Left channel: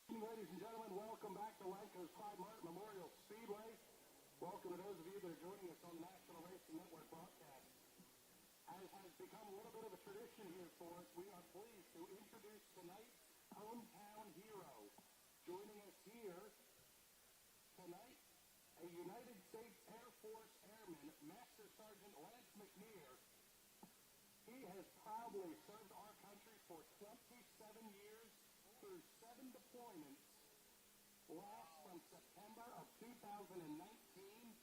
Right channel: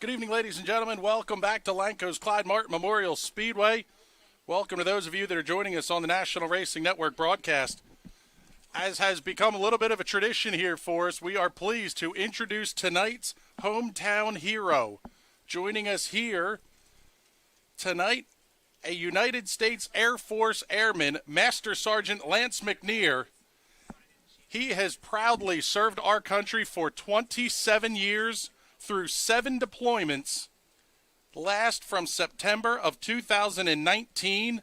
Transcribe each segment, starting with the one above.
Good evening, ladies and gentlemen. Welcome back to Lanco's Clyde Martin Memorial Speedway. Welcome to those of you that are joining us on the National Racing Network broadcast. As has become a little bit of a tradition here for us, we are pleased to introduce tonight's hometown hero. Joining us here tonight, a United States Air Force Airman, Master Sergeant Lance McNear. He has proudly served our country for 27 years through 7 deployments, last from September of 2019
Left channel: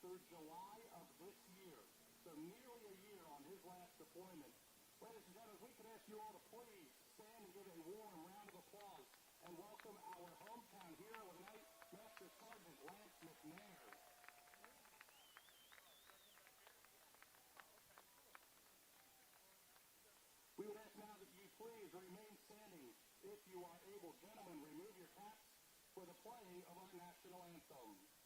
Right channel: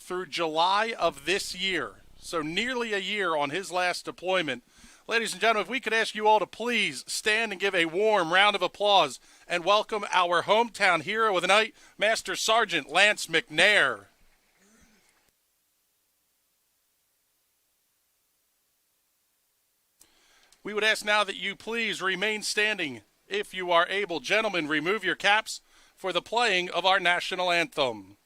through July of this year. So nearly a year on his last deployment. Ladies and gentlemen, if we could ask you all to please stand and give a warm round of applause and welcome our hometown hero of the night, Master Sergeant Lance McNair. We would ask now that you please remain standing if you are able. Gentlemen, remove your caps for the playing of our national anthem.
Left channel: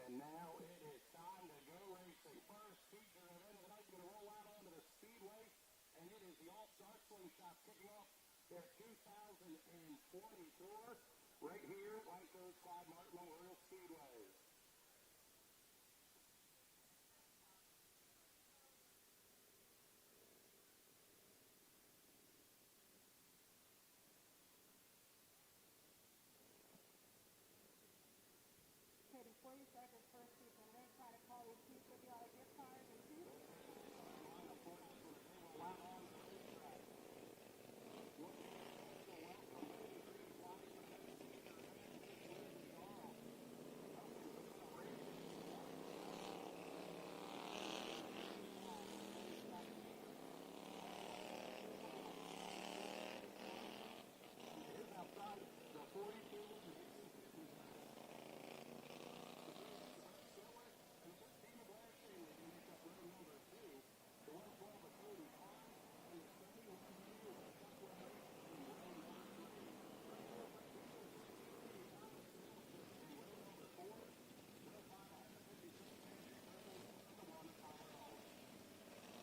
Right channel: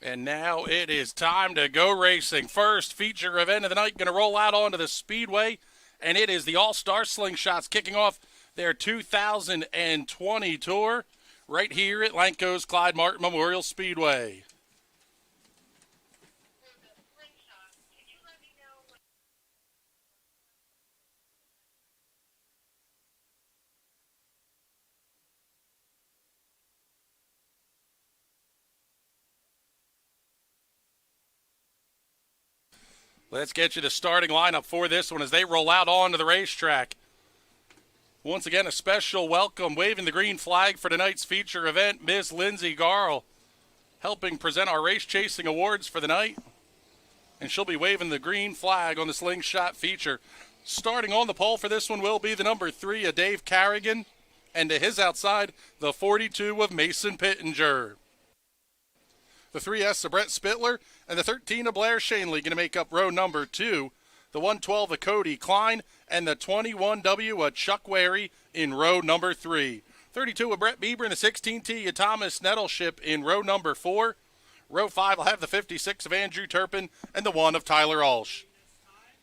And now it is time to go racing. First feature event of the night going to roll out onto the Speedway, and it is the All-Star Slingshots kicking off their 2020 tour right here at Lanco's Clyde Martin Memorial Speedway. Let's get you the starting lineup for this one as they roll out onto the racetrack. Once again, a special welcome, waving the green flag for tonight's feature event, Miss Lindsay Garl, helping present our race chasing awards for the night. And she'll be waving the green flag on the Slingshot feature. Starting on the pole for this one will be the number 3 of Dave Carrigan, and to his outside, the 42 of Mason Pittenger. The 3S of Brett Spittler, and the 13 of Blair Shanley going to make up row number 2. The 112 of Cody Clyde, and the 21W of Chuck Wary in row number 3. 32 of Brett Bieber, and the 16T of Thomas Nettleship in row number 4. Row 5 will have the 56 of Andrew Turpin, and the 1 of Tyler Alsh.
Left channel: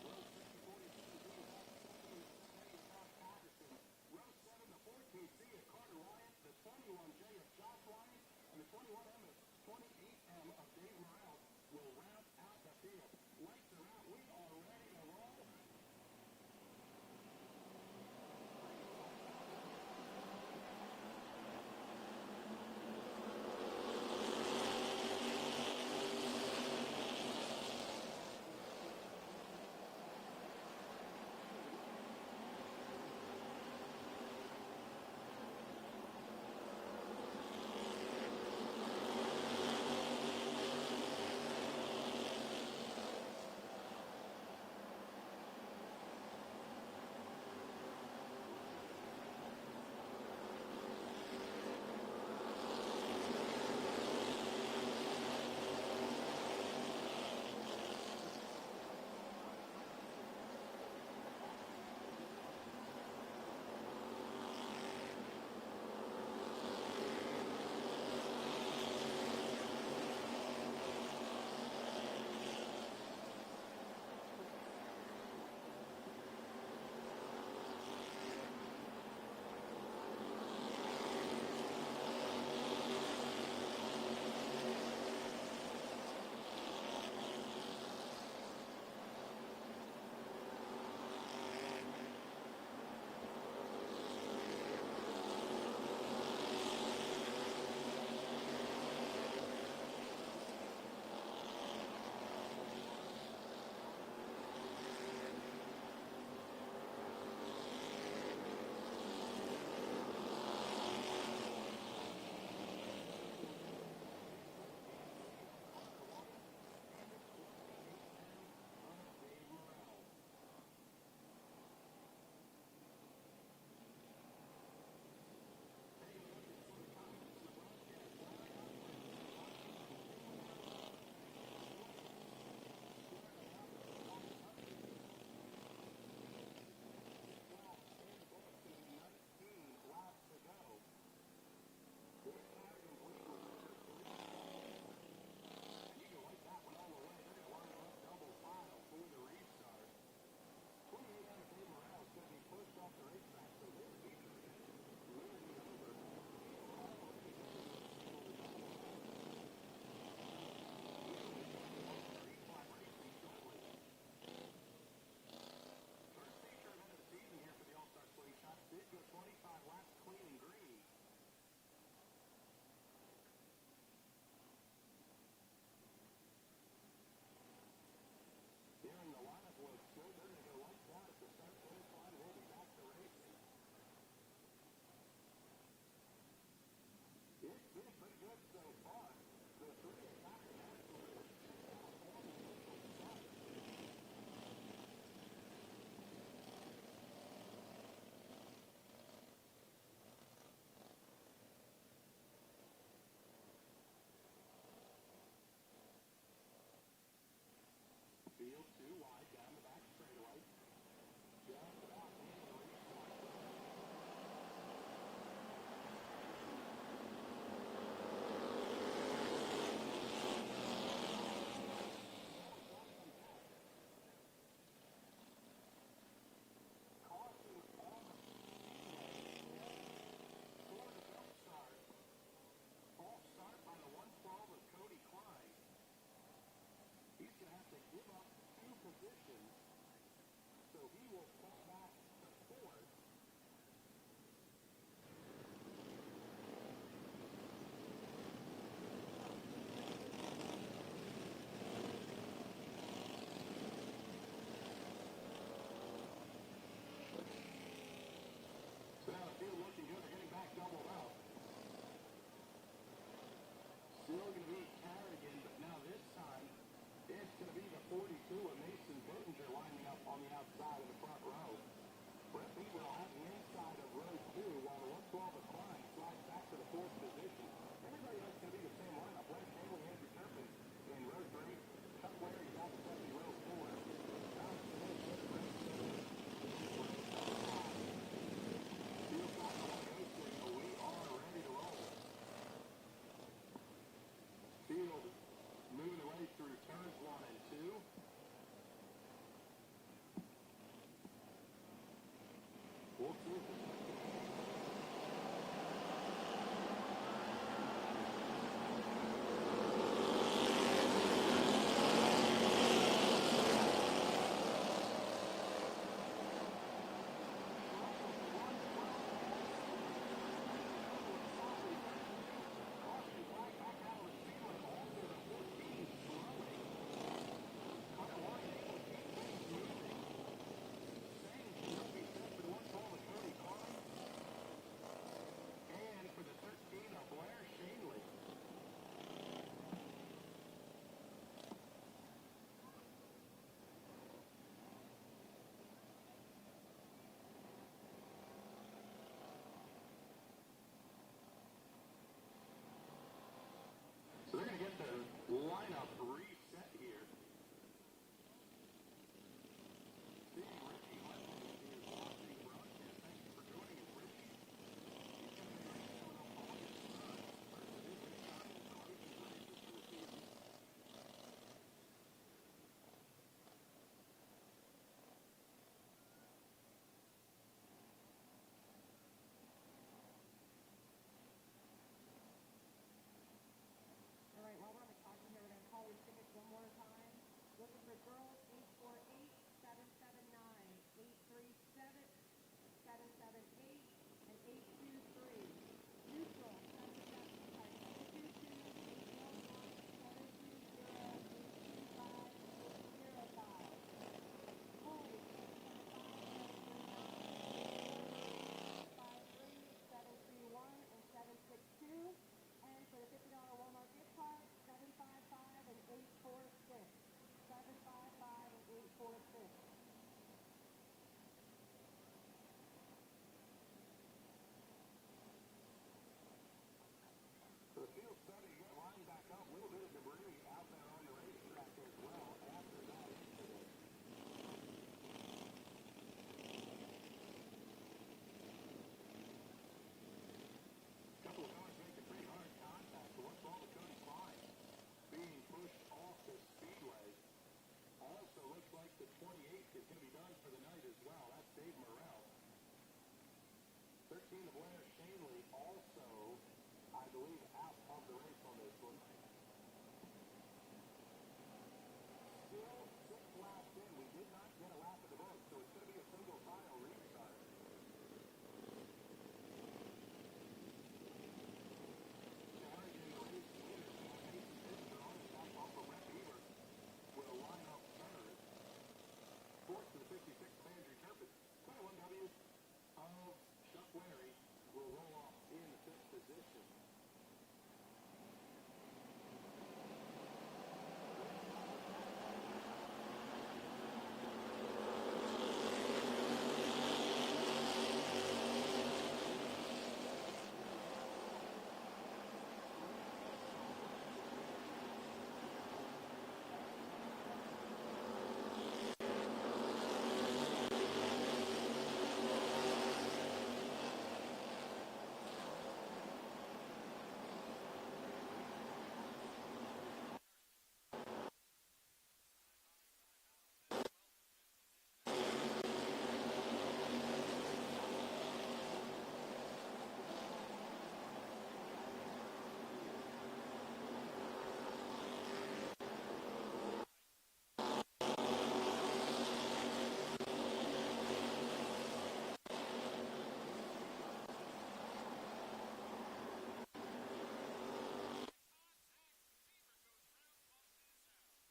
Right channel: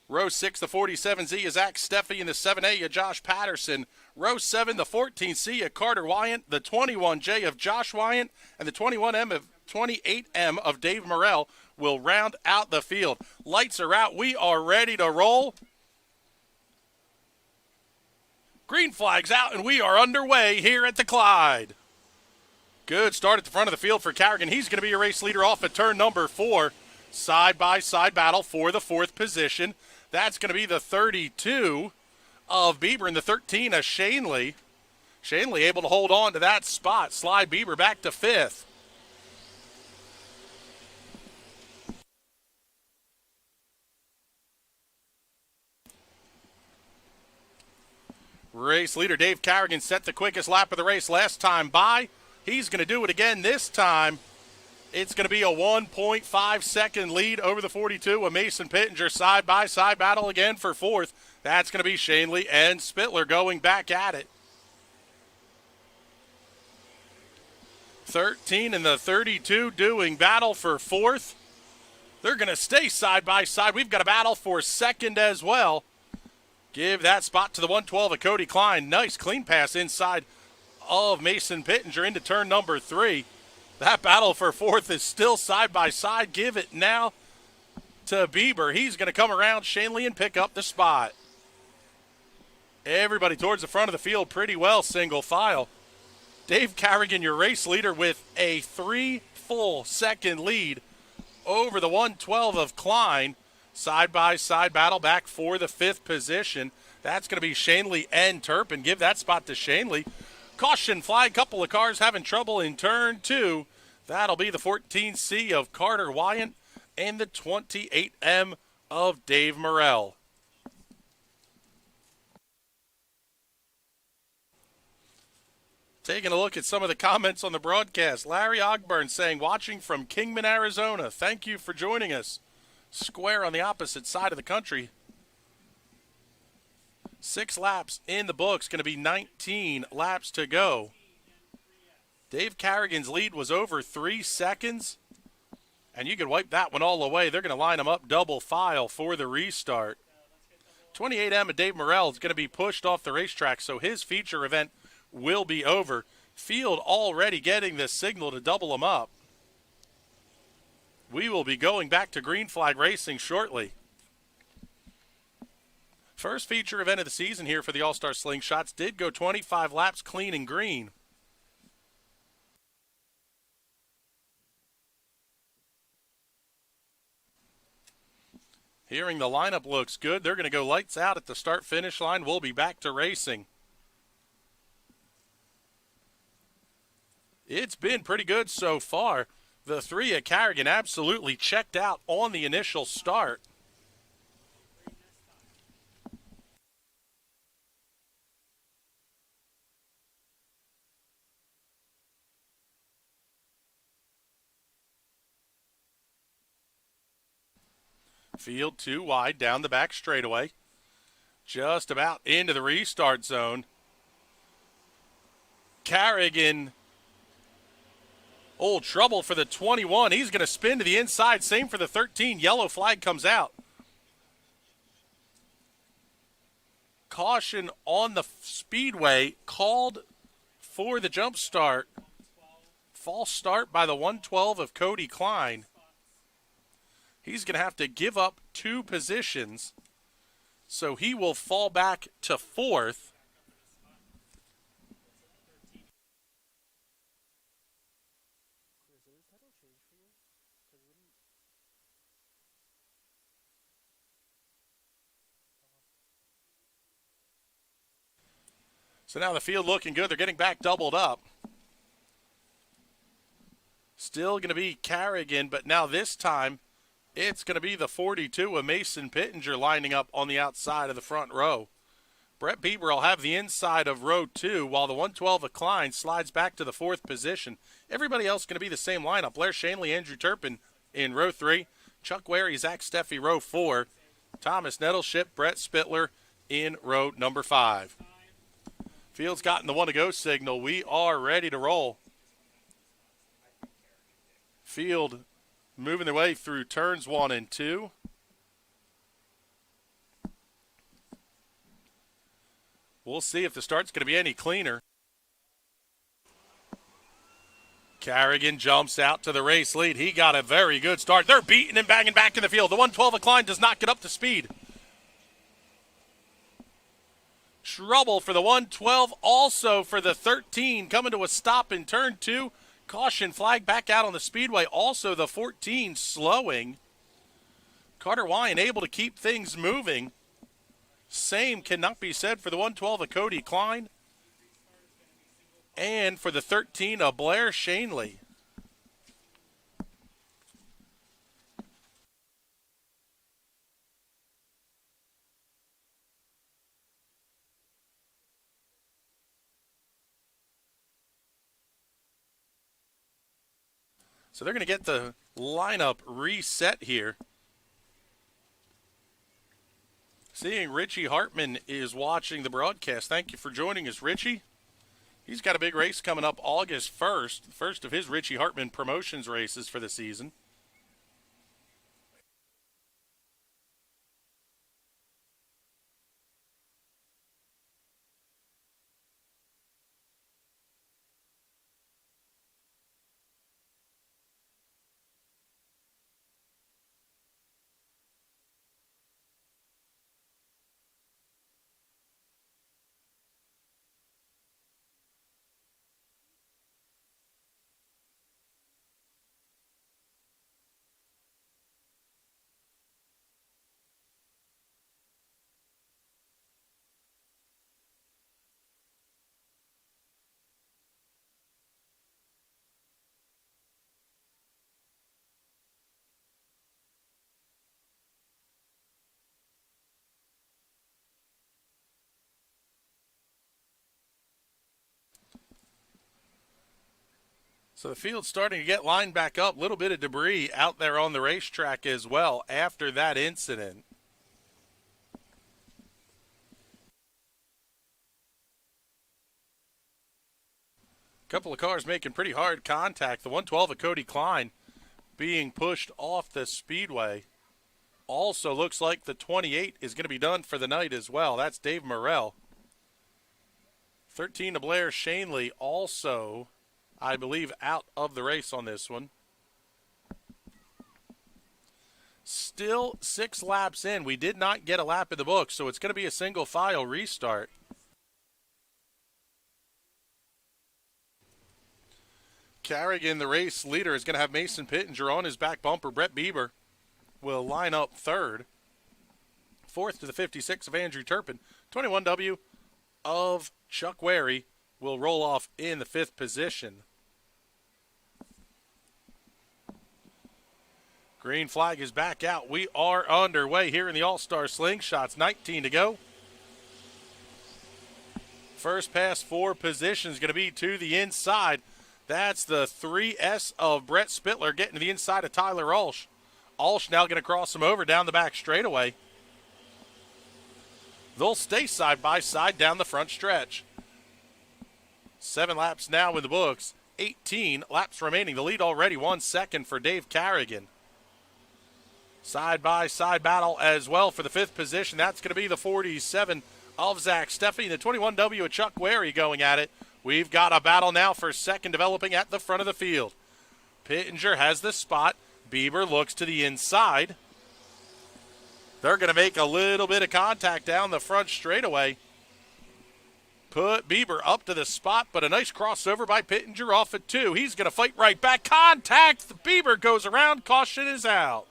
Row 6, the 47Z of Zach Steffi, and the 7A of Josh Patterson. Row 7, the 14C of Carter Wyant, the 21J of Josh Wyant, and the 28M of Dave Morrell will round out the field. Lights are out. We are ready to roll. Green flag's out, and we are underway here at the Clyde. Good start at the front of the field for Carrigan. He's going to be a race leader off at turn number 4. Side-by-side battle for the 4th position. That's going to be the 32 of Bieber and the 13 of Shanley. Shanley able to hold on to that spot. Slide Bieber back to 5th. Race leader Dave Carrigan set the quickest lap of the race last time by. He's going to do it again this time. It's going to be a 1.5 second lead over the 42 of Mason Pittenger. Side-by-side battle again for 4th. That's going to be Shanley and Spittler going back at it. 13 and the 32 doing battle for 4th. They're going to stay side-by-side. We've got a battle for 2nd as well. Give that spot to the 112 of Cody Clyde. Nice clean pass inside of Mason Pittenger into turn number 3. That battle for fourth is still side by side. Give it now to Bieber. He's going to come around Shanley and pick up the spot. Everybody towards the front of the field pretty well, single file. Dave Carrigan, your race leader, with a 3 full second lead over the 112 of Klein. Side-by-side battle back for the 5th position. That's going to be Shanley and Turpin. Give that spot to Shanley. Caution flag, couple of cars having trouble in turn 2. That'll be the 14C of Carter Wyant and the 28M of Dave Morrell. Taking a look at some of the comments on the broadcast. Larry Ogburn saying, watching from Kingman, Arizona. Thank you for joining us. Square on the opposite side of the country. 6 laps in the books, going to be 19 laps to go. Dave Carrigan's lead was over 3 seconds, and you can wipe that one all away. They're going to line them up double file for the restart. 28M of Dave Morrell is going to be pushed off the racetrack, so his feature event will be over. Field already getting the signal to double them up. We will be going back to green flag racing shortly. First feature event of the season here for the All-Star Slingshots did go 25 laps clean and green. Hearing the lineup looks good. They're going to go lights out at the start-finish line. We'll be back to racing. It's been pretty good so far. The 3 at Carrigan absolutely checked out on the initial start. Field 2 wide down the back straightaway. Just about into the restart zone. Carrigan, oh, trouble for the 21. He's going to spin to the inside. Same for the 13. Yellow flag comes out. Caution on the Speedway called for the jump start. False start by the 112 of Cody Klein. He's going to have to give up 2 positions, so he will fall back to 4th. So now the field looking good. They're getting back doubled up. Still going to be Carrigan, but now this time it's going to be the 42 of Mason Pittenger lining up on the outside of the front row. Brett Bieber will have the inside of row 2, while the 112 of Klein slides back to the 4th position. Everybody else going to be the same lineup. Blair Shanley, Andrew Turpin in row 3. Chuck Wary, Zach Steffi, row 4. Thomas Nettleship, Brett Spittler in row number 5. Field's gotten the 1-to-go signal. We are ready to roll. Field moving their way through turns 1 and 2. We'll see if the start's going to be any cleaner. Carrigan jumps out to the race lead. He got a very good start. They're beating and banging back in the field. The 112 of Klein does not get up to speed. Trouble for the 112, also for the 13, coming to a stop in turn 2. Caution flag back out on the Speedway. Also the 14 slowing. Carter Wyant able to keep things moving. Same cannot be said for the 112 of Cody Klein. And for the 13 of Blair Shanley. So they're going to get the lineup reset here. Seeing Richie Hartman is watching the broadcast. Thank you for joining us, Richie. He's got a big race coming up August 1st. First of his Richie Hartman promotions races for the season. So the field's starting to get lined back up. A little bit of debris out there on the racetrack as well after that incident. A couple of cars making pretty hard contact. The 112 of Cody Clyde being pushed off the speedway. Also looks like the 28 is going to be done for the night as well. That's Dave Morrell. 13 of Blair Shanley also, I believe, out of the race on this one. Still 6 laps in. We did not get a lap in the book, so it's going to be a single file restart. Carrigan, the race leader, is going to have Mason Pittenger on his back bumper. Brett Bieber will line up third. Fourth to the 56 of Andrew Turpin. 21W of Chuck Wary will roll off in the 5th position. Green flag is back out. We are underway here in the All-Star Slingshots. 19 to go. First pass for position is going to be to the inside. That's the 3S of Brett Spittler getting to the inside of Tyler Ulsh. Ulsh now going to cross him over down the back straightaway. They'll stay side by side down the front stretch. 7 laps now in the books. 18 laps remaining. The lead already 1 second for Dave Carrigan. Side by side battle as well for the 5th position. That's going to be the 47 of Zach Steffi and the 21W of Chuck Wary going at it. We've got a battle now for second developing at the front of the field. Pittenger has the spot. Bieber looks to the inside. They're going to make a little bit of contact down the front straightaway. Put Bieber up to the spot, but a nice crossover by Pittenger off at 2. He's going to fight right back. Contact. Bieber goes around. Caution is out.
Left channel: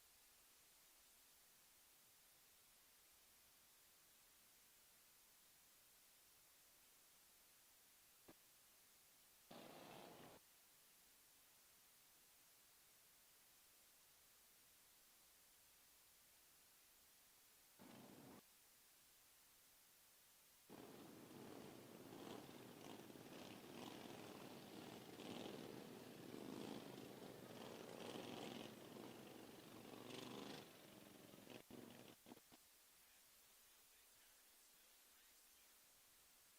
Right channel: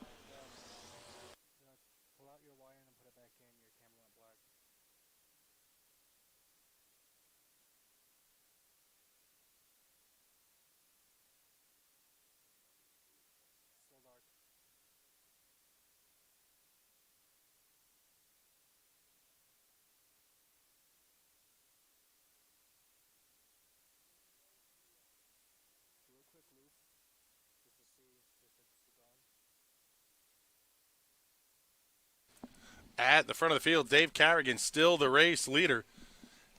At the front of the field, Dave Carrigan, still the race leader.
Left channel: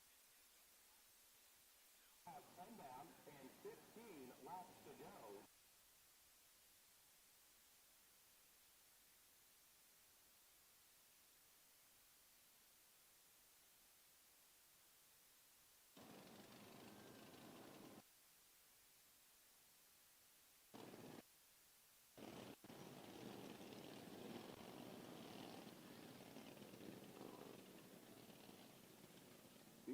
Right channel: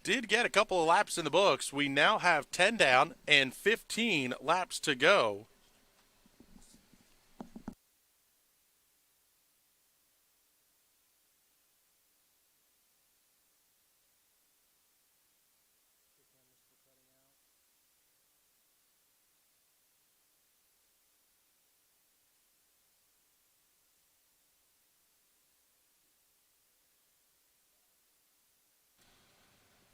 Did get a couple of laps in the books. We now have 10 down and 15 laps to go.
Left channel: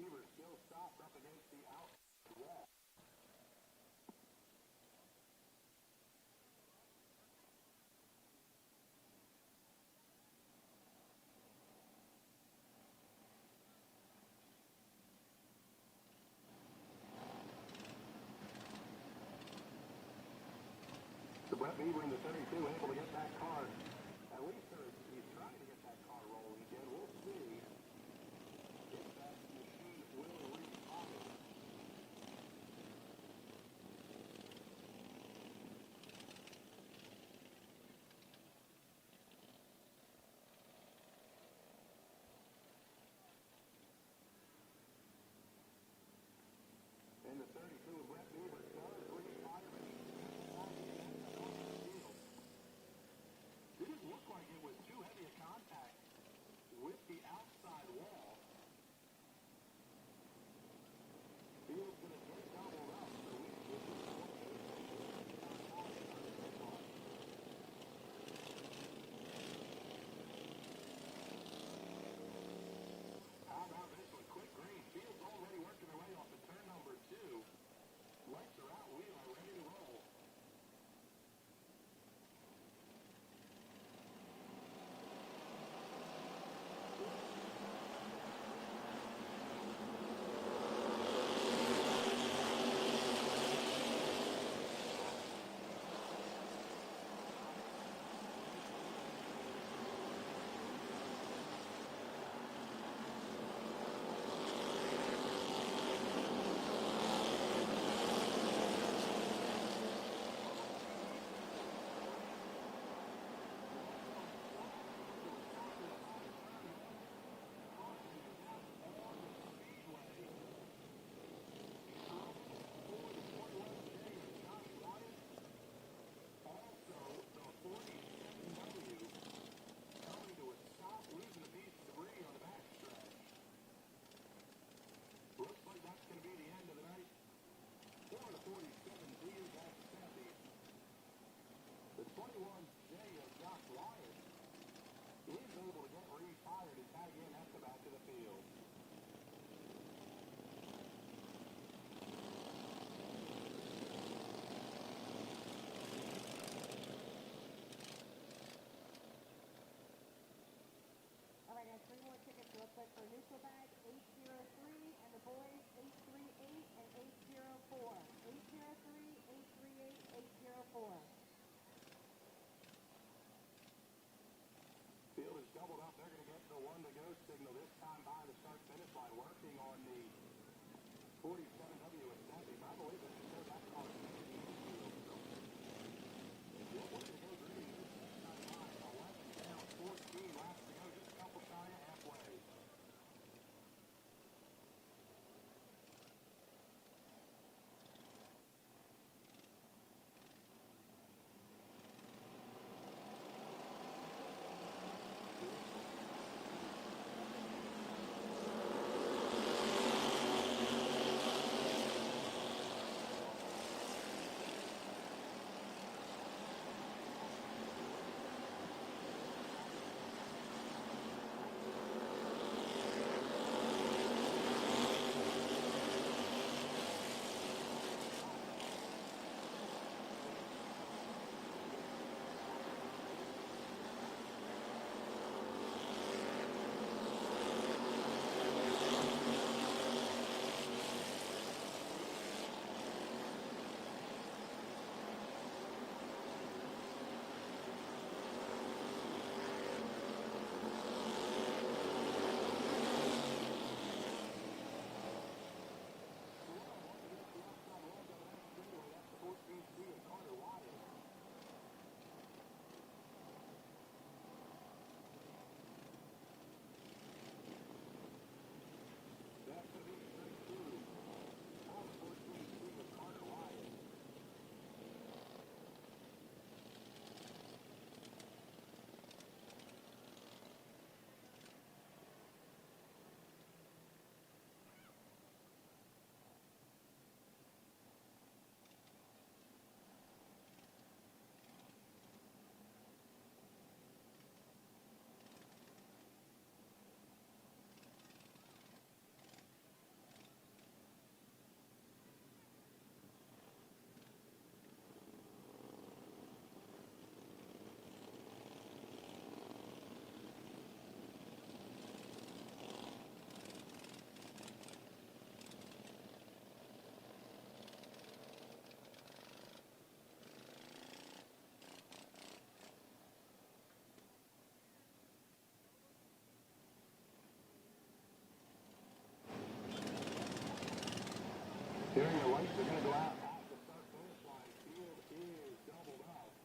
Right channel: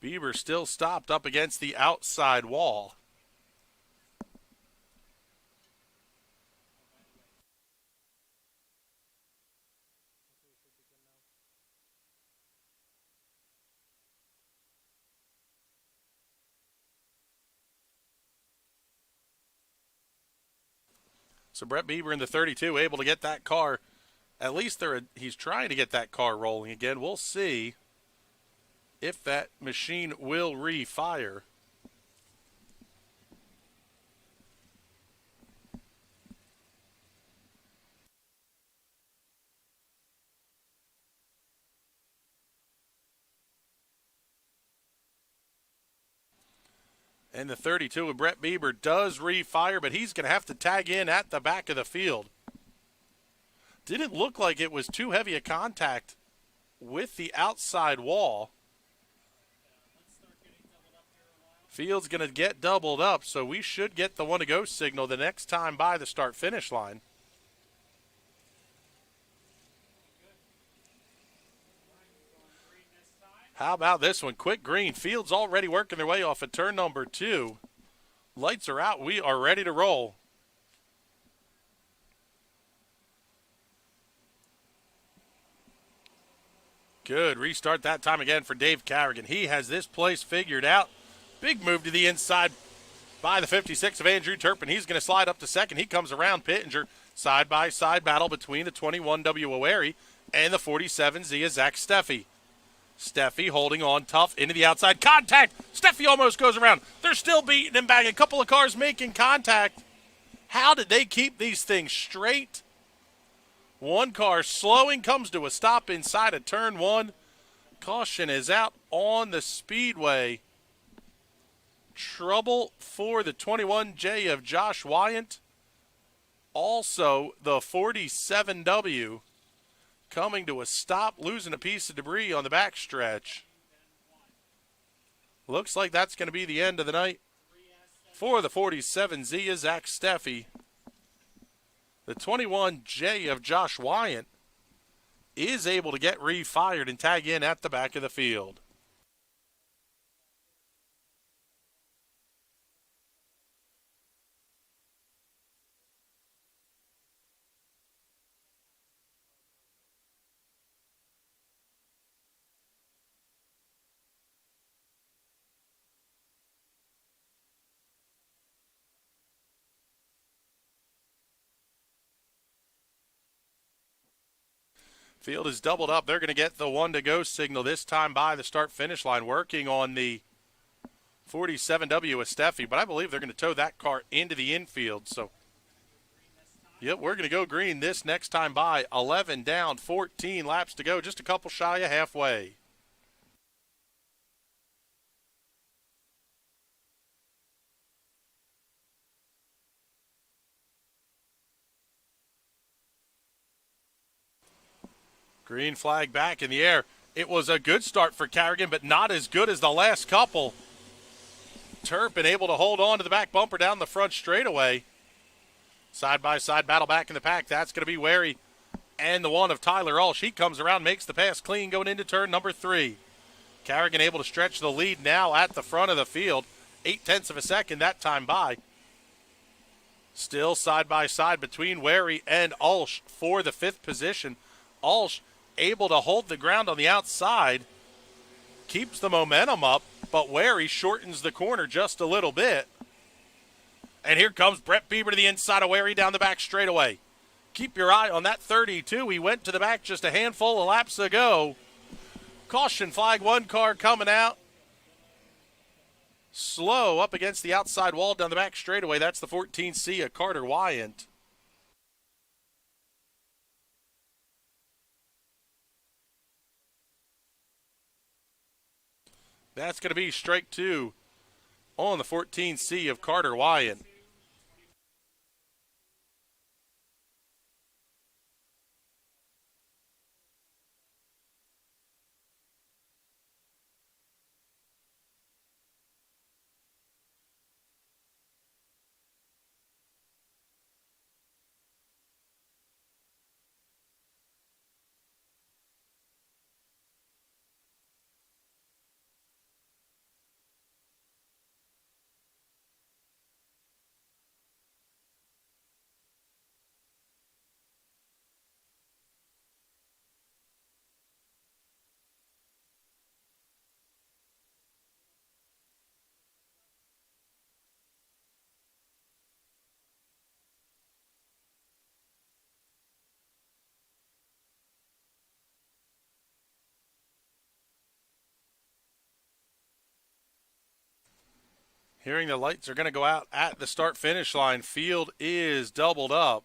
Bieber still stopped up against the outside wall. So Brett Bieber in the 32 able to get that car. At least he's trying to get that car rolling again. We'll see if that machine will refire. And the 32 of Brett Bieber does refire, but he's going to have to tag in at the back of the field. Didn't look like it was too heavy a contact with the outside wall. Field's going to get doubled up, so we should get the 1-to-go signal the next time by the start-finish line. How about this one? Quick green. Field's already working their way off at turn number 2. Lights are out. We are ready to roll. Good restart that time again for Dave Carrigan. He has this place figured out. Big move to the inside by the 56 of Andrew Turpin. He's going to slide up to second. He comes around Pittenger. Side-by-side battle between the 21W Wary and the 47 Zia Zach Steffi. Steffi holding on tough into the outside. Contact! Steffi almost goes around. They're still beating him back. A couple of cars making contact. How did they keep these things straight? One car slowing, comes to a stop inside of turn one. Caution is out on the speedway. Trouble for the 21J of Josh Wyant. Also, the 47W coming to a stop, losing a piece of debris on the backstretch. Looks like that's going to be the end of the night for the 47Z of Zach Steffi. The 21J of Josh Wyant is able to get refired and tag in at the back of the field. Field is doubled up. They're going to get the one-to-go signal this time by the start-finish line, working on the 47W with Steffi, but I believe they're going to tow that car into the infield. So, yep, we're going to go green this next time by. 11 down, 14 laps to go, just a couple shy of halfway. Green flag back in the air. It was a good start for Carrigan, but not as good as the last couple. Turpin able to hold on to the back bumper down the front straightaway. Side-by-side battle back in the pack. That's going to be Wary and the one of Tyler Ulsh. He comes around, makes the pass clean going into turn number 3. Carrigan able to stretch the lead now at the front of the field. 0.8 of a second that time by. Still side-by-side between Wary and Ulsh for the 5th position. Ulsh able to hold the ground on the outside, keeps the momentum up, but Wary shortens the corner just a little bit. And here comes Brett Bieber to the inside of Wary down the back straightaway. Keep your eye on that 32. He went to the back just a handful of laps ago. Caution flag, one car coming out. Slow up against the outside wall down the back straightaway. That's the 14C of Carter Wyant. That's going to be strike 2 on the 14C of Carter Wyant. Hearing the lights are going to go out at the start-finish line. Field is doubled up.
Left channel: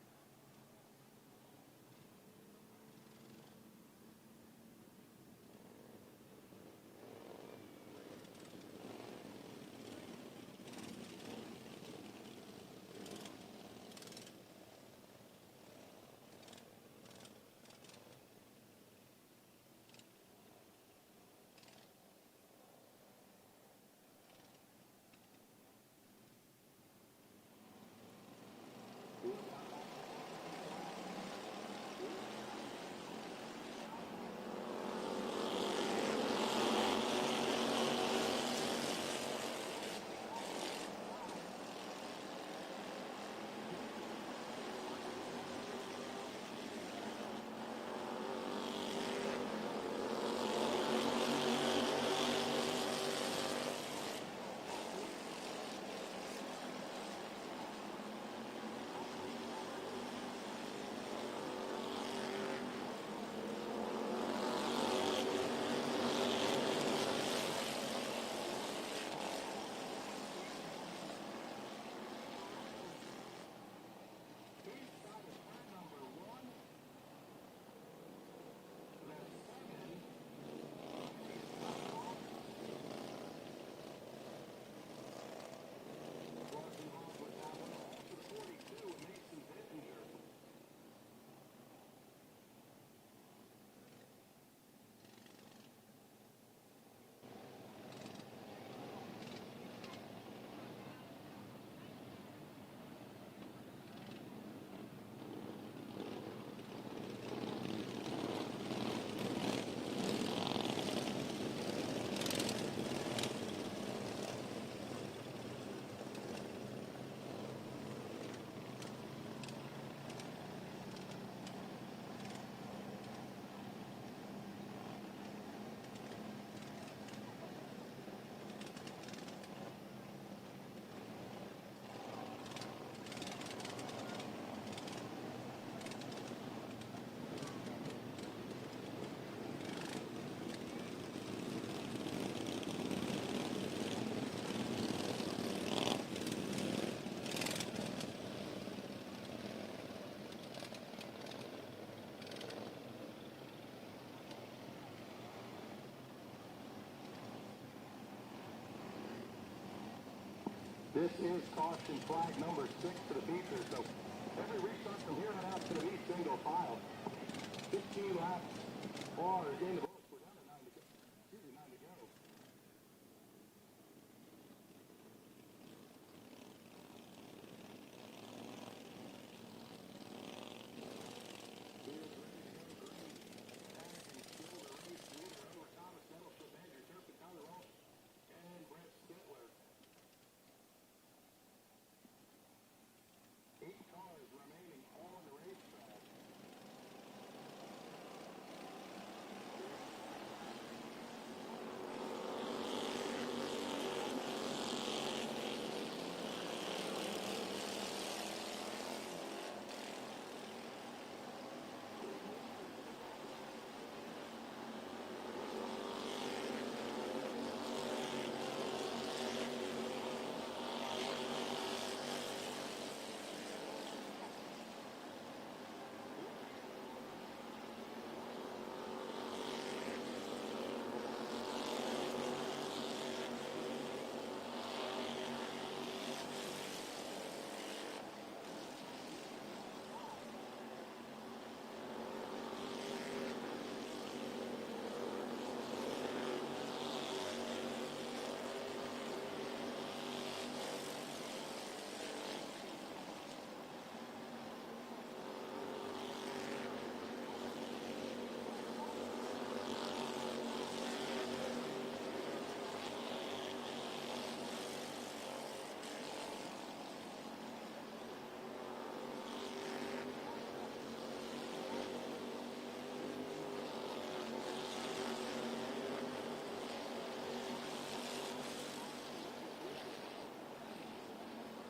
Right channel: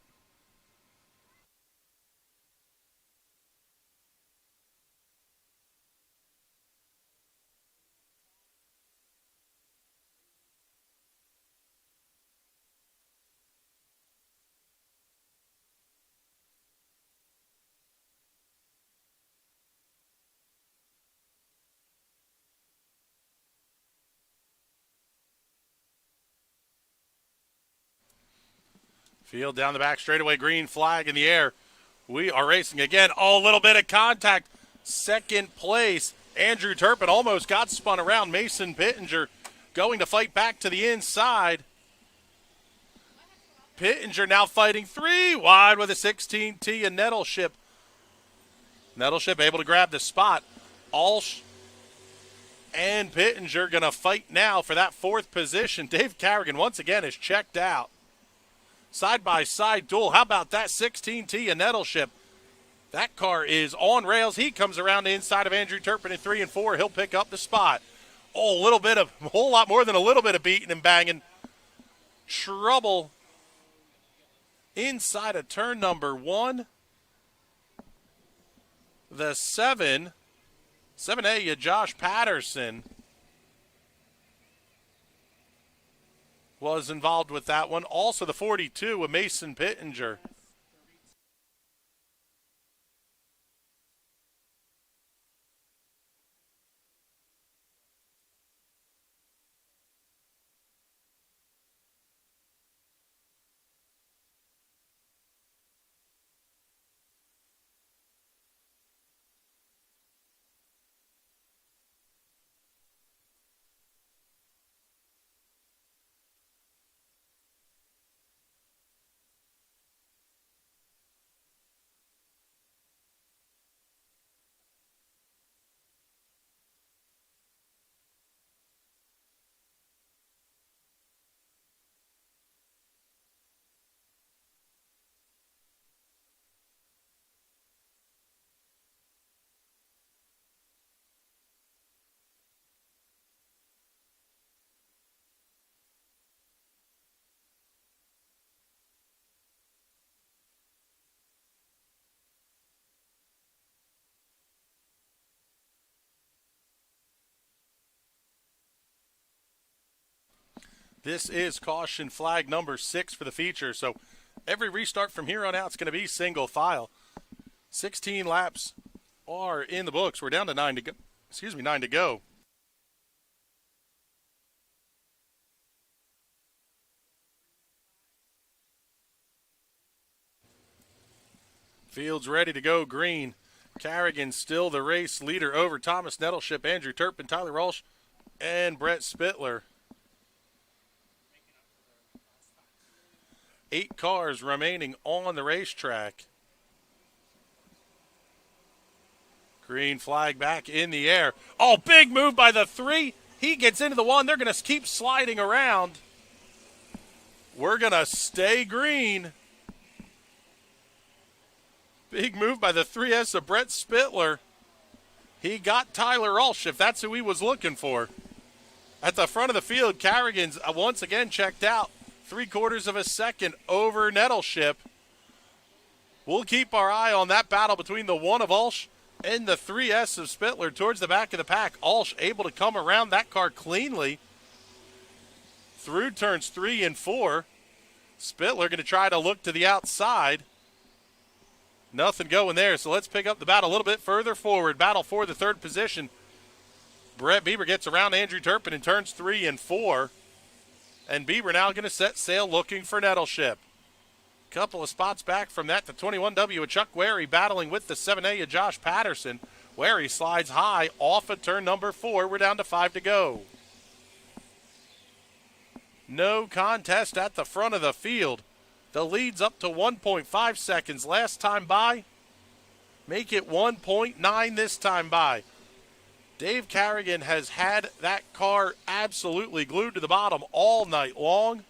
Field down the back straightaway, green flag in the air. We are racing again. Oh, a little bit of contact. Second place. Andrew Turpin almost got spun around. Mason Pittenger going to fight back to the inside. Pittenger now fighting 3 wide with a 16T and Nettleship. Nettleship able to grab the spot. Ulsh and Pittenger going to fight now for that 4th position. Dave Carrigan once again is checked out. Side-by-side duel. How about that 16T and Nettleship? That car is on rails. He comes around the inside of Andrew Turpin at 3 and 4. He'll pick up the spot. Oh, a whole lot more than a little bit of beating and banging. Trouble inside of turn number 1. The 7A, Josh Patterson, was involved with that one. Also the 42, a Mason Pittenger. This is caution flag number 6 for the feature. So every restart from here on out is going to be single file. 16 laps are in the books. We're down to 9 to go. 9 to go. Field's ready to go green. Carrigan still the race leader over Thomas Nettleship, Andrew Turpin, Tyler Walsh, and Brett Spittler. 8 cars remaining on the racetrack. Green flag back in the air. Oh, big move by the 3. He gets into the 1. They're going to keep sliding around. We're going to stay green. Big move by the 3S of Brett Spittler. He got Tyler Walsh, if that's who he was looking for. At the front of the field, Carrigan's once again checked out. 3/4 of a second over Nettleship. We'll keep our eye on that battle between the 1 of Walsh and the 3S of Spittler towards the back of the pack. Walsh able to come around that car cleanly through turns 3 and 4. Spittler going to try to look to the outside. Nothing going there, so let's pick up the battle a little bit further forward. Battle for the 3rd position. Brett Bieber gets around Andrew Turpin in turns 3 and 4. And Bieber now going to set sail looking for Nettleship. Couple of spots back from that, the 21W of Chuck Wary battling with the 7A of Josh Patterson. Wary slides high off of turn number 4. We're down to 5 to go. No contest at the front of the field. The lead's up to 1.5 seconds last time by. Make it 1.9 this time by. Dave Carrigan has had that car absolutely glued to the bottom all night long.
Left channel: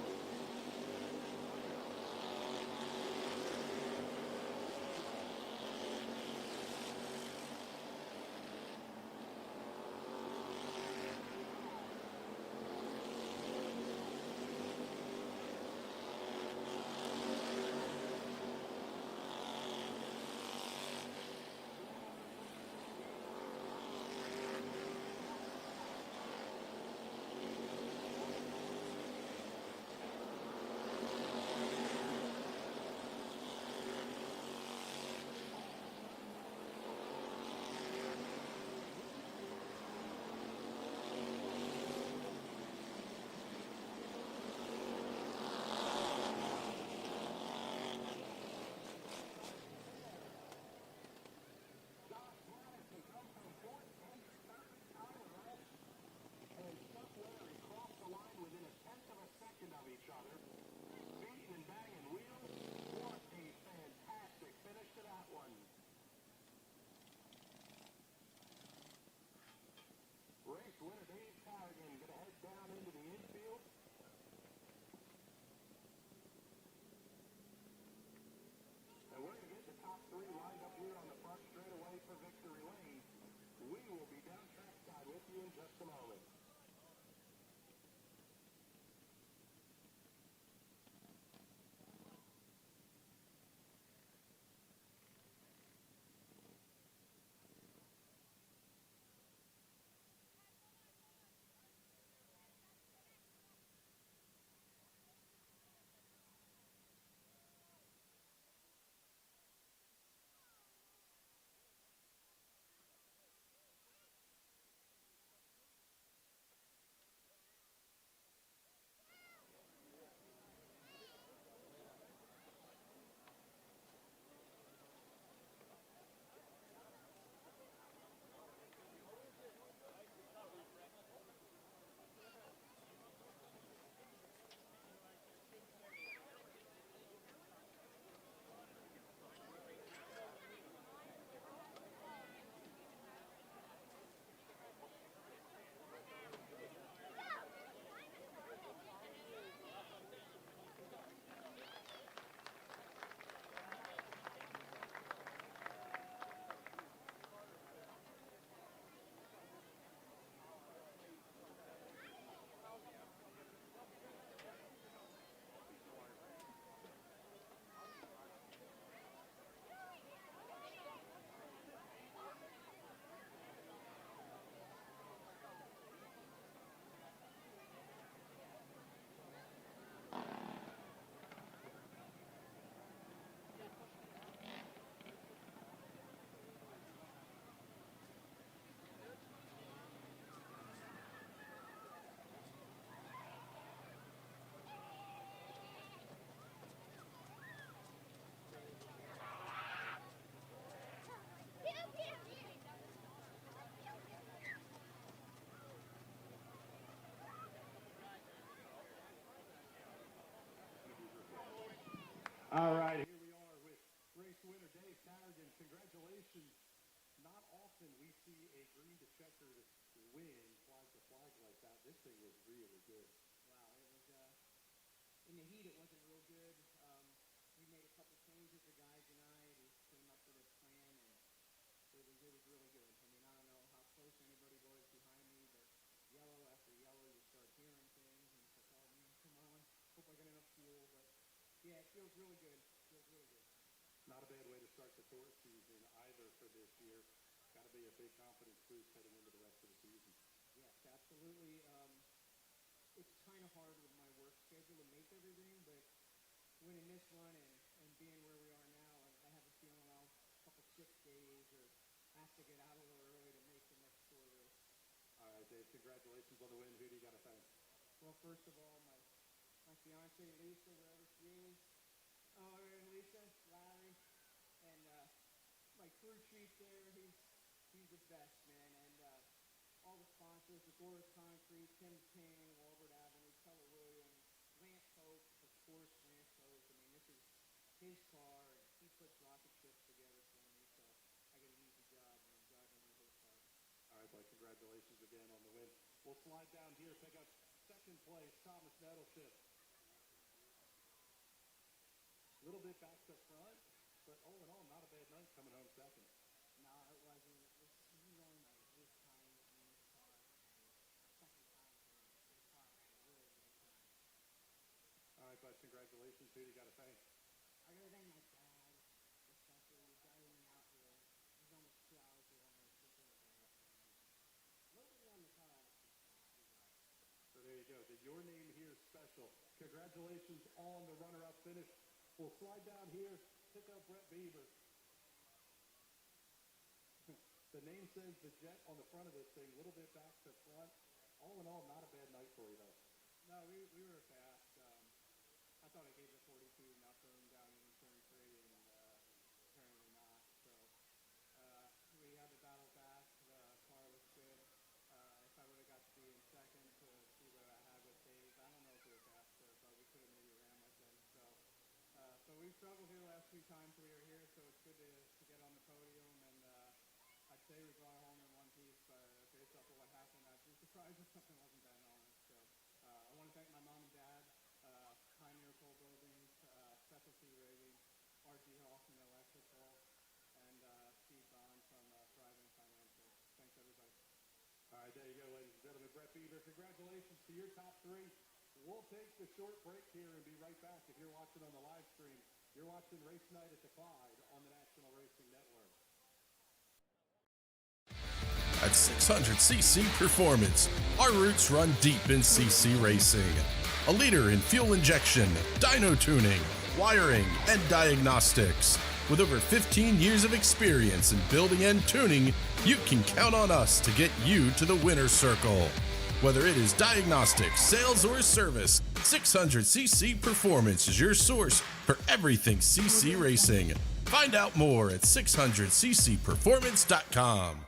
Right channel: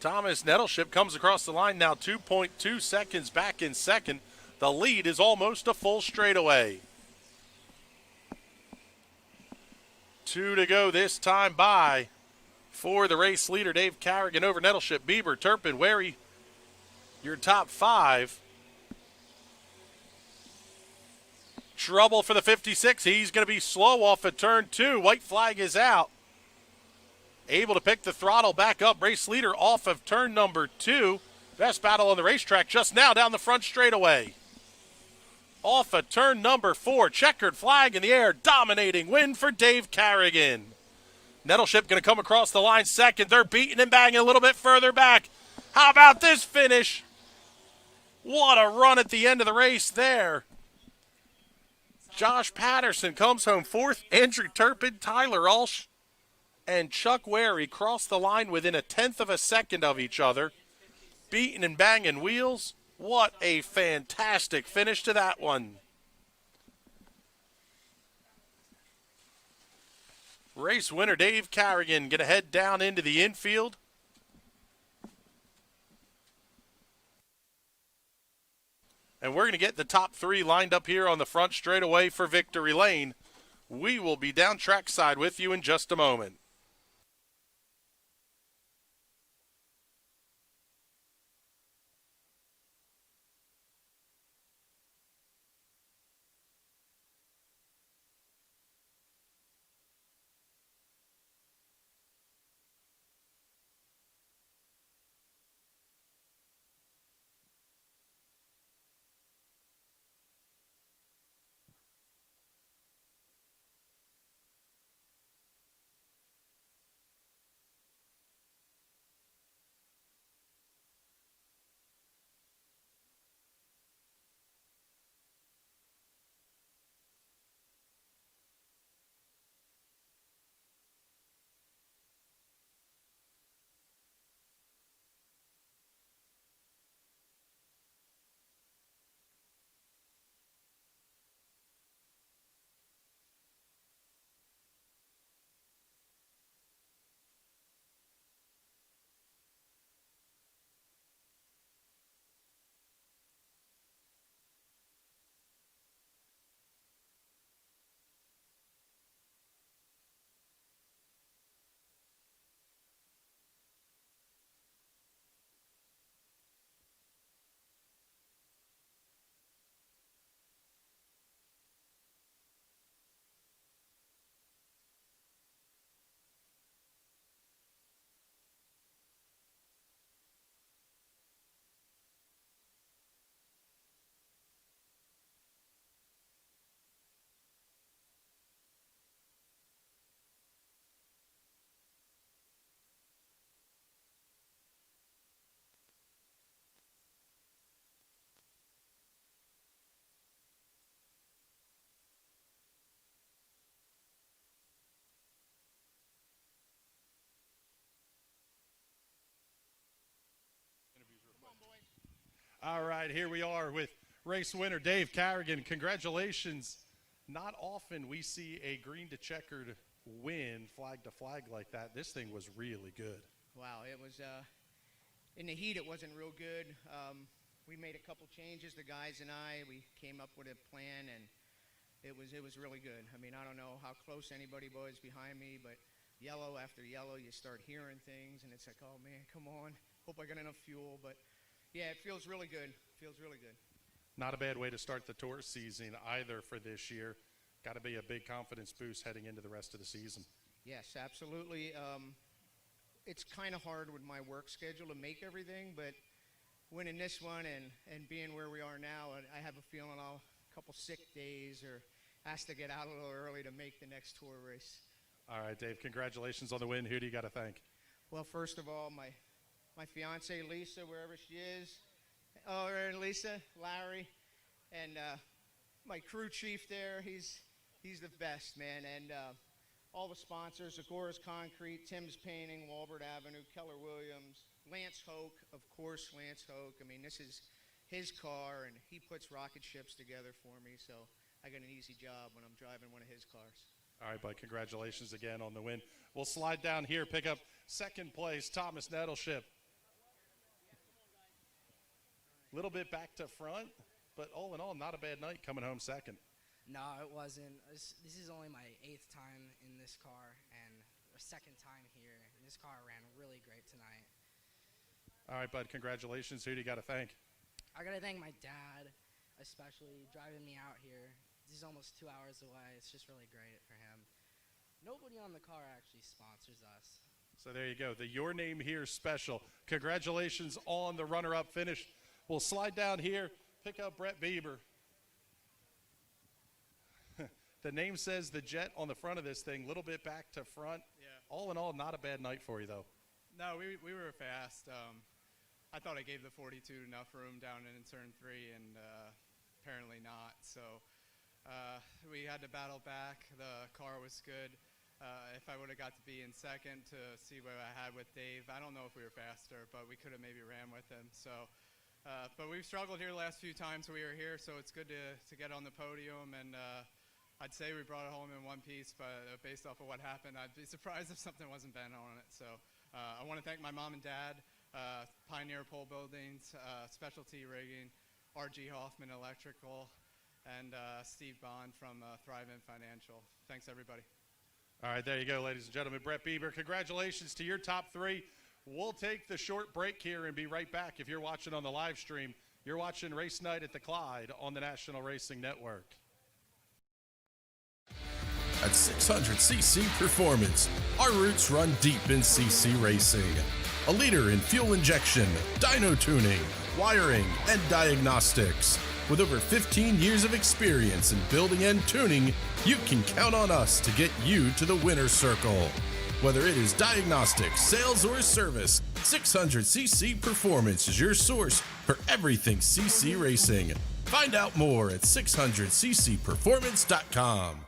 Thomas Nettleship comes across the line now 2.2 seconds back in second. The lead is almost a full straightaway. 2 to go this time by for the race leader, Dave Carrigan over Nettleship, Bieber, Turpin, Wary, your top 5. Trouble for the 56. He's going to be slow off of turn 2. White flag is out. Able to pick the throttle back up. Race leader off of turn number 2. Best battle on the racetrack just now down the front straightaway. Off of turn number 4. Checkered flag in the air. Dominating win for Dave Carrigan. Nettleship going to come across the line second. They're beating and banging a little bit further back. How about this finish? What a run at the end of the race there. Josh Patterson comes home 4th. Andrew Turpin, Tyler Walsh, and Chuck Wary cross the line within 1/10 of a second of each other. Beating and banging wheels. What a fantastic finish to that one. Race winner Dave Carrigan going to head down into the infield. to get the top 3 lined up here on the front straightaway for Victory Lane. We will be down trackside with you in just a moment. All right, here we are with race winner Dave Carrigan. Congratulations. Not often we see a green to checkered win, flag to flag like that. This thing was really good. Wow, it was, in the heat it wasn't real good. We made a couple changes, the guys and we came up with a plan, and it was really good. I mean, I don't know how close anybody was behind me, but yellow after yellow, you start hearing things, and it's like, oh man, come on, hope I got enough fuel. But yeah, it feels really good. Feels really good. Not a bad way to start the tour season either for this year. Got to be a big confidence boost heading into the rest of the season. Yes, absolutely. It's kind of hard with my work schedule to make everything, but winning this one and being where we are now, I have a feeling I'll a couple sick days or ask to get out a little early to make the next tour race. All right, Dave, congratulations on the win. Who do you got to thank? Well, first of all, my fiance Lisa, wherever she is. Oh, Lisa, Larry, and my crew chief there. He's the best, man. And all the sponsors: Agora's Concrete, Tim's Painting, Walbert Avenue, Keller Williams, Lance Hoke, of course, Lance Hoke. I mean, this is his car, and he puts rocket ships together for me. So I got an easy job when I'm driving one of his cars. All right, bud, congratulations again on the win. We'll slide down here, pick up second place, Thomas Nettleship. A little bit back to front, but all in all, not a bad night coming home second. No, it wasn't. This is only my 8th time in this car and a second time here. And this car ran really great tonight. All right, bud, congratulations. Who do you got to thank? I got to thank my dad, especially driving me out here. This is almost 2 hours away. It's just really great for him. Nobody on the car actually sponsors us. So there you go. The Your Name Here special. Congratulations on the runner-up finish. We'll slide down here, pick up Brett Bieber. The name says the Jet on the front of this thing, a little bit back to front. Yeah. All in all, not a bad night for you, though. No, we were fast. I thought I gave the 42 enough room down in turn 3, and apparently not. So we had to battle back. The car was good. If I would have got to be in second to see what I had with Dave, I don't know if we were faster, but we could have maybe ran with him. So, but we've struggled here the last few times we were here, so it's good to get on the podium. And I'd say we brought it home in one piece, but based off of what happened, I'd be surprised if something wasn't bent on it. So I want to thank my mom and dad, Pioneer Pole Buildings, Specialty Rigging, RG Hoffman Electrical, and Steve Bond from Thrive-In Financial. Thanks, everybody. All right, there you go, ladies and gentlemen. Brett Bieber, congratulations to your top three. We'll take the short break here and be right back. If you're watching on the live stream, you're watching Race Night at the Clyde on the National Racing Network. At 600cc Performance, our roots run deep in CC racing. A leader in fuel injection, dyno tuning, wiring, and diagnostics. With over 15 years of experience in building and tuning, you can count on us to get you to the winner's circle. Whether it is diagnostics, sales, or service, 600cc Performance is your source for everything CC racing. Find out more at 600ccperformance.com.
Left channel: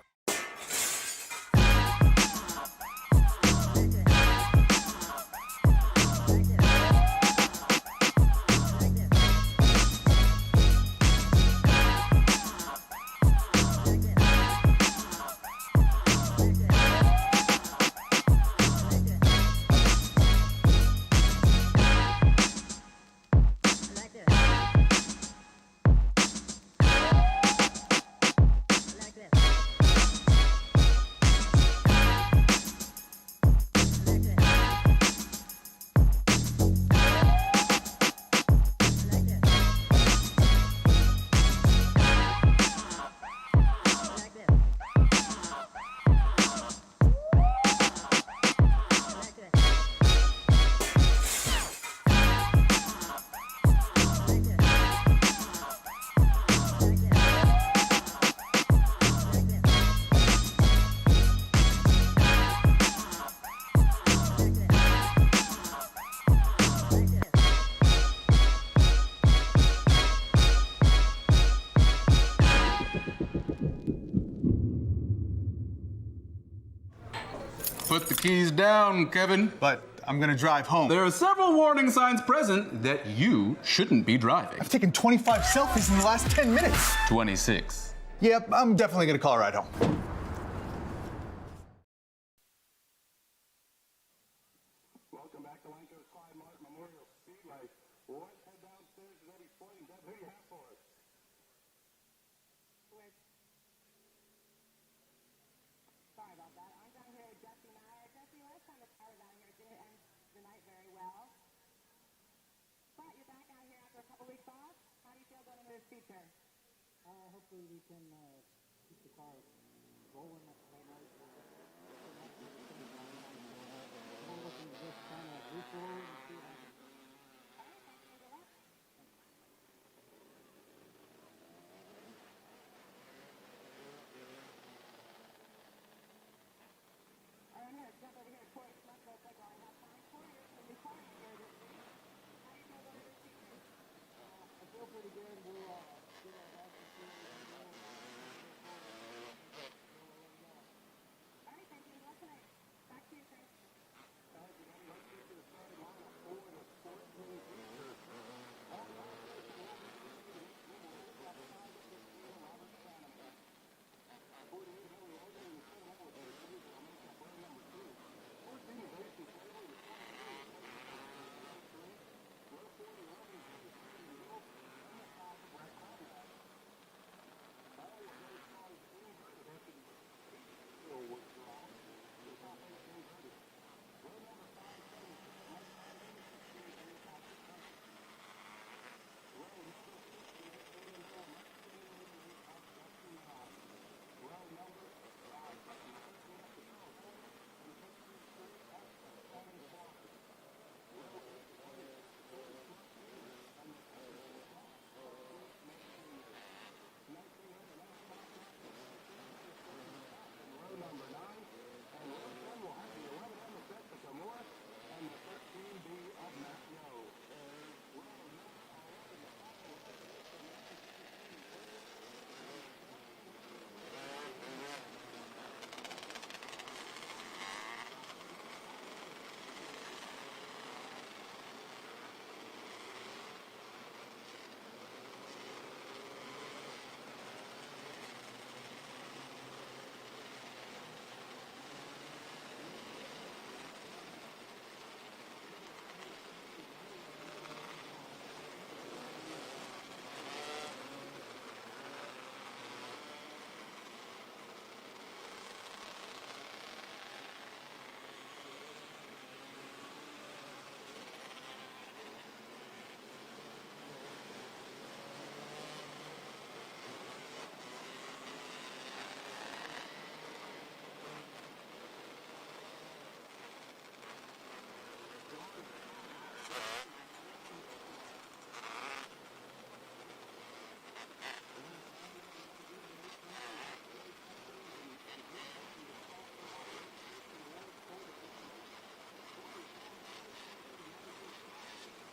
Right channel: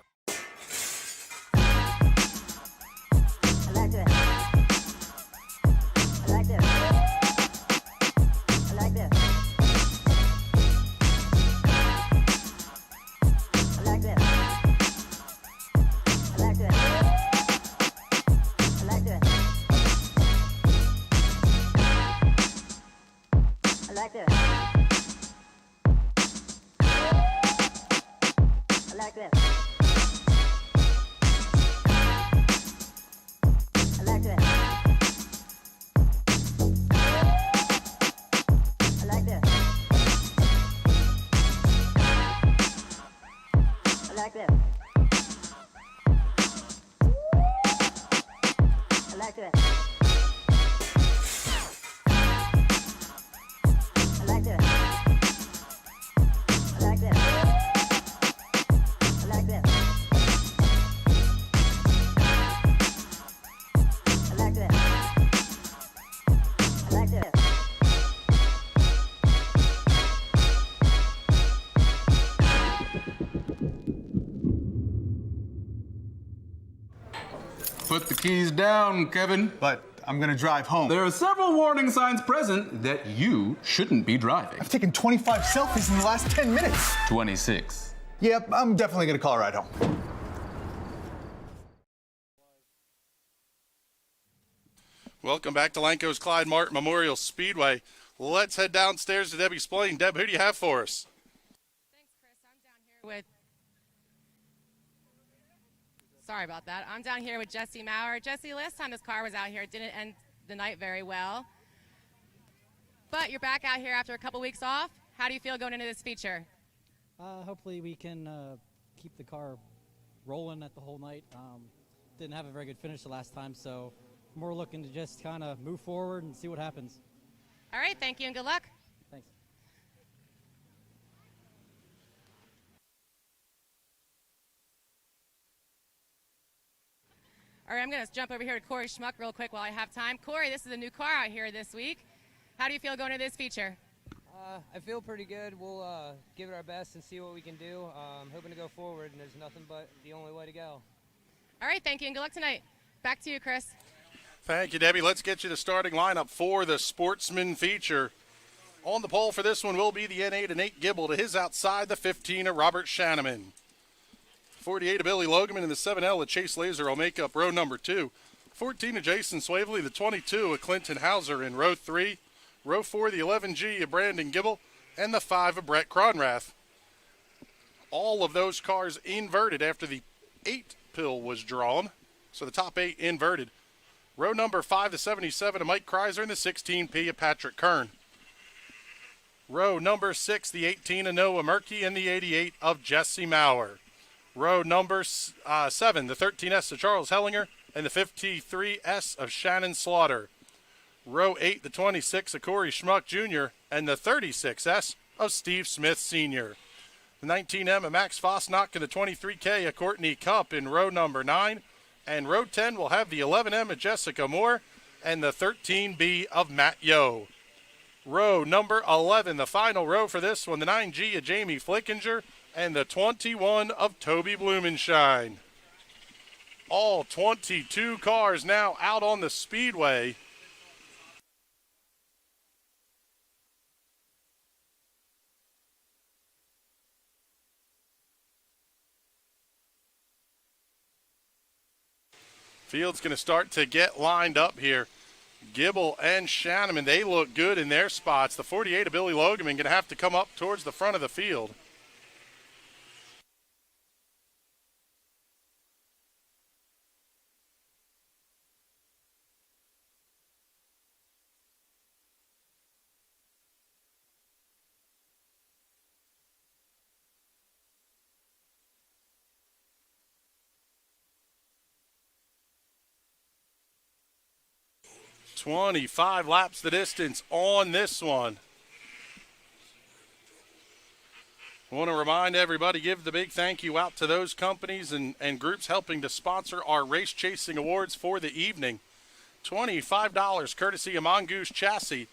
Put the keys down, Kevin. But I'm gonna drive home. There are several warning signs present that you shouldn't be driving. I've taken 25 selfies in the last 10 minutes. 26. Yep, I'm definitely gonna call a ride home. Welcome back to Lanco's Clyde Martin Memorial Speedway. Let's head downstairs to Debbie Splain. Deb, who do you have for us? Sorry about that. I'm down here with Jesse Maurer. Jesse, last time this car was out here, it didn't end the night very well. But you're back out here after a couple weeks off. How do you feel going into this feature? Hopefully we can keep the car rolling at the whole night. Didn't have a very good finish the last time, so we're looking to just kind of move forward and see what happens. All right, thank you and good luck. Thanks. All right, I'm going to jump over here to Corey Schmuck real quick while I have time. Corey, this is a new car out here this week. How do you feel going into this feature? I feel pretty good. We'll give it our best and see what we can do. Hoping to go forward. There's nothing but the only way to go. All right, thank you and good luck tonight. Back to you, Chris. Thank you, Debbie. Let's get you the starting lineup for the Sportsman feature. On the pole for this one will be the N8 of Nate Gibble. To his outside, the 15 of Robert Shanneman. 48 of Billy Logeman, and the 7L of Chase Laser will make up row number 2. 14 of Jason Swavely, the 22 of Clinton Hauser in row 3. Row 4, the 11G of Brandon Gibble, and the 5 of Brett Cronrath. All of those cars inverted after the 8 pill was drawn, so the top 8 inverted. Row number 5, the 77 of Mike Kreiser, and the 16P of Patrick Kern. Row number 6, the 18 of Noah Murkey, and the 88 of Jesse Maurer. Row number 7, the 13S of Charles Hellinger, and the 53S of Shannon Slaughter. Row 8, the 26 of Corey Schmuck Jr., and the 36S of Steve Smith Sr. The 19M of Max Fosnock and the 23K of Courtney Cupp in row number 9. And row 10 will have the 11M of Jessica Moore and the 13B of Matt Yo. Row number 11, the final row for this one, the 9G of Jamie Flickinger and the 21 of Toby Blumenshine. All 22 cars now out on the speedway. Field's going to start to get lined up here. Gibble and Shanneman, they look good in their spots. The 48 of Billy Logan going to have to come up towards the front of the field. "25 laps the distance on this one." I want to remind everybody, give the big thank you out to those companies and groups helping to sponsor our race chasing awards for the evening. $25 courtesy of Mongoose Chassis,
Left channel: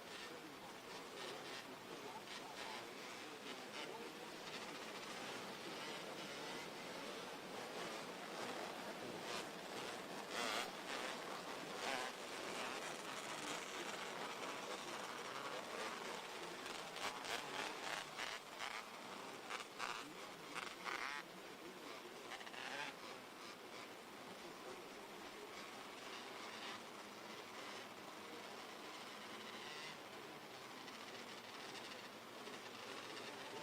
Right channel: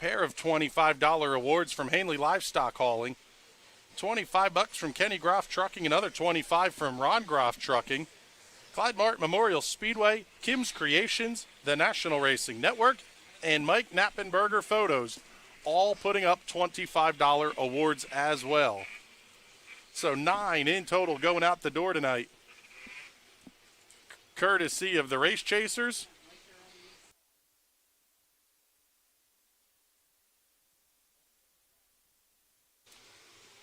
pair of $25 awards from Hanley Livestock Hauling, $25 from Kenny Groff Trucking, another $25 from Ron Groff Trucking, Clyde Martin Memorial Speedway, Kim's Creations, the National Racing Network, and Mike Knappenberger Photos, all putting up $25 awards as well. So 9 in total going out the door tonight, courtesy of the Race Chasers.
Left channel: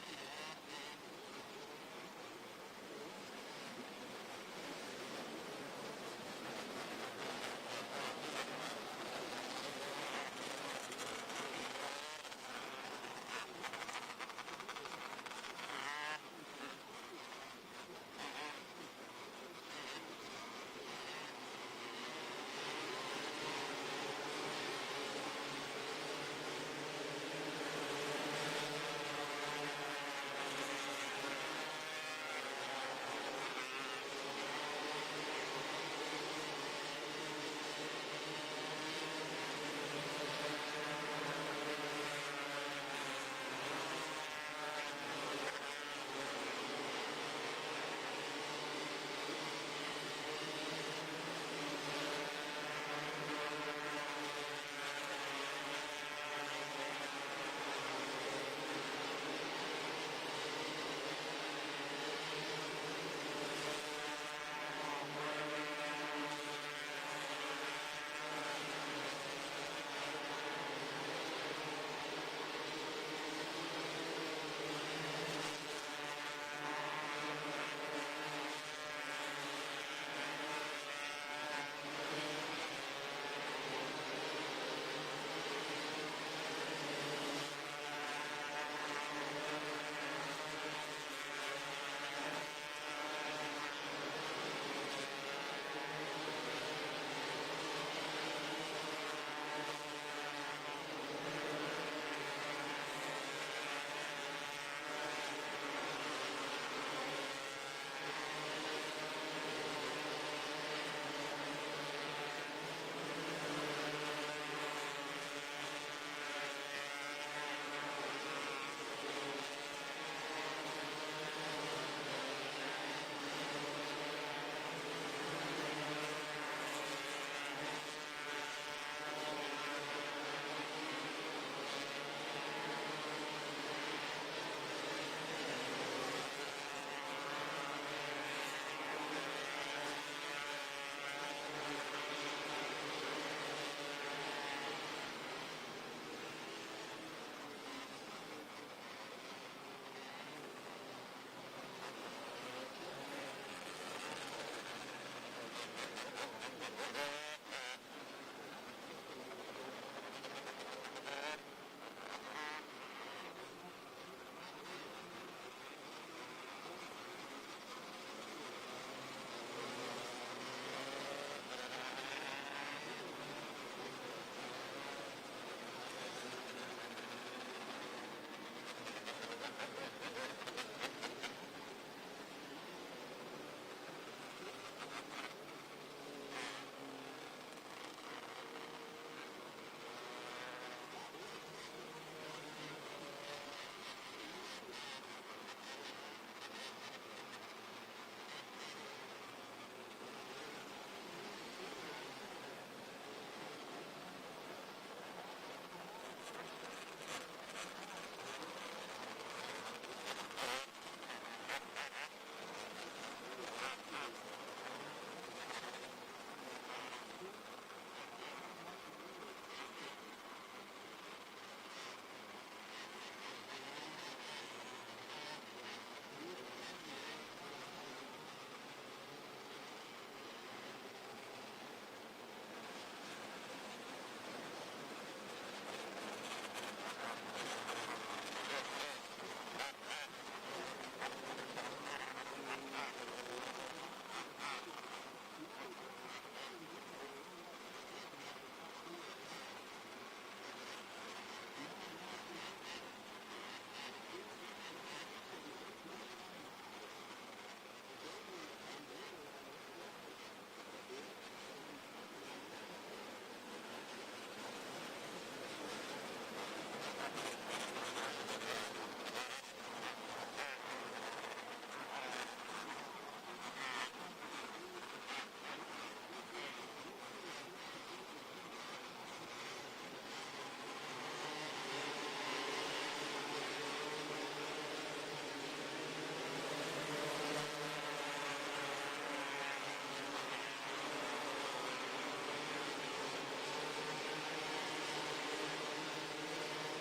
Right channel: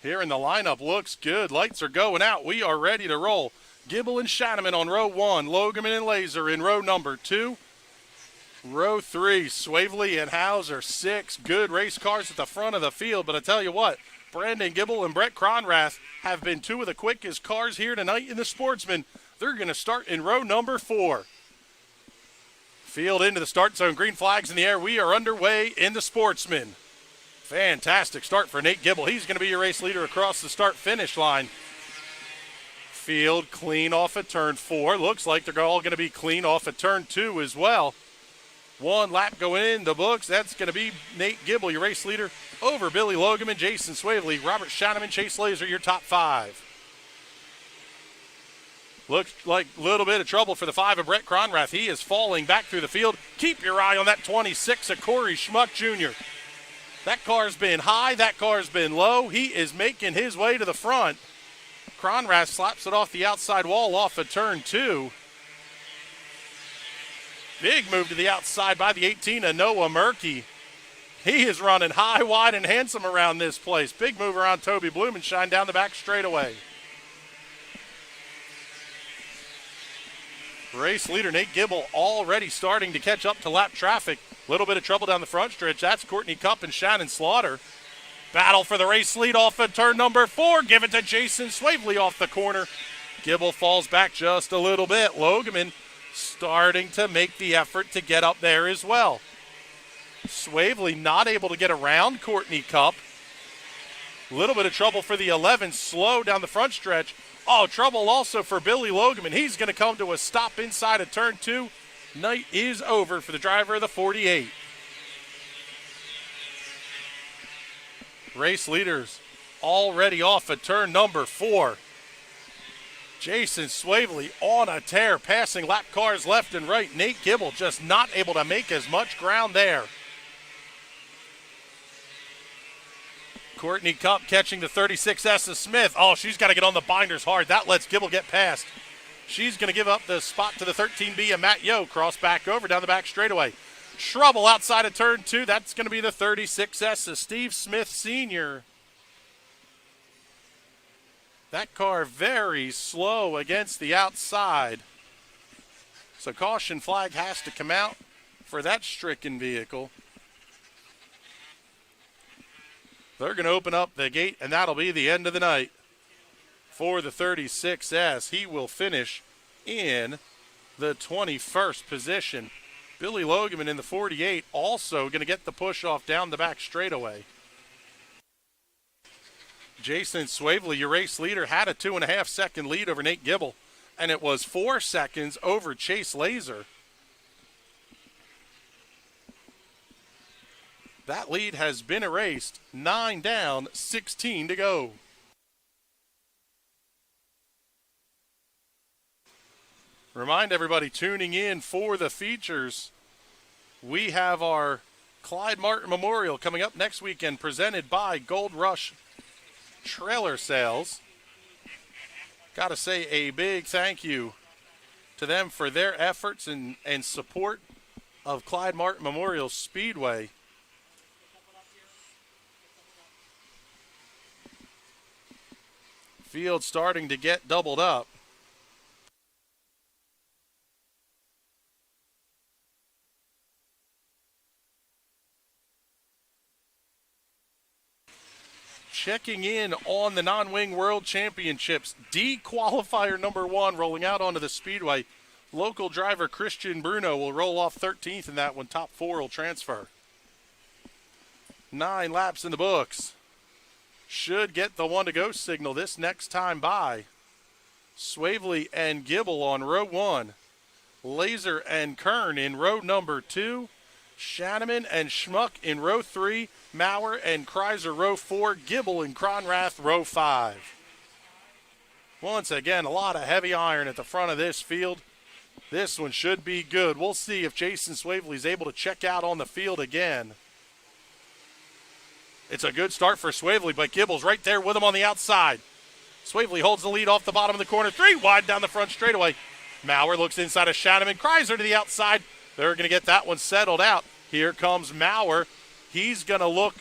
Here in the lineup, looks good. Lights are going out. We are ready to roll. Gibble and Shanneman on row 1. Logerman and Laser in row number 2. Row 3, Swavely and Hauser, 6 good race cars at the front of the field. But I tell you what, Brandon Gibble and Brett Cronrath have been 2 of the quickest cars here tonight in the Sportsman. They're going to start in row number 4. Field into the start zone. Green flags in the air. We are underway in the Sportsman. Fantastic start for Nate Gibble. He's going to be your race leader across the start-finish line. Field clean off at turn 4. Looks like they're all going to be clean off at turn 2 as well. 1 lap going in the books. That's going to be Nate Gibble, your race leader, over Billy Logeman, Jason Swavely, Robert Shanneman, Chase Laser, your top 5. Looks like a little bit of trouble for the 5 of Brett Cronrath. He is falling back through the field. Keep your eye on that 26 of Corey Schmuck Jr. That car's been high. That car's been low. He is making his way to the front. Cronrath slaps it off the outside wall off of turn 2. Big move to the outside by the 18 of Noah Murkey. He is running high, wide, and handsome around this place. Big move around Toby Blumenshine down the back straightaway. Race leader Nate Gibble already starting to catch up to lap traffic. A little bit of trouble down the front stretch. That's Courtney Cupp and Shannon Slaughter. Battle for the race lead off of turn number 4. Give it to Jason Swavely off the corner. Gibble falls back just a little bit. Logeman starting to make the effort to get up there as well. Swavely not able to get around Courtney Cupp. A little bit of trouble for the 11, slow down the front stretch. Oh, trouble also for Billy Logeman. He's going to come to a stop inside of turn 2. Night is over for the driver of the 48. Race leaders already off at turn number 4. Jason Swavely on a tear, passing lap cars left and right. Nate Gibble just not able to make as much ground there. Courtney Cupp catching the 36S of Smith. Oh, she's got to get on the binders hard. That lets Gibble get past. She's going to give up the spot to the 13B of Matt Yo. Cross back over down the back straightaway. Trouble outside of turn 2. That's going to be the 36S of Steve Smith Sr. That car very slow against the outside. So caution flag has to come out for that stricken vehicle. They're going to open up the gate, and that'll be the end of the night for the 36S. He will finish in the 21st position. Billy Logeman in the 48 also going to get the push off down the back straightaway. Jason Swavely, your race leader, had a 2.5 second lead over Nate Gibble, and it was 4 seconds over Chase Laser. That lead has been erased. 9 down, 16 to go. Remind everybody tuning in for the features, we have our Clyde Martin Memorial coming up next weekend, presented by Gold Rush Trailer Sales. Got to say a big thank you to them for their efforts and support of Clyde Martin Memorial Speedway. Field starting to get doubled up. Checking in on the non-wing world championships. D qualifier number 1 rolling out onto the speedway. Local driver Christian Bruno will roll off 13th in that one. Top 4 will transfer. 9 laps in the books. Should get the 1-to-go signal this next time by. Swavely and Gibble on row 1. Laser and Kern in row number 2. Shanneman and Schmuck in row 3. Maurer and Kreiser row 4. Gibble and Cronrath row 5. Once again, a lot of heavy iron at the front of this field. This one should be good. We'll see if Jason Swavely is able to check out on the field again. It's a good start for Swavely, but Gibble's right there with him on the outside. Swavely holds the lead off the bottom of the corner. 3 wide down the front straightaway. Maurer looks inside of Shanneman. Kreiser to the outside. They're going to get that one settled out. Here comes Maurer. He's going to look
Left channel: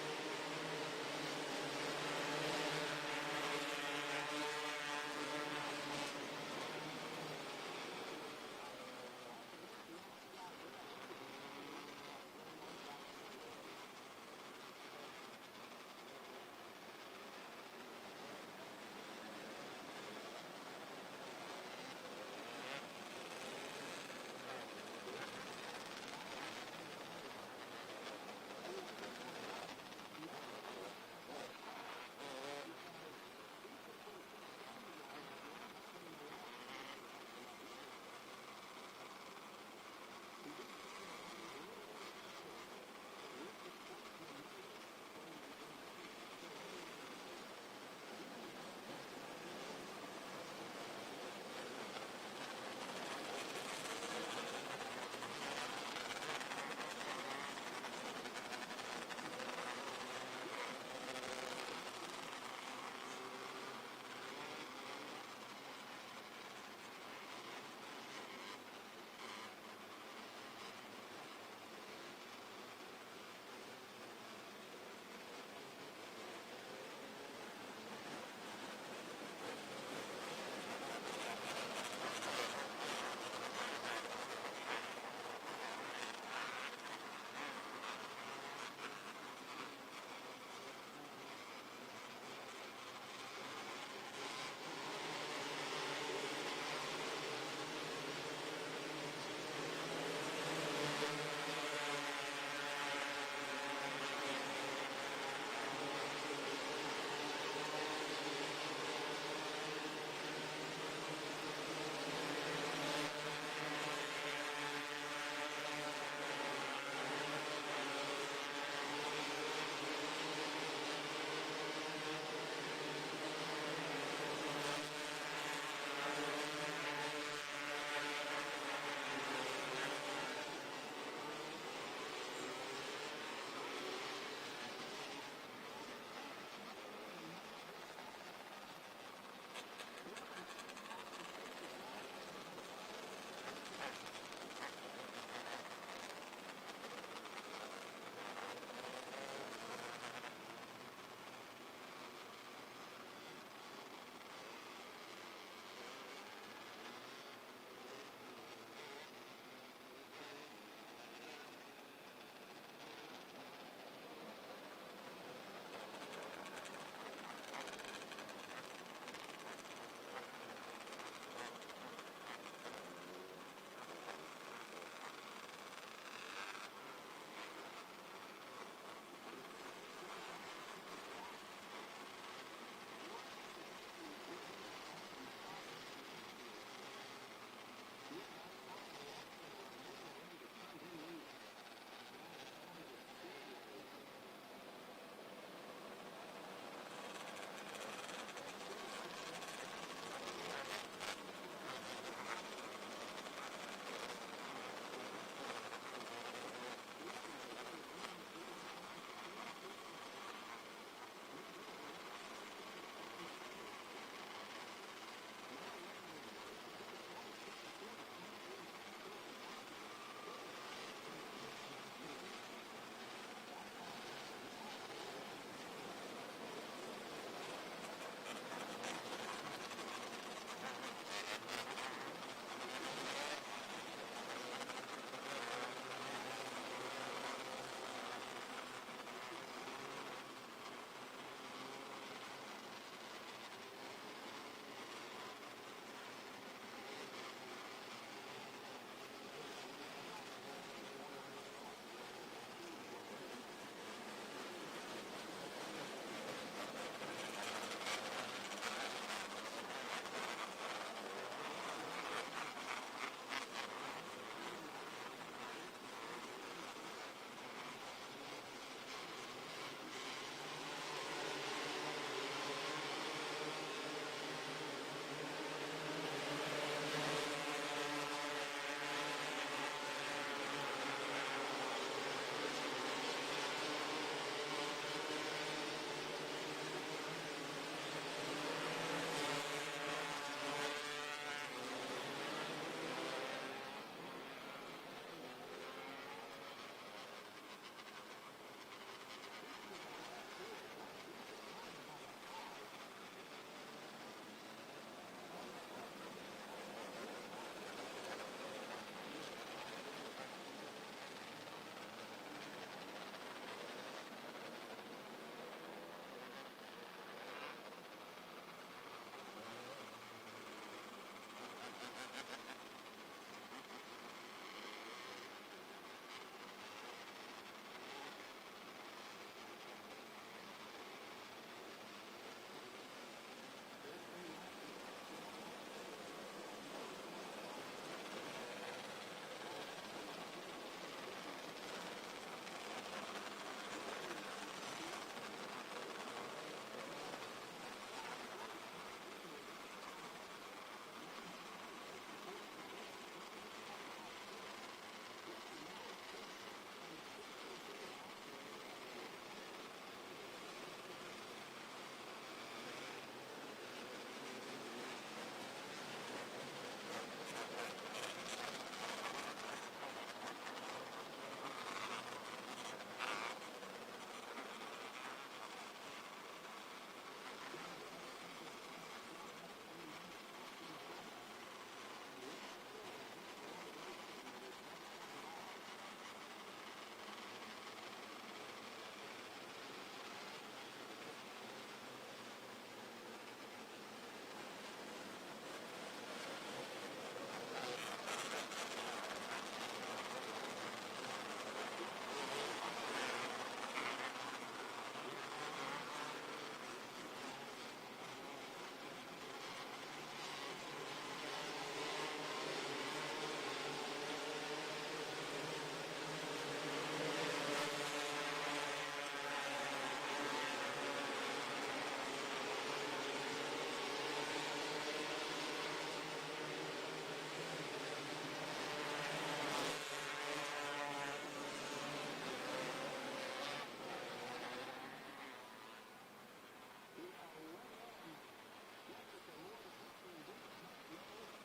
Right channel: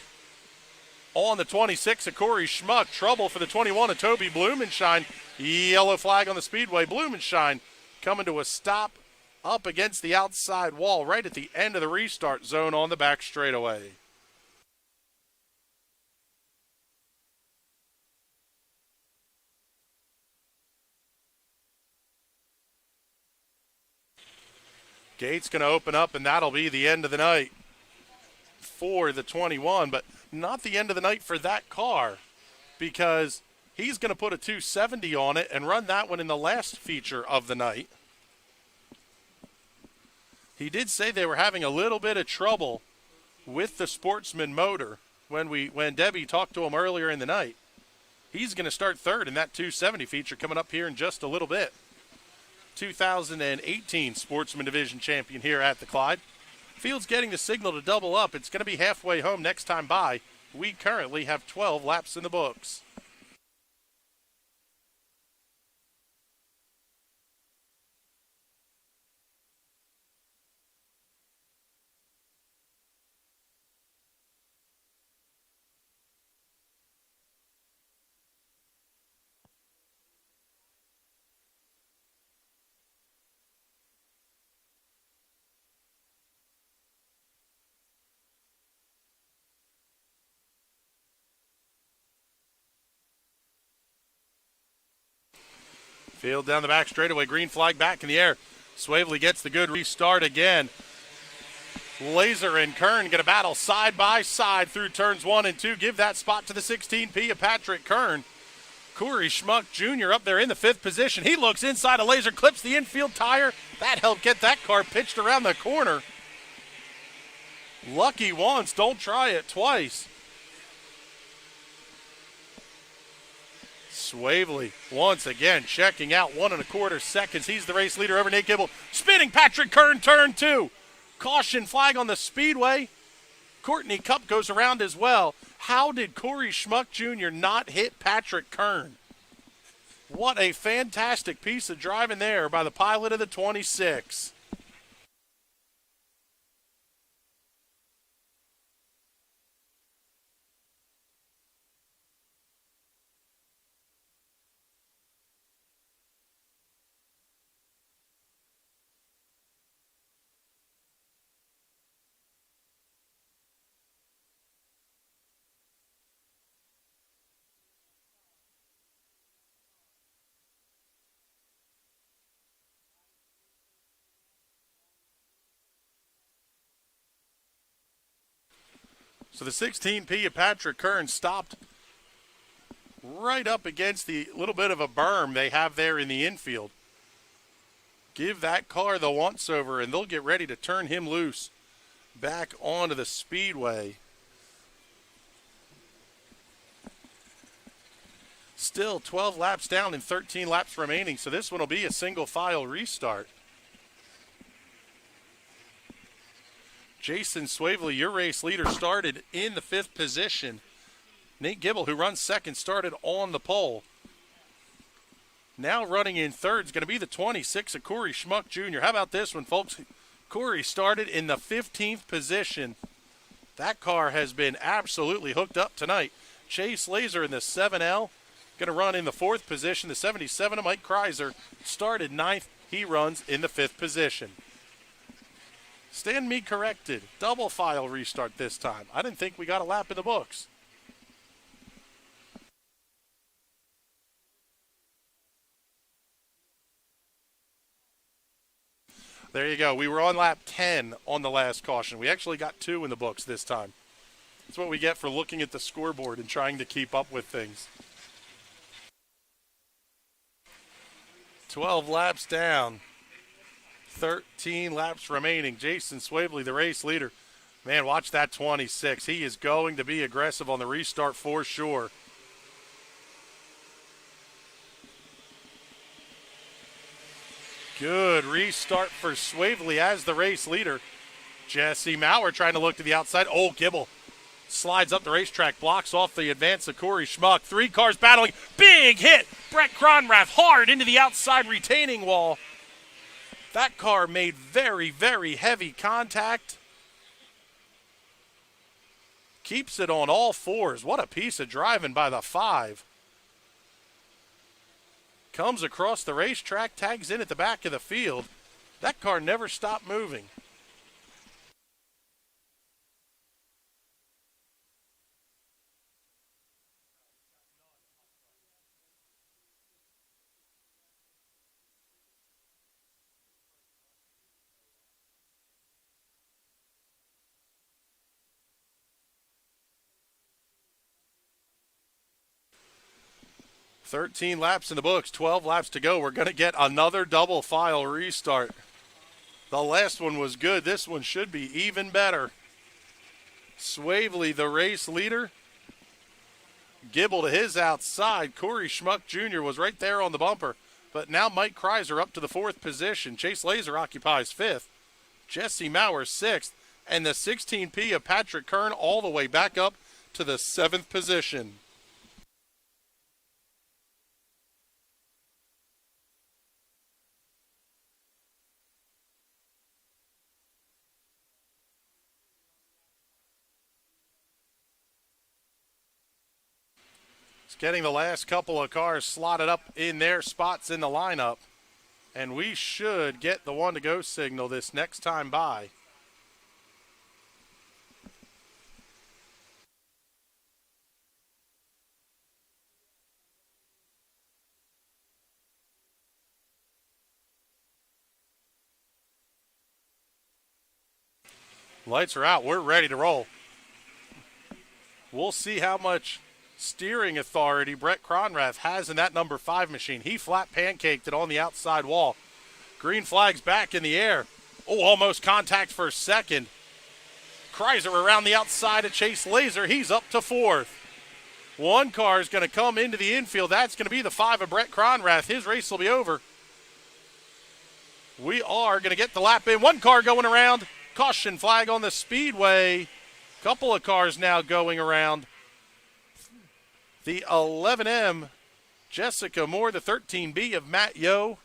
on the 26 of Corey Schmuck. Trouble for the 21 of Toby Blumenshine. Yellow flag on the speedway. Blumenshine coming to a stop up against the outside wall right at the end of the restart zone on the back straightaway. Gate's going to open up, and that'll be the end of the night for the 21, but not the end of the night for that car, because he's going to put a 270 on it and run that one in the last feature of the night. He did say they were having a little bit of trouble with the Sportsman motor when Debbie talked to him earlier in the night. He's going to start third in that 270 feature coming up here in just a little bit. 2018 Sportsman Division champion here at the Clyde. Field's getting the signal to double up. It's going to be halfway home next time by. We currently have 12 laps in the books. Field down the back straightaway, green flag back in the air. Swavely gets the good restart again. Laser and Kern going to battle side by side through turns 1 and 2. Give that spot to the 16P of Patrick Kern. Corey Schmuck Jr. up there in the 5th position. He looks inside of Laser, clips the infield tire. That helped get that car pitched around the corner. Lucky once, don't try it twice. Swavely once again checking out 1 1/4 seconds. He's the race leader over Nate Gibble. Spinning Patrick Kern, turn 2. Caution flag on the speedway. Courtney Cup goes around as well. How did Corey Schmuck Jr. not hit Patrick Kern? What a fantastic piece of driving there by the pilot of the 26. So the 16P of Patrick Kern stopped right up against the little bit of a berm they have there in the infield. Give that car the once-over, and they'll get ready to turn him loose back onto the speedway. Still 12 laps down and 13 laps remaining, so this one will be a single-file restart. Jason Swavely, your race leader, started in the 5th position. Nate Gibble, who runs second, started on the pole. Now running in third is going to be the 26 of Corey Schmuck Jr. How about this one, folks? Corey started in the 15th position. That car has been absolutely hooked up tonight. Chase Laser in the 7L, going to run in the 4th position. The 77 of Mike Kreiser started 9th. He runs in the 5th position. Stand me corrected. Double file restart this time. I didn't think we got a lap in the books. There you go. We were on lap 10 on the last caution. We actually got 2 in the books this time. That's what we get for looking at the scoreboard and trying to keep up with things. 12 laps down. 13 laps remaining. Jason Swavely, the race leader. Man, watch that 26. He is going to be aggressive on the restart for sure. Good restart for Swavely as the race leader. Jesse Maurer trying to look to the outside. Oh, Gibble slides up the racetrack, blocks off the advance of Corey Schmuck. 3 cars battling. Big hit. Brett Cronrath hard into the outside retaining wall. That car made very, very heavy contact. Keeps it on all 4s. What a piece of driving by the 5. Comes across the racetrack, tags in at the back of the field. That car never stopped moving. "13 laps in the books, 12 laps to go. We're going to get another double file restart. The last one was good. This one should be even better." Swavely, the race leader. Gibble to his outside. Corey Schmuck Jr. was right there on the bumper. But now Mike Kreiser up to the 4th position. Chase Laser occupies 5th. Jesse Maurer 6th. And the 16P of Patrick Kern all the way back up to the 7th position. Getting the last couple of cars slotted up in their spots in the lineup. And we should get the 1 to go signal this next time by. Lights are out. We're ready to roll. We'll see how much steering authority Brett Cronrath has in that number 5 machine. He flat pancaked it on the outside wall. Green flag's back in the air. Oh, almost contact for a second. Kreiser around the outside of Chase Laser. He's up to 4th. 1 car is going to come into the infield. That's going to be the 5 of Brett Cronrath. His race will be over. We are going to get the lap in. 1 car going around. Caution flag on the Speedway. Couple of cars now going around. The 11M, Jessica Moore, the 13B of Matt Yo,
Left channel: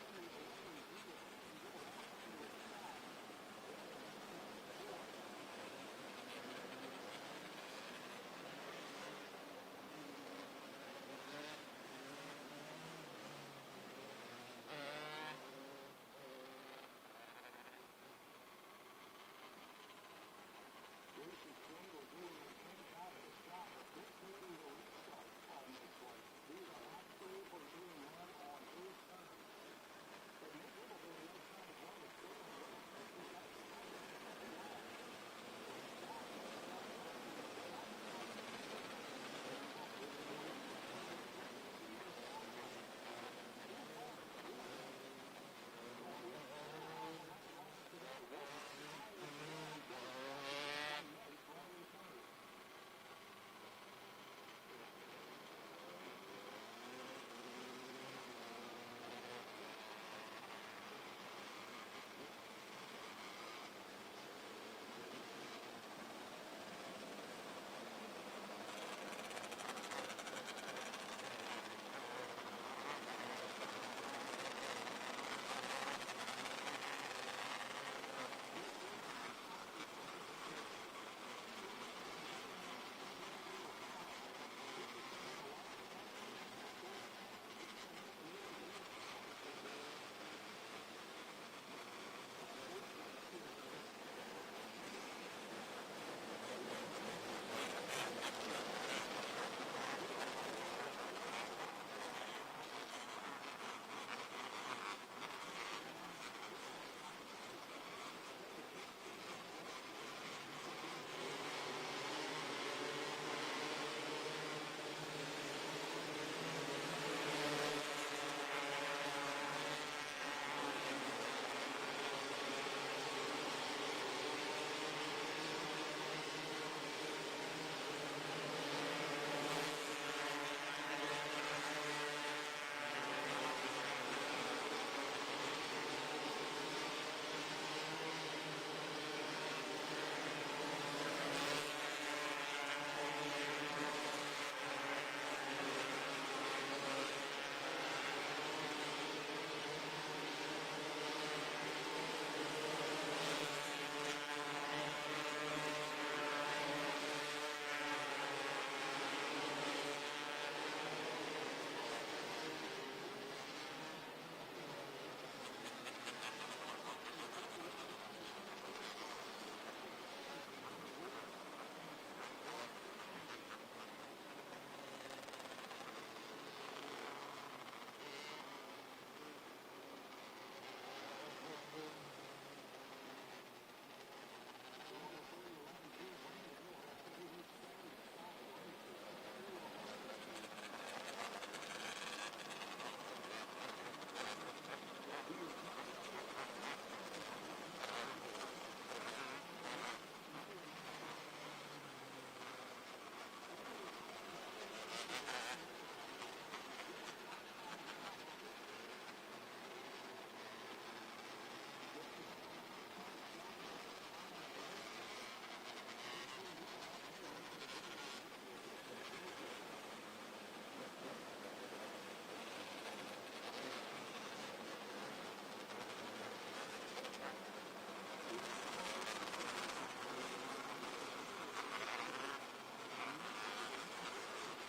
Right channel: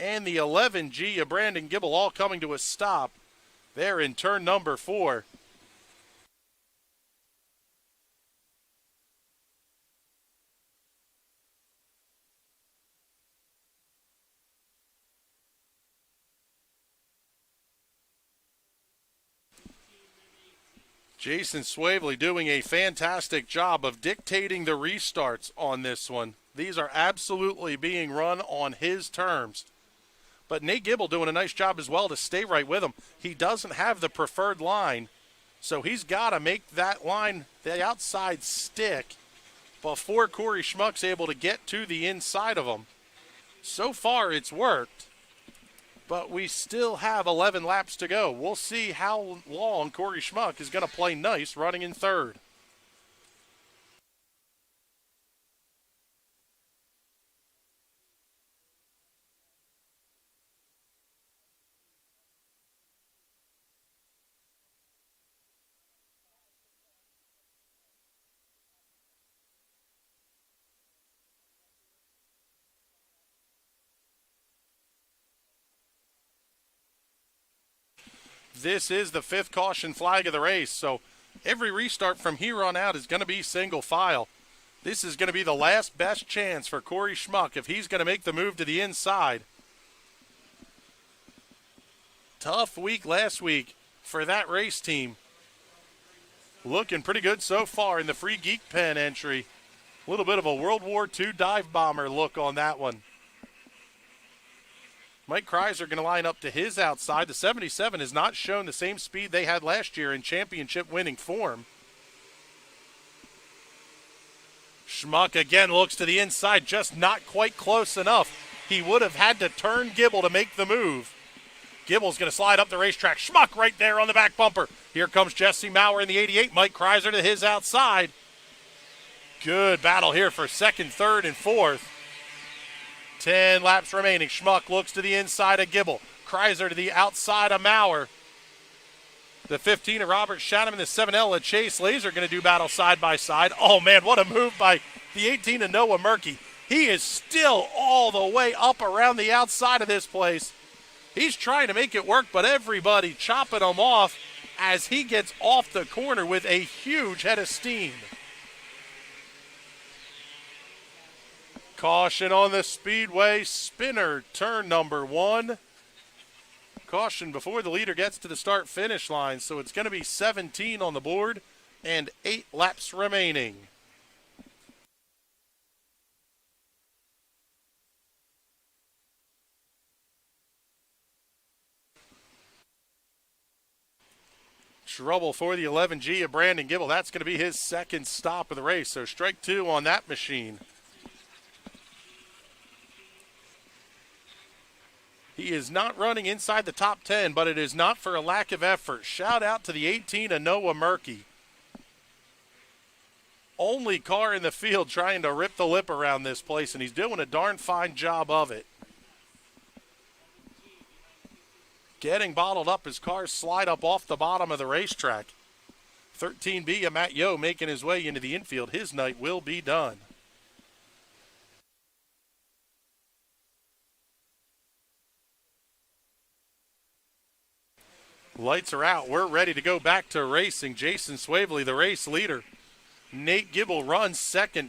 and the 11G of Brandon Gibble all coming to a stop there in turn number 4. Jason Swavely doing a fantastic job of dictating the restarts on this one. These are absolutely being run on his terms. But Nate Gibble doing a nice job as well to stay right with him. He doesn't have the preferred line, so he's got to make that line, the outside, stick before Corey Schmuck's able to get to the inside of him. So far, it's worked. But we still have 11 laps to go. We'll see how long Corey Schmuck is going to play nice running in 3rd. This is the 5th caution flag of the race, so every restart from here on out is going to be single file. This is going to be the last best chance for Corey Schmuck if he's going to make the move to the inside. Tough week last week for that race team. Looking pretty good so far in the Free Geek Pen entry. A little bit of a World War II dive bomber look on that one. Mike Kreiser going to line up to his outside. The 77 has not shown the same speed they had last year in championship winning form. Schmuck again looks to the inside, just not quite close enough. He would have had to turn Gibble to make the move. Gibble's going to slide up the racetrack. Schmuck right there on the back bumper. Here comes Jesse Maurer in the 88. Mike Kreiser to his outside. Good battle here for 2nd, 3rd, and 4th. 10 laps remaining. Schmuck looks to the inside of Gibble. Kreiser to the outside of Maurer. The 15 of Robert Shannon and the 7L of Chase Laser going to do battle side by side. Oh man, what a move by the 18 of Noah Murkey. He is still all the way up around the outside of this place. He's trying to make it work, but everybody chopping him off as he gets off the corner with a huge head of steam. Caution on the Speedway spinner, turn number 1. Caution before the leader gets to the start-finish line, so it's going to be 17 on the board and 8 laps remaining. Trouble for the 11G of Brandon Gibble. That's going to be his 2nd stop of the race, so strike 2 on that machine. He is not running inside the top 10, but it is not for a lack of effort. Shout out to the 18 of Noah Murkey. Only car in the field trying to rip the lip around this place, and he's doing a darn fine job of it. Getting bottled up as cars slide up off the bottom of the racetrack. 13B of Matt Yo making his way into the infield. His night will be done. Lights are out. We're ready to go back to racing. Jason Swavely, the race leader. Nate Gibble runs 2nd.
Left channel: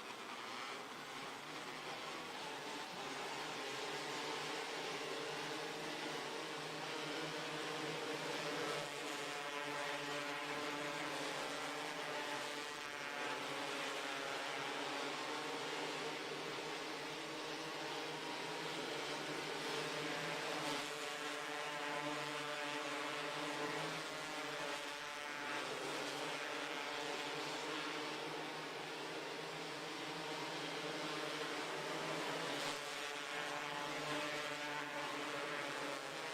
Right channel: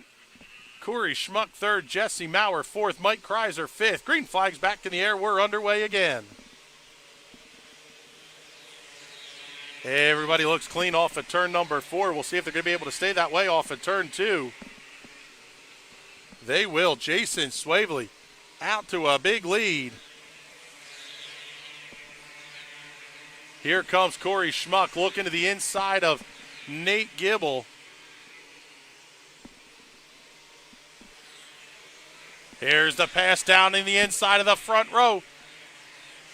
Corey Schmuck 3rd. Jesse Maurer 4th. Mike Kreiser 5th. Green flag's back in the air. We're underway again. Everybody looks clean off of turn number 4. We'll see if they're going to be able to stay that way off of turn 2. They will. Jason Swavely out to a big lead. Here comes Corey Schmuck looking to the inside of Nate Gibble. Here's the pass down in the inside of the front row.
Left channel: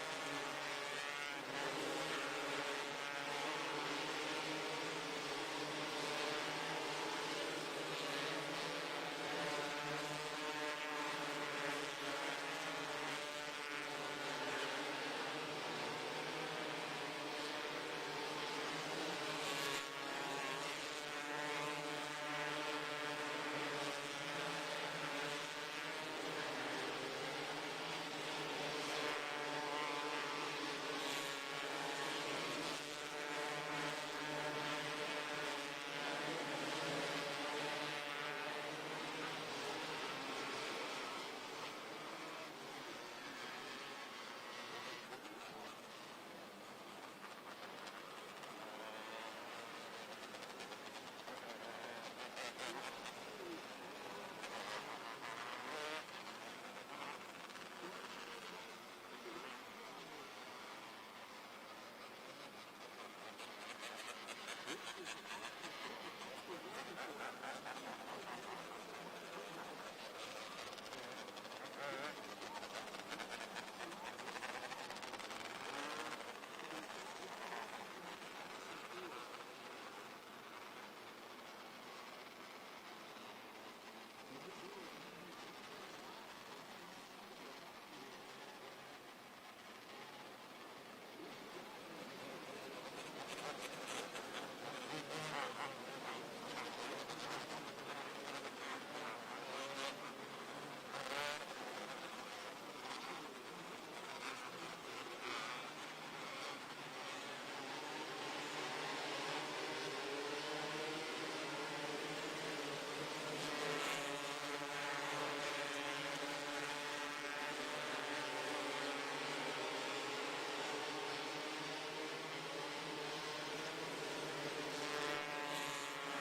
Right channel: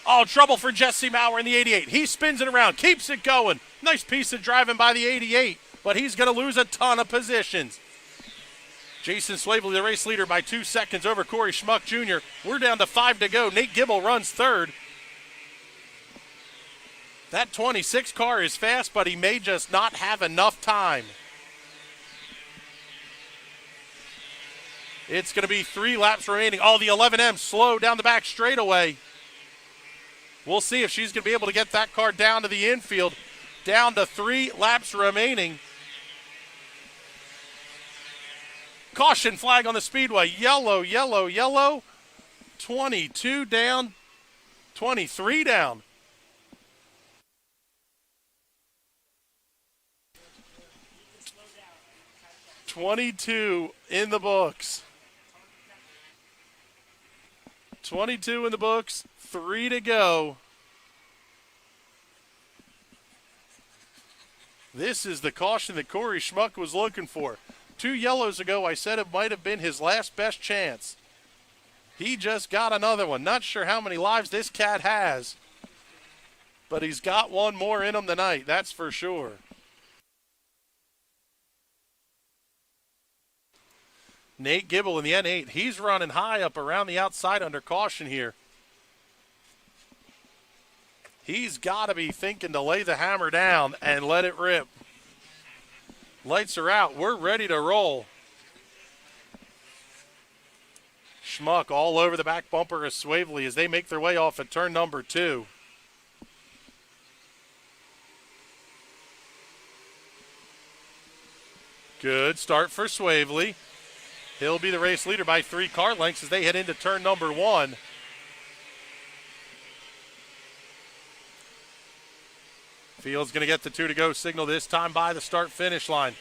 Oh, trouble for Jesse Maurer in the 88. He spins it around, keeps it going. Nice piece of driving by the 88, but he's going to lose a ton of positions. Jason Swavely, the race leader, by 2 seconds over Corey Schmuck Jr. We're down to 5 to go. Nate Gibble runs 3rd. That 26 car is fast, but he may just not have enough time. It's going to be 3 laps remaining. Oh, the 11M slow down the back straightaway. We'll see if she's going to be able to get that car down to the infield. Down to 3 laps remaining. Caution flag on the Speedway. Yellow, yellow, yellow. 22 down, 23 down. 22 in the books. 22 in the books, 3 to go. This is the caution that Corey Schmuck was looking for. 2 yellows ago, I said it might have been his last best chance. He just got another one. Not sure how many lives this cat has, but he's got one more in him tonight, that's for sure. Nate Gibble in the N8, he's running high up around the outside under caution here. He's got to be thinking to lay the hammer down and let it rip. Lights are out. We're ready to roll. Schmuck all over the back bumper of Swavely as they make their way off at turn number 2. Good start for Swavely. He'll be the race leader by 3 car lengths as they head into turn number 1. Field's going to get the 2 to go signal this time by the start-finish line.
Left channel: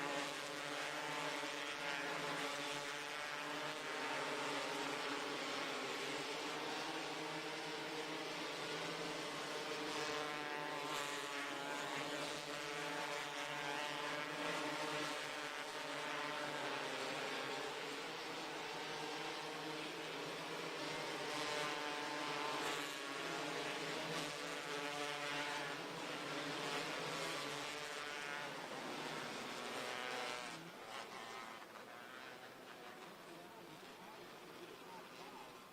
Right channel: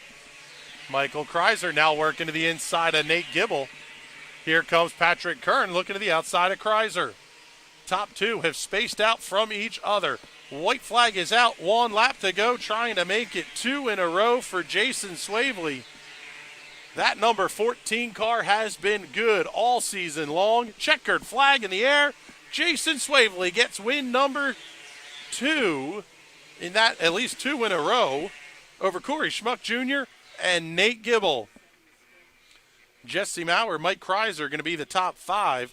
Michael Kreiser now working to the inside of Nate Gibble. Here comes Patrick Kern looking to the outside of Kreiser. Top 2 have spaced out from each other. White flag is out, 1 lap to go, trying to make it 2 in a row for Jason Swavely. That number 14 car has been good all season long. Checkered flag in the air. Jason Swavely gets win number 2, in that at least 2 in a row, over Corey Schmuck Jr. and Nate Gibble. Jesse Maurer, Mike Kreiser going to be the top 5.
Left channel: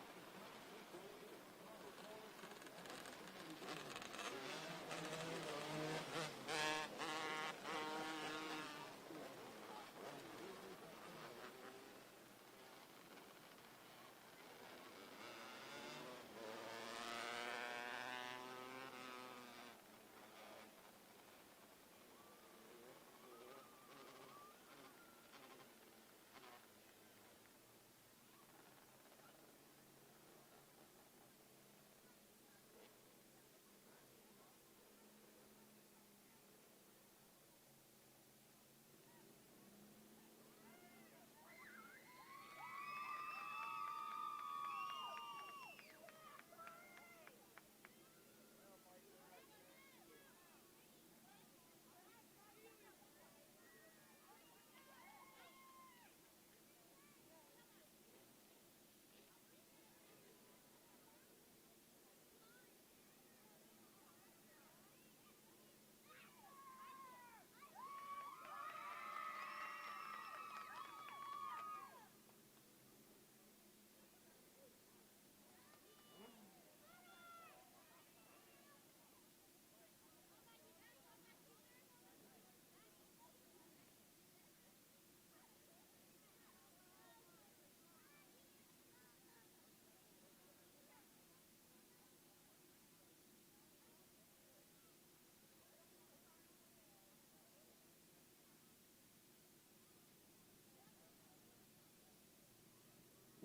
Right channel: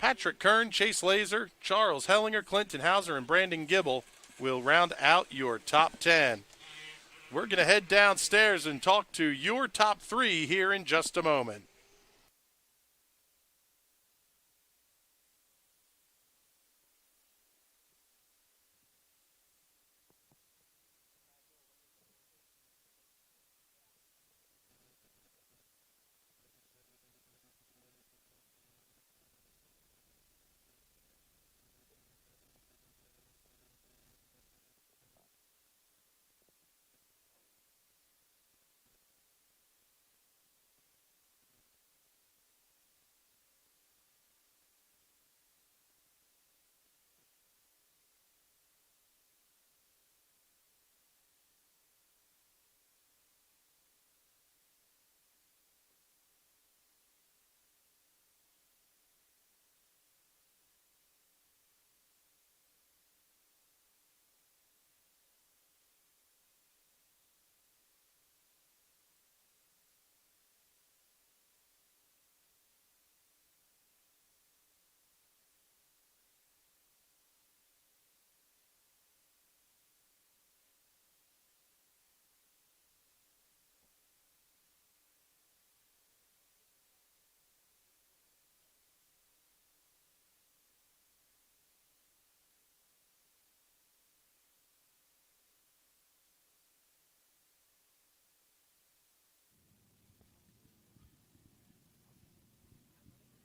Patrick Kern, Chase Laser, Charles Hellinger, Clinton Hauser, and Brandon Gibble will round out your top 10. We're going to head downstairs and talk to your top 3 here in just a moment.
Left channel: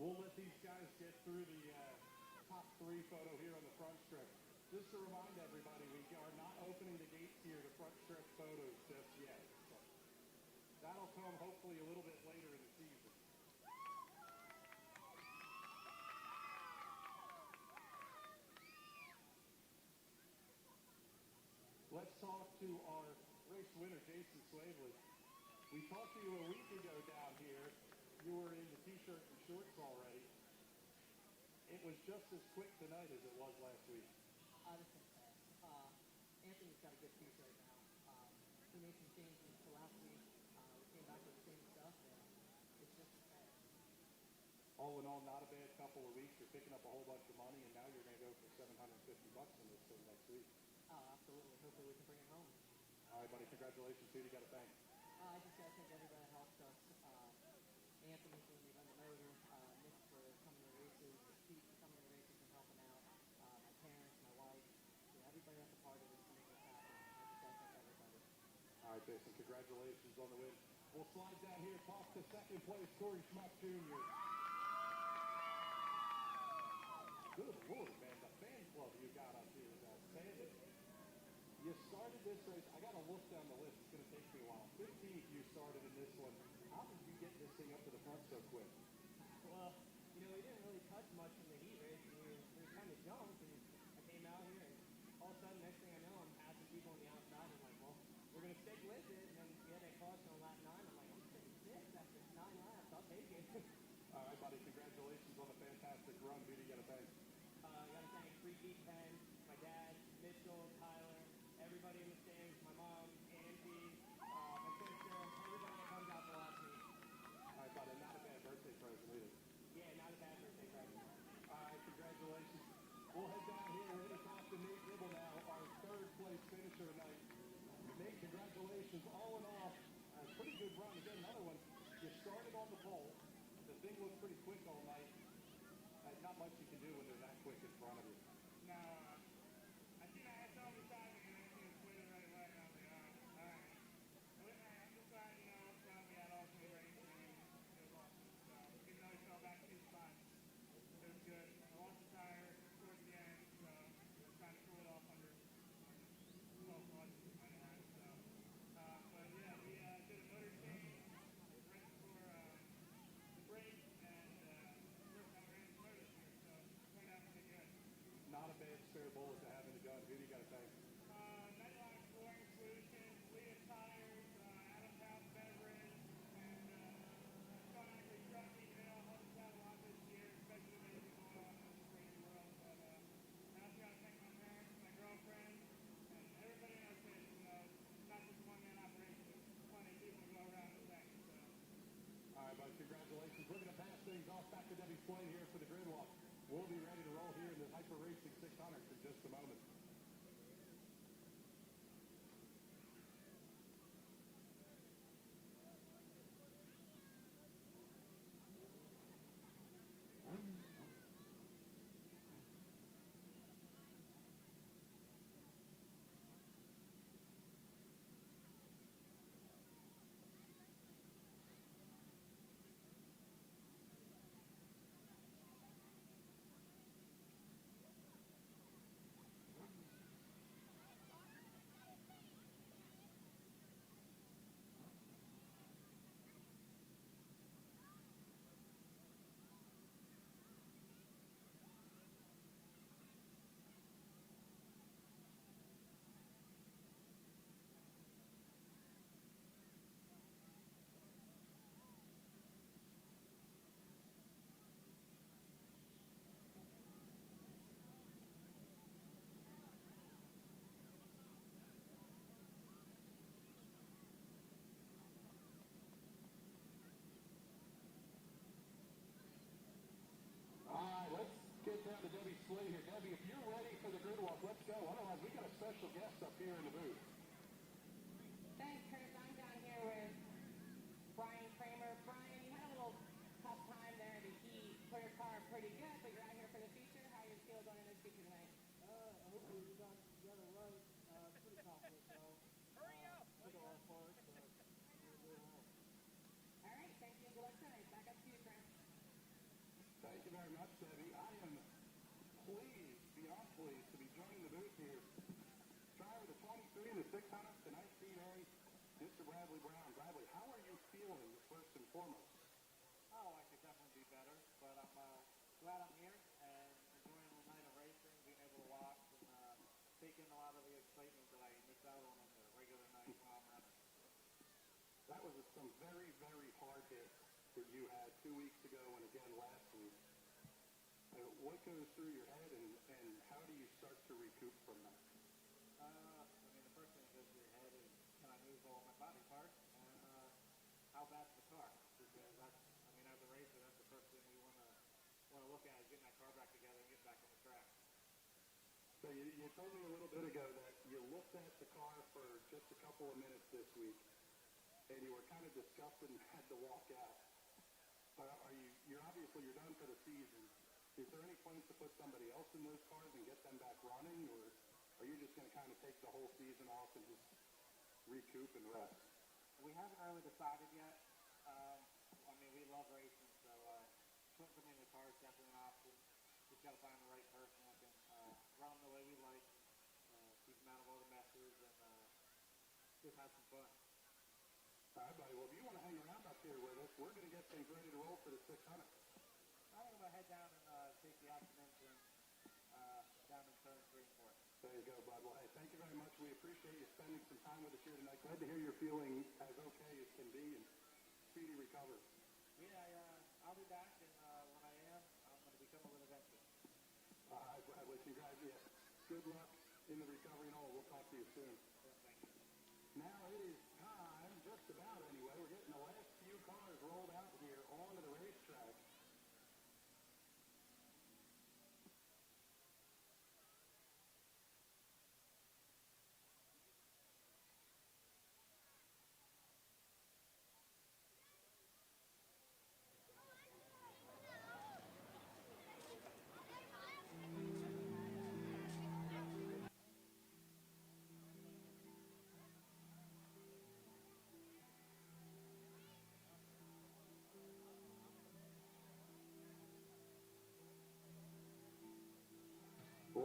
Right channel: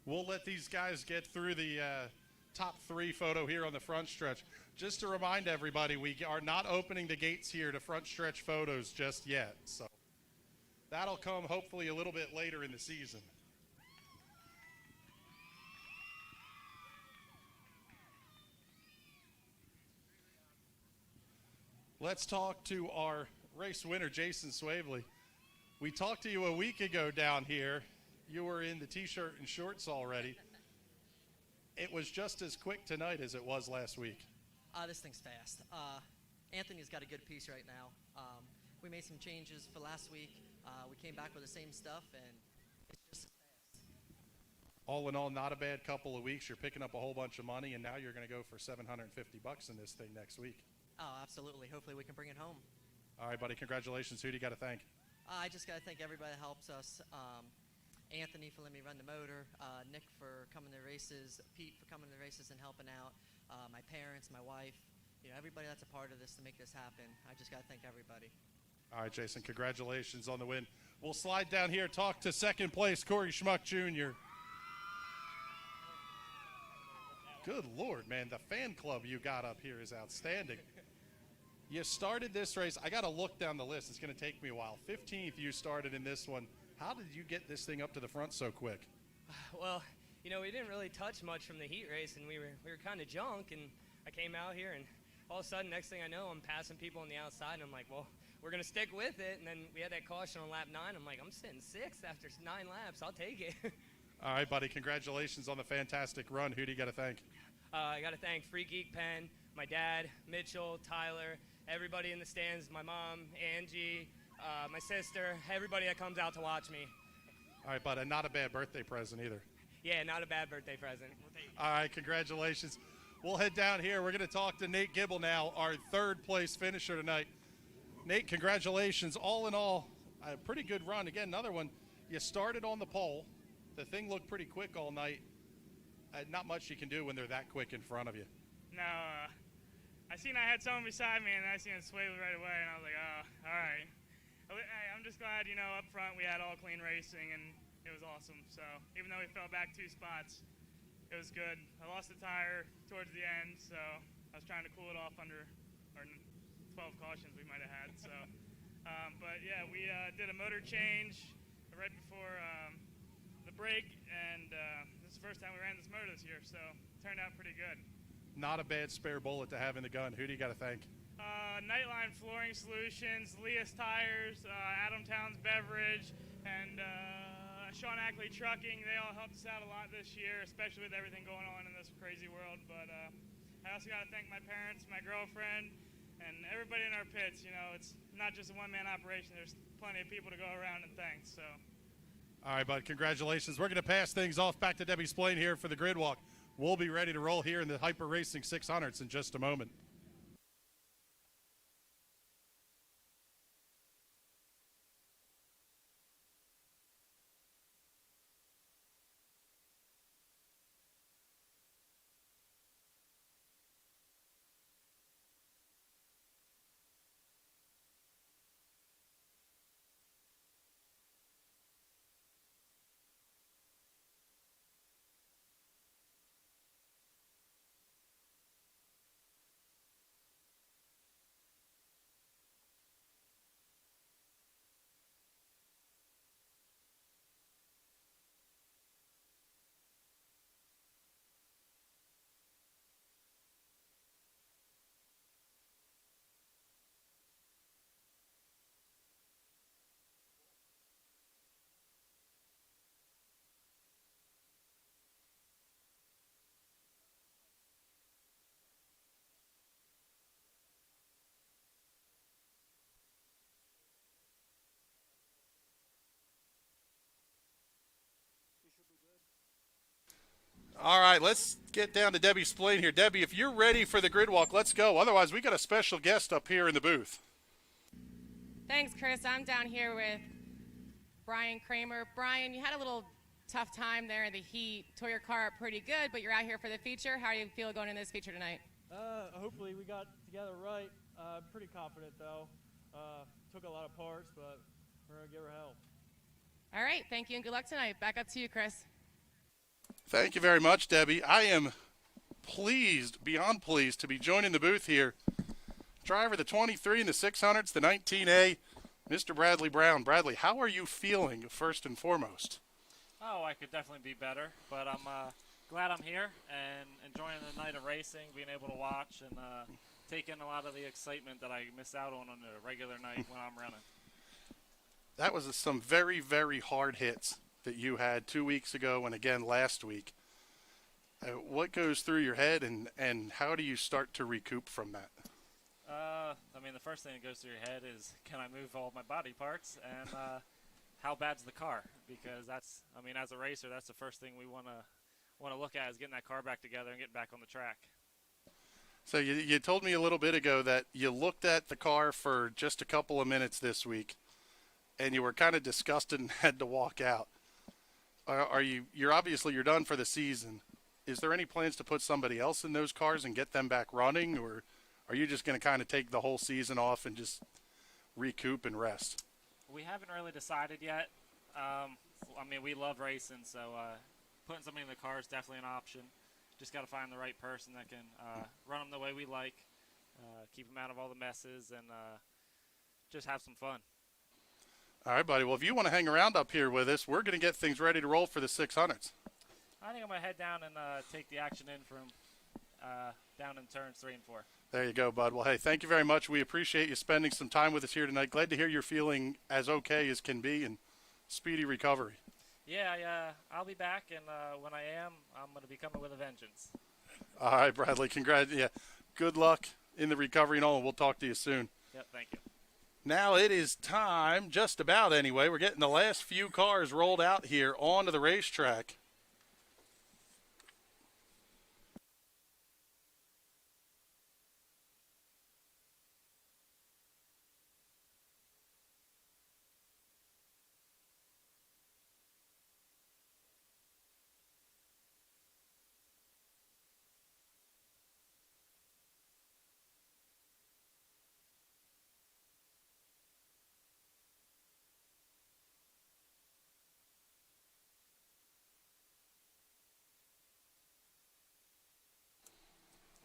We'll let these guys get through the top 3 photo here on the front stretch. Just to remind everybody, we are not opening the gates here to front stretch photos just yet. So that'll come hopefully a little bit later in the season. Let's talk to our race winner, Jason Swavely. We talked to you a week ago down here. You were in the t-shirt and shorts already. It was just as quick tonight as it was last week. This thing's fast. Anthony's got a good piece right now. We made some changes for last week. We came back with the same stuff, and all in all, not a bad couple of weeks. You're picking up a whole bunch of money, and now you're going to go for $750 in this thing next week. Oh, absolutely. Hopefully we can bring it home. All right, buddy. Congratulations. Who do you got to thank? I just got to thank everybody that helps us. Anthony for letting me run the motor, Nick for coming to the races, Pete for coming to the races and helping out, my parents, my wife, everybody that's a part of this to make this happen. I just got to thank everybody. All right, Jason, congratulations on the win. We'll slide down here, talk to second place, Corey Schmuck Jr. Good Lord, man, the fan club you got up here is outstanding. You started this race. I got to look down the list. It's going to take me a while. 15th you started in this one. How did you get this thing up to the front so quick? Well, we didn't really touch much from the heat race, and we were kind of junk, and I came out here, and all of a sudden, next thing I know, I'm passing people on the outside, and I'm like, well, we're going to stick with it, and then we had that caution on lap 9. I'm like, I'm sitting 6th after 9 laps. I'll take it. All right, buddy, congratulations on the fantastic run. Who do you got to thank? I got to thank Free Geek Pen, my dad, Mitchell, Tyler, everybody in the stands, my mom, Angie, my sister, everybody that comes out to watch me. All right, but not a bad birthday present either. Yeah, not a bad birthday present. All right, congratulations. We'll head down here. We're going to talk to Nate Gibble now, our 3rd place finisher tonight. Nate, congratulations. All in all, a pretty good run. Again, another one. You started on the pole. The thing looked pretty quick all night. Not much you can do when they're that quick in front of you. No, I seen I had someone beside me, and I seen it sway right away, and I was like, oh, all right. I'm just glad, you know, up front we had all clean racing, and it was awesome. So even though we fell back 2 spots, it was good. I lost a tire towards the end, so I was trying to cool it off under our 12 cautions we might have had. So, but yeah, we did a motor change right before the break, and this is the first time we ran this motor this year, so it turned out pretty good. Not a bad spare bullet to have in the gun. Who do you got to thank? Nightline Flooring Solutions, Leah's Tires, Adam Towns Beverage, and Sean Ackley Trucking. They all helped us out a lot this year, especially with everything going on in this crazy world. But I also got to thank my parents, my girlfriend, and everybody in our pits. You know, it's not just a one-man operation. There's plenty of people to go around and thank. So. All right, bud, congratulations. We're going to pass things off back to Debbie Splain here for the grid walk. We'll be ready to roll here in the Hyper Racing 600s in just a moment. All right, let's get down to Debbie Splain here. Debbie, if you're ready for the grid walk, let's go. Otherwise, we got a special guest up here in the booth. Thanks, Chris. I'm down here with Brian Kramer. Brian, you had a little tough time there in the heat. Tore your car up pretty good, but you're out here for the feature. How do you feel going in this feature tonight? Hopefully we got together right. Pretty confident, though. Took a lot of parts, but we're going to give her hell. All right, thank you and good luck tonight. Back up to you, Chris. Thank you very much, Debbie. I am pleased, beyond pleased, to be joining the booth here. Driver the 23 and the 600s, the 19A, Mr. Bradley Brown. Bradley, how are you feeling, first and foremost? Oh, I could definitely be better, but I'm glad I'm here and enjoying the night of racing, being able to watch and take in a lot of the excitement that I miss out on a regular night when I'm running. That was some very, very hard hits that you had 2 weeks ago and again last week. What goes through your head and how do you start to recoup from that? I mean, the first thing that goes through your head is, can I move all my body parts, and how bad's the car? Because that's, I mean, as a racer, that's the first thing we want to look at, is getting that car back together and getting back on the track. So you told me a little bit ago that you looked at the car for just a couple of minutes this week, and you were kind of disgusted and had to walk out. You're obviously you're done for the season. Is there any plans to put somebody else in those cars and get them back running, or are you just going to kind of take the whole season off and just recoup and rest? We haven't really decided yet. I mean, we love racing, so putting somebody in the car is definitely an option. Just got to find the right person that can run them the way we like, keep them out of all the messes, and just have some fun. All right, buddy. Well, if you want to hang around up here with us, we're going to get things ready to roll for the 600s. I think I'm going to head down and take the action in from down in turns 3 and 4. There you go, bud. Well, hey, thank you very much. We appreciate you spending some time with us here tonight. Glad to hear you're feeling as okay as can be and speedy recovery. Yeah, I'll be back, and when I am, I'm going to be coming with a vengeance. All right, Bradley. Congrats. Yeah, good luck in the recovery and all, and we'll talk to you soon. Yep, thank you. Now it is time, just about anyway. We're getting the last few cars rolled out here onto the racetrack.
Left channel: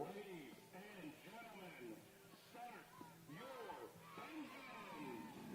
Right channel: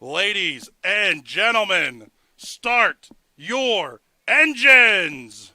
Ladies and gentlemen, start your engines.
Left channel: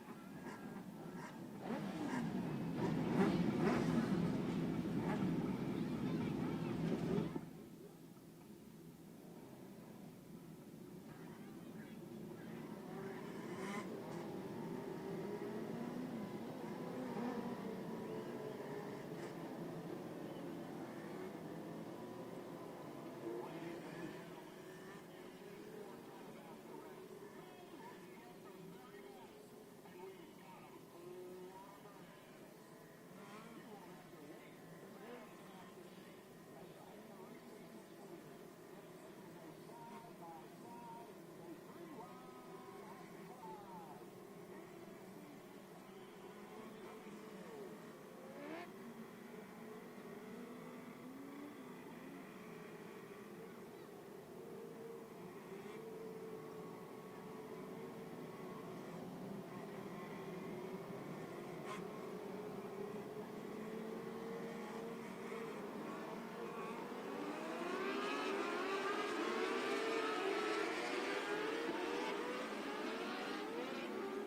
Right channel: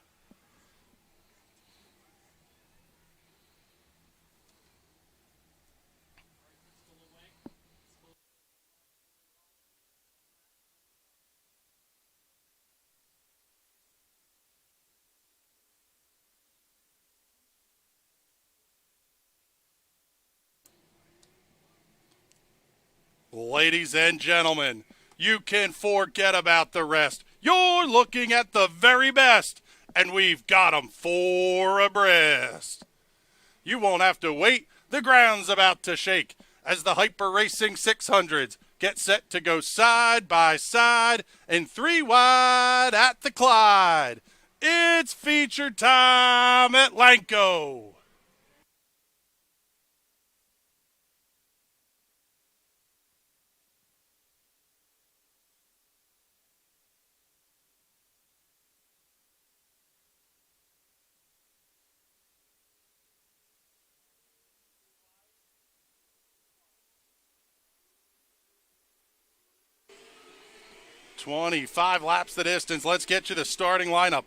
Ladies and gentlemen, you can forget about the rest. You're looking at the very best, and we've got them four abreast. You won't have to wait. The ground's about to shake as the Hyper Racing 600s get set to go side by side and 3 wide at the Clyde. It's feature time at Lanco. "25 laps the distance." Let's get you the starting lineup.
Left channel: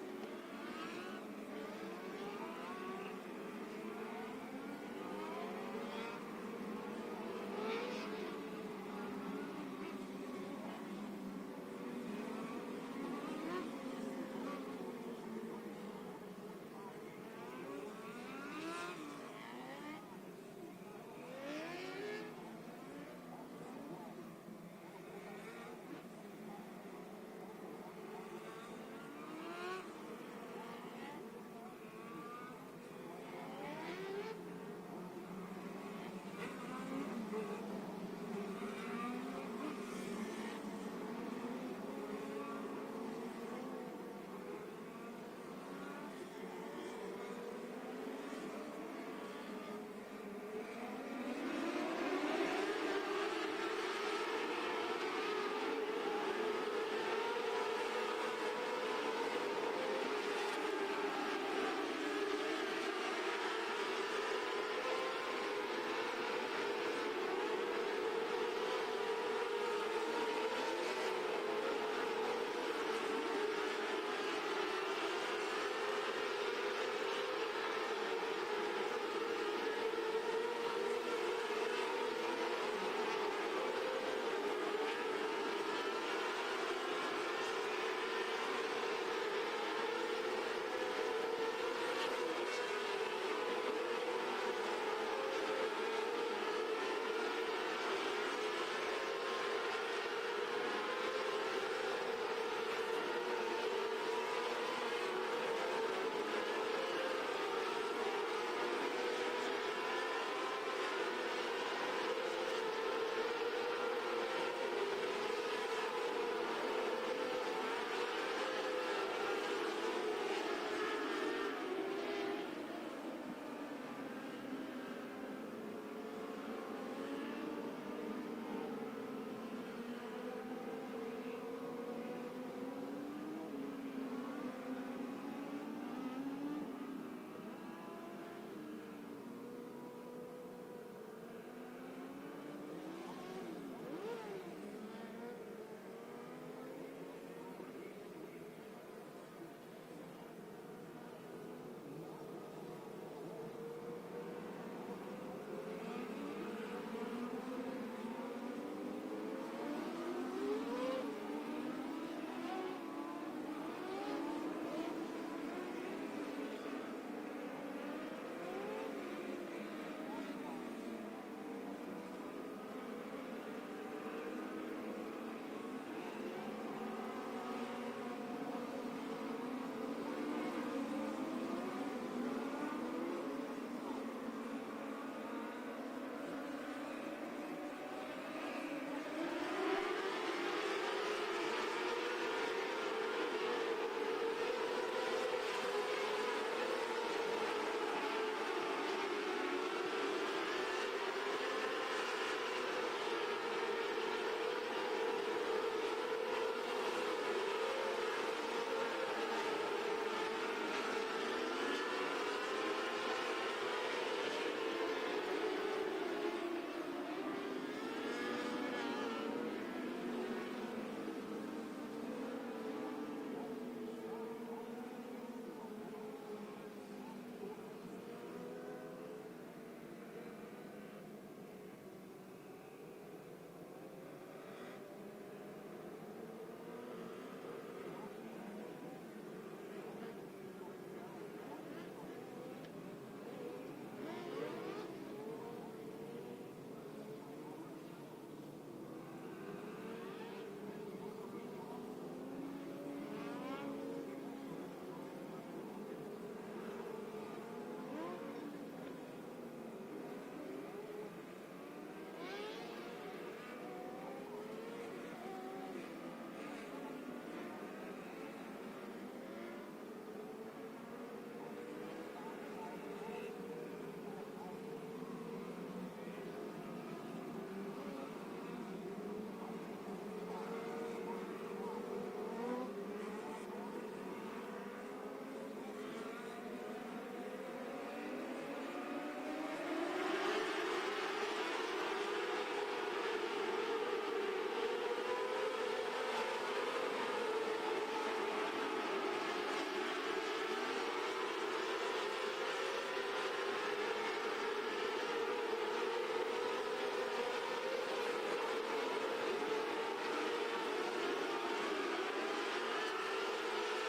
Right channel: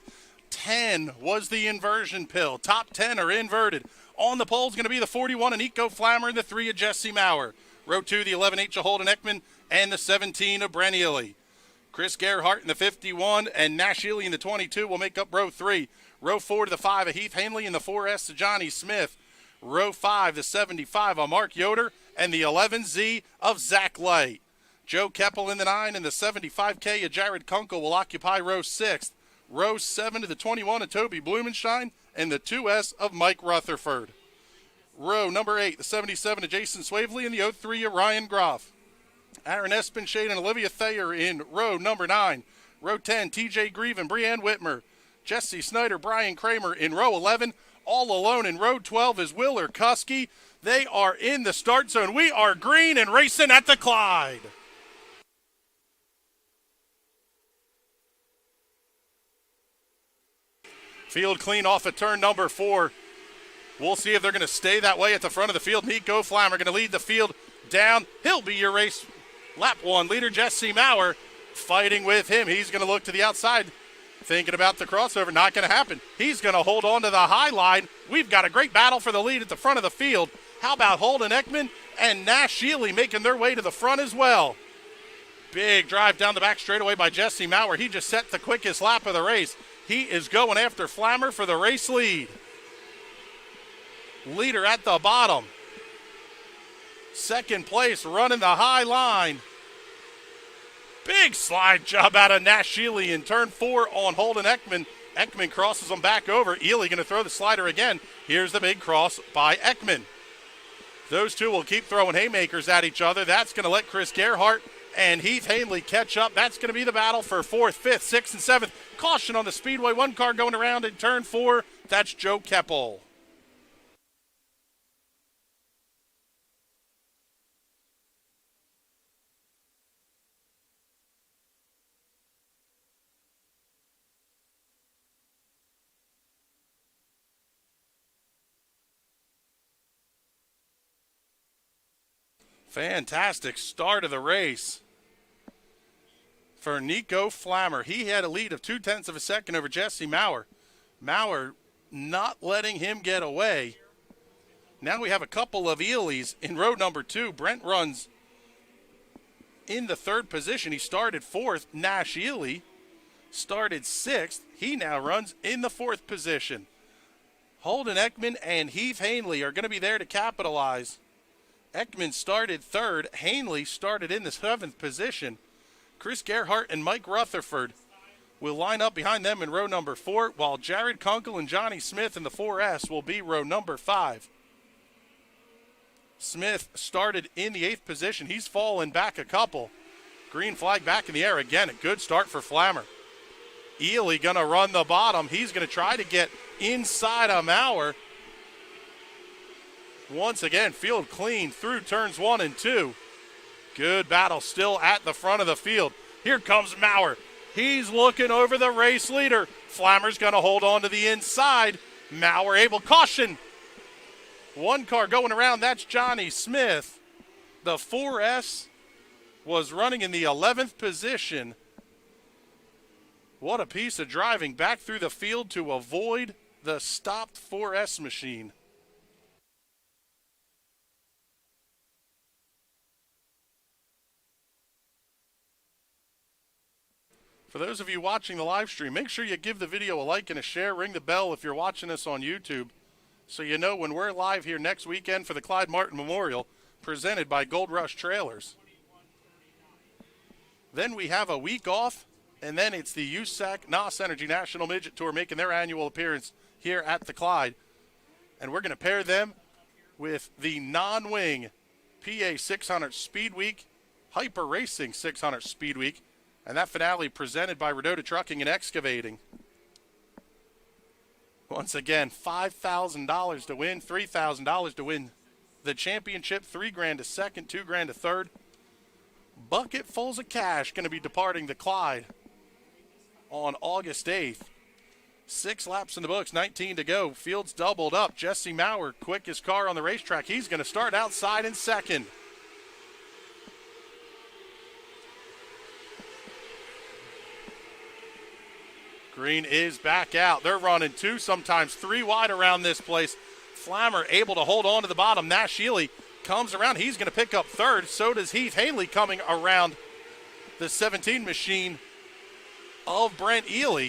10 was the inversion pill. Top 10 are inverted. On the pole is going to be the 41 of Nico Flammer and the 3 of Jesse Maurer. Row 2, the 11H of Holden Ekman and the 17 of Brent Ely. Chris Gerhardt in the 51 and Nash Ely in the 22 will make up row 3. Row 4 to the 5 of Heath Hanley and the 4S of Johnny Smith. Row 5, the 75 of Mark Yoder and the 11Z of Zach Light. Joe Keppel in the 9 and the 75K of Jared Kunkel will occupy row 6. Row 7 to the 21 of Toby Blumenstein and the 2S of Mike Rutherford. Row number 8, the 77 of Jason Swavely and the 03 of Ryan Groff. Aaron Espenshade and Olivia Thayer in row number 9. Row 10, TJ Grieve and Brianne Whitmer. Jesse Snyder, Brian Kramer in row 11. All alone in row 12 is Will Urkuski. They are in the start zone. We are green and racing at the Clyde. Field clean off at turn number 4. We'll see if they're going to stay that way at the front of the field. Nico Flammer going to lead the field down. He'll be your race lap 1 leader. Jesse Maurer fighting with him. He's going to look to the outside, thinking about the crossover. Not going to happen. He's going to hold on to the high line. We've got a great battle for the lead at the front of the field. How about Holden Ekman and Nash Ely making their way to the front as well? Big drive down the back straightaway by Jesse Maurer. He just set the quickest lap of the race. He is going after Flammer for the race lead. Leader at the bottom. Second place running the high line. Big slide job out of Nash Ely in turn 4 on Holden Ekman. Ekman crosses him back over. Ely going to throw the slider again. Here's the big cross by Ekman. Those two will keep throwing haymakers at each other. That's going to let Chris Gerhardt and Heath Hanley catch up. That's going to be the battle for 4th, 5th, 6th, and 7th. Caution on the Speedway. One car going around in turn 4. That's Joe Keppel. Fantastic start of the race for Nico Flammer. He had a lead of 0.2 of a second over Jesse Maurer. Maurer not letting him get away. Now we have a couple of Elys in row number 2. Brent runs in the 3rd position. He started 4th. Nash Ely started 6th. He now runs in the 4th position. Holden Ekman and Heath Hanley are going to be there to capitalize. Ekman started 3rd. Hanley started in the 7th position. Chris Gerhardt and Mike Rutherford will line up behind them in row number 4, while Jared Kunkel and Johnny Smith in the 4S will be row number 5. Smith started in the 8th position. He's fallen back a couple. Green flag back in the air again. A good start for Flammer. Ely going to run the bottom. He's going to try to get inside of Maurer. Once again, field clean through turns 1 and 2. Good battle still at the front of the field. Here comes Maurer. He's looking over the race leader. Flammer's going to hold on to the inside. Maurer able, caution. One car going around, that's Johnny Smith. The 4S was running in the 11th position. What a piece of driving back through the field to avoid the stopped 4S machine. For those of you watching the live stream, make sure you give the video a like and a share. Ring the bell if you're watching us on YouTube so you know when we're live here next weekend for the Clyde Martin Memorial, presented by Gold Rush Trailers. Then we have a week off, and then it's the USAC NOS Energy National Midget Tour making their annual appearance here at the Clyde. And we're going to pair them with the non-wing PA 600 Speed Week, Hyper Racing 600 Speed Week, and that finale presented by Redota Trucking and Excavating. Once again, $5,000 to win, $3,000 to win the championship, $3,000 to second, $2,000 to third. Bucketfuls of cash going to be departing the Clyde on August 8th. 6 laps in the books, 19 to go. Field's doubled up. Jesse Maurer, quickest car on the racetrack. He's going to start outside in second. Green is back out. They're running 2, sometimes 3 wide around this place. Flammer able to hold on to the bottom. Nash Ely comes around. He's going to pick up third. So does Heath Hanley coming around the 17 machine of Brent Ely.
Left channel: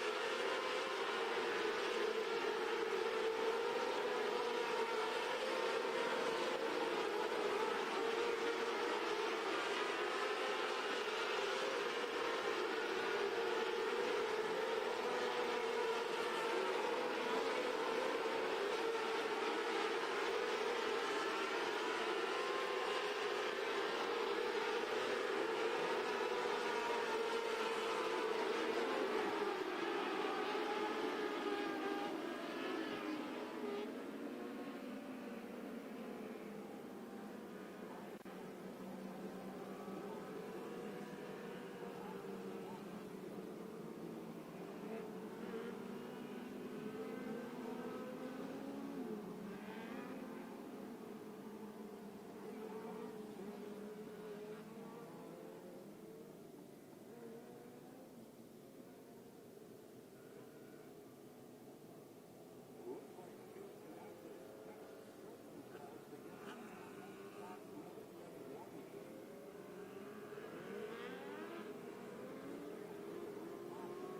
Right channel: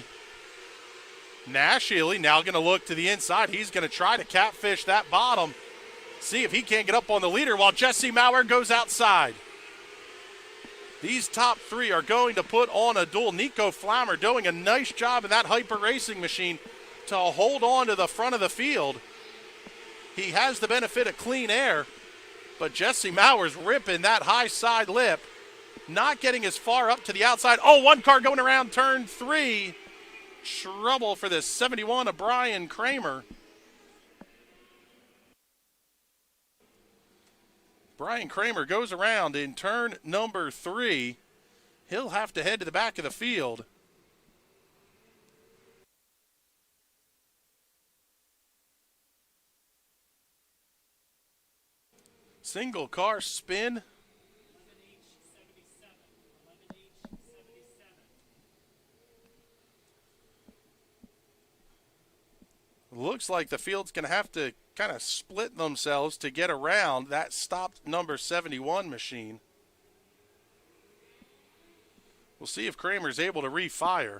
Nash Ely now going to look to the inside. He's going to try to catfish that bottom. See if he can't get up on the leader while Jesse Maurer goes outside. These top 3 are going to put on a duel. Nico Flammer doing a nice job in that Hyper Racing machine to hold on to the front of the field. He has the benefit of clean air, but Jesse Maurer's ripping that high side lip, not getting as far up to the outside. Oh, one car going around turn 3. Trouble for the 71 of Brian Kramer. Brian Kramer goes around in turn number 3. He'll have to head to the back of the field. Single car spin. Looks like the field's going to have to kind of split themselves to get around that stopped number 71 machine. We'll see if Kramer's able to refire.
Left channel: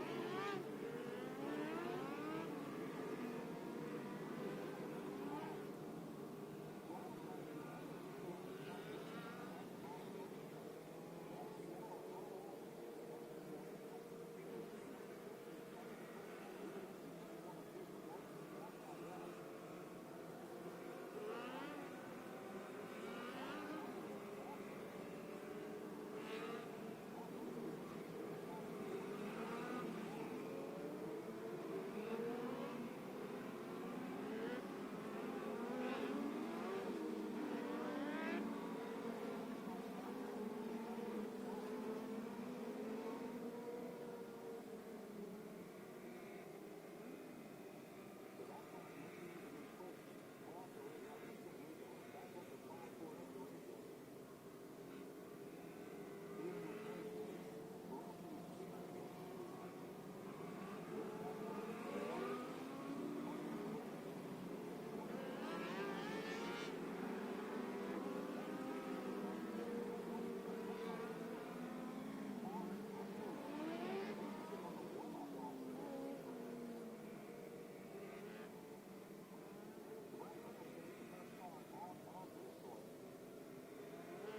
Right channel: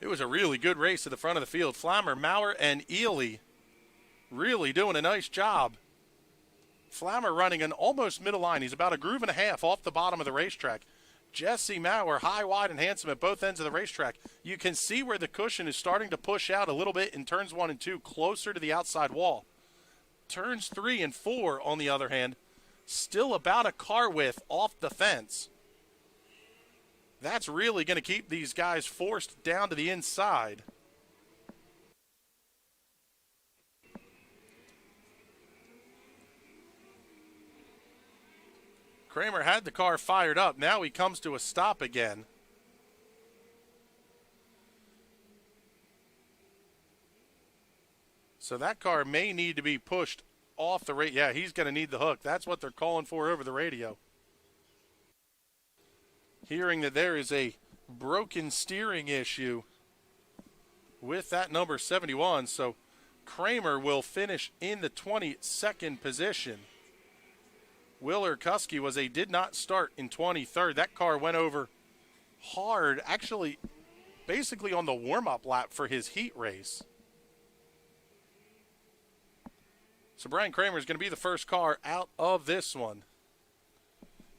It was a really good race at the front of the field. Flammer, Maurer, and Ely really doing a nice job. Flammer running an almost middle line. He's about a groove and a half off the bottom of the racetrack. Jesse Maurer, high, wide, and handsome at both ends of the racetrack. You can see where the cushion is starting to push out a little bit in turns 1 and 2, closer to the outside wall. Turns 3 and 4, on the other hand, still about a car width off the fence. That's really going to keep these guys forced down to the inside. Kramer had the car fired up. Now he comes to a stop again. So that car may need to be pushed off the radio. Yeah, he's going to need the hook. That's what they're calling for over the radio. Hearing that there is a broken steering issue with that number 71. So Kramer will finish in the 22nd position. Willer Kuski did not start in 23rd. That car went over hard, actually basically on the warm-up lap for his heat race. So Brian Kramer is going to be the first car out of this one.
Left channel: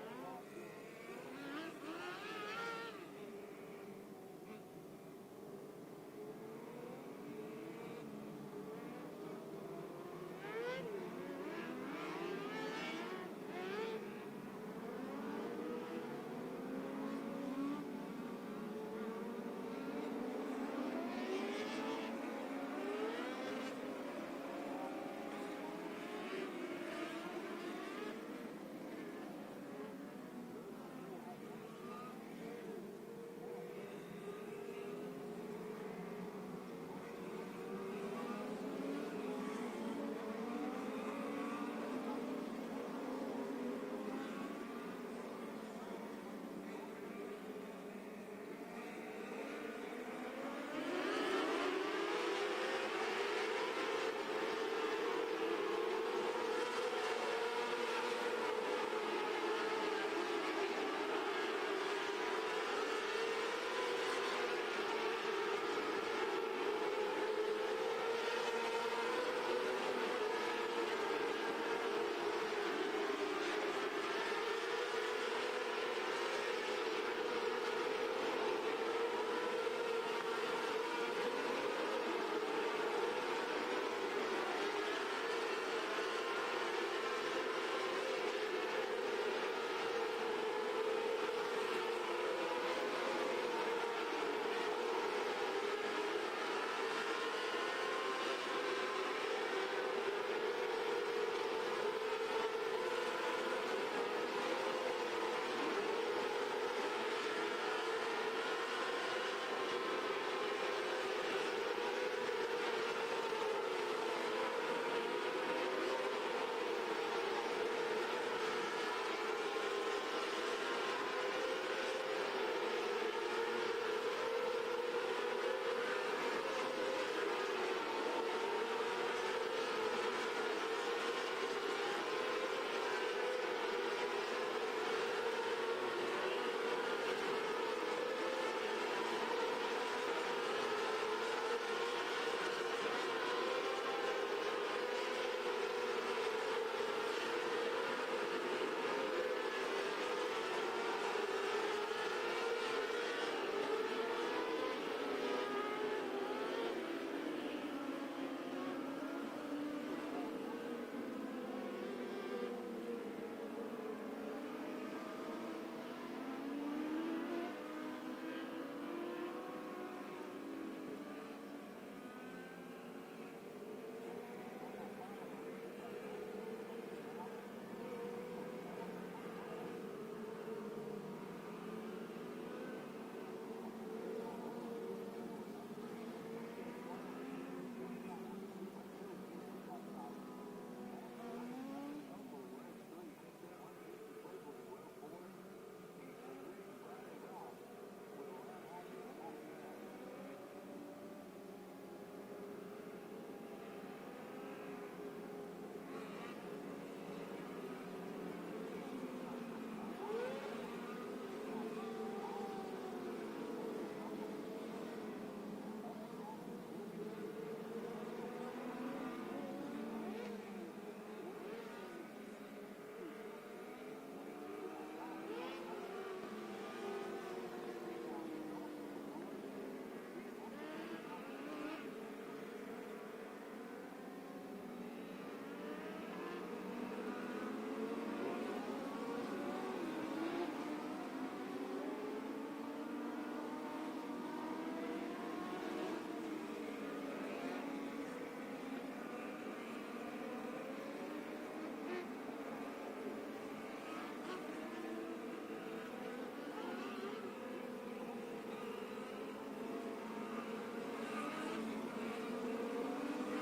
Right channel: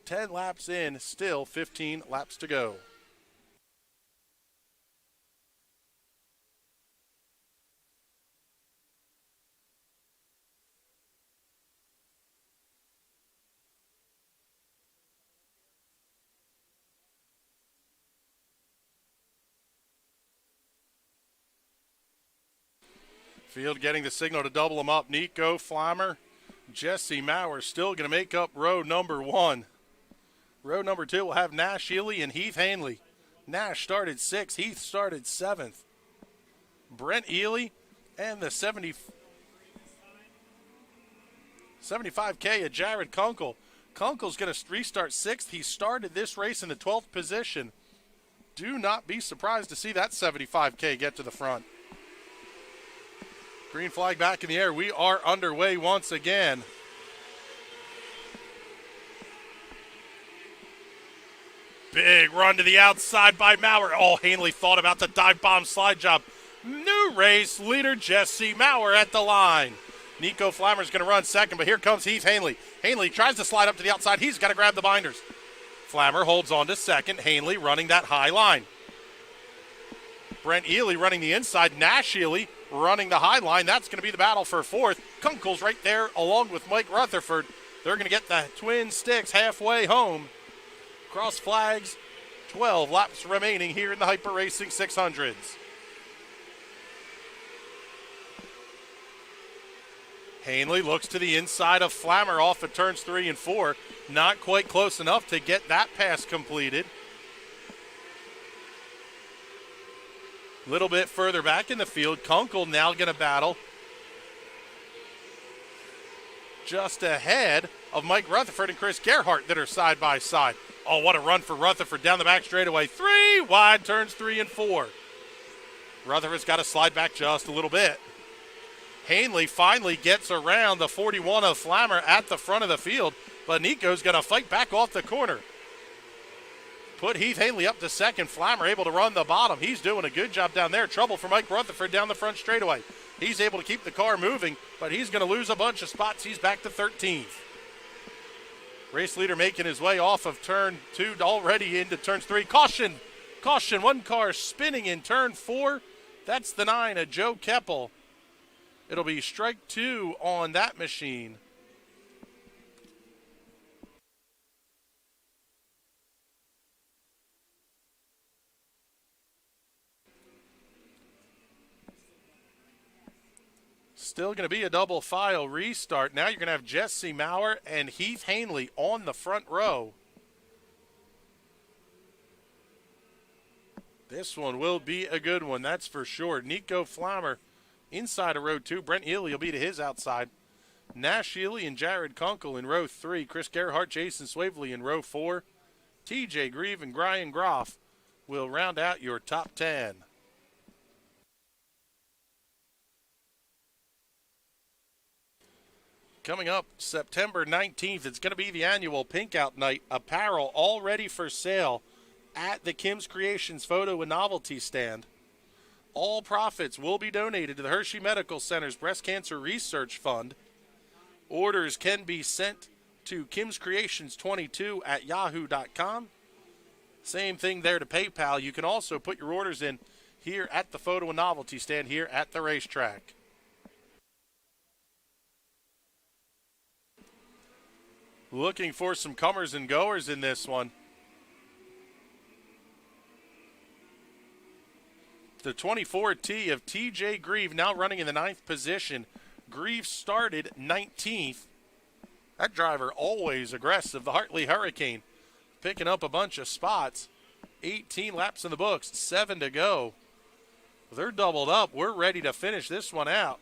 10 laps in, still 15 laps to go. Field getting the signal to double them up. Nico Flammer, Jesse Maurer still going to make up row number 1. Row number 2 will have Nash Ely and Heath Hanley. Nash started 6th, Heath started 7th. Brent Ely and the 75K at Jared Kunkel. Kunkel's going to restart 6th. He started this race in the 12th position. Do not be surprised to see that 75K get to the front. Green flag back in the air. We are underway once again. Big run to the outside by Maurer. Oh, Hanley thought about the dive bomb slide job. New race leader Jesse Maurer at the line. Nico Flammer's going to run second, but here comes Heath Hanley. Hanley tries to slide up to the outside. He's got to grab the binders. Flammer holds on to second. Hanley running that high line. Brent Ely running the inside. Nash Ely running the high line. That's going to be the battle for fourth. Kunkel's right there along with Mike Rutherford. They're going to get the twin sticks halfway home. Cross flags, 12 laps remaining here in the Hyper Racing 600s. Hanley looks to the inside of Flammer off of turns 3 and 4. Not quite close enough to get that pass completed. A little bit further back in the field, Kunkel now going to battle just ahead of Mike Rutherford and Chris Gerhardt that are side by side. Oh, what a run for Rutherford down the back straightaway. 3 wide, turns 3 and 4. Rutherford's got to slide back just a little bit. Hanley finally gets around the 41 of Flammer at the front of the field, but Nico's going to fight back off the corner. Put Heath Hanley up to second. Flammer able to run the bottom. He's doing a good job down there. Trouble for Mike Rutherford down the front straightaway. He's able to keep the car moving, but he's going to lose a bunch of spots. He's back to 13th. Race leader making his way off of turn 2 already into turns 3. Caution! Caution, one car spinning in turn 4. That's the 9 of Joe Keppel. It'll be strike 2 on that machine. Still going to be a double file restart. Now you're going to have Jesse Maurer and Heath Hanley on the front row. This one will be a good one, that's for sure. Nico Flammer inside of row 2. Brent Ely will be to his outside. Nash Ely and Jared Kunkel in row 3. Chris Gerhardt, Jason Swavely in row 4. TJ Grieve and Brian Groff will round out your top 10. Coming up September 19th, it's going to be the annual Pink Out Night. Apparel all ready for sale at the Kim's Creations photo and novelty stand. All profits will be donated to the Hershey Medical Center's Breast Cancer Research Fund. Orders can be sent to kimscreations22 at yahoo.com. Same thing there to PayPal. You can also put your orders in here at the photo and novelty stand here at the racetrack. Looking for some comers and goers in this one. The 24T of TJ Grieve now running in the 9th position. Grieve started 19th. That driver always aggressive. The Hartley Hurricane picking up a bunch of spots. 18 laps in the books, 7 to go. They're doubled up. We're ready to finish this one out.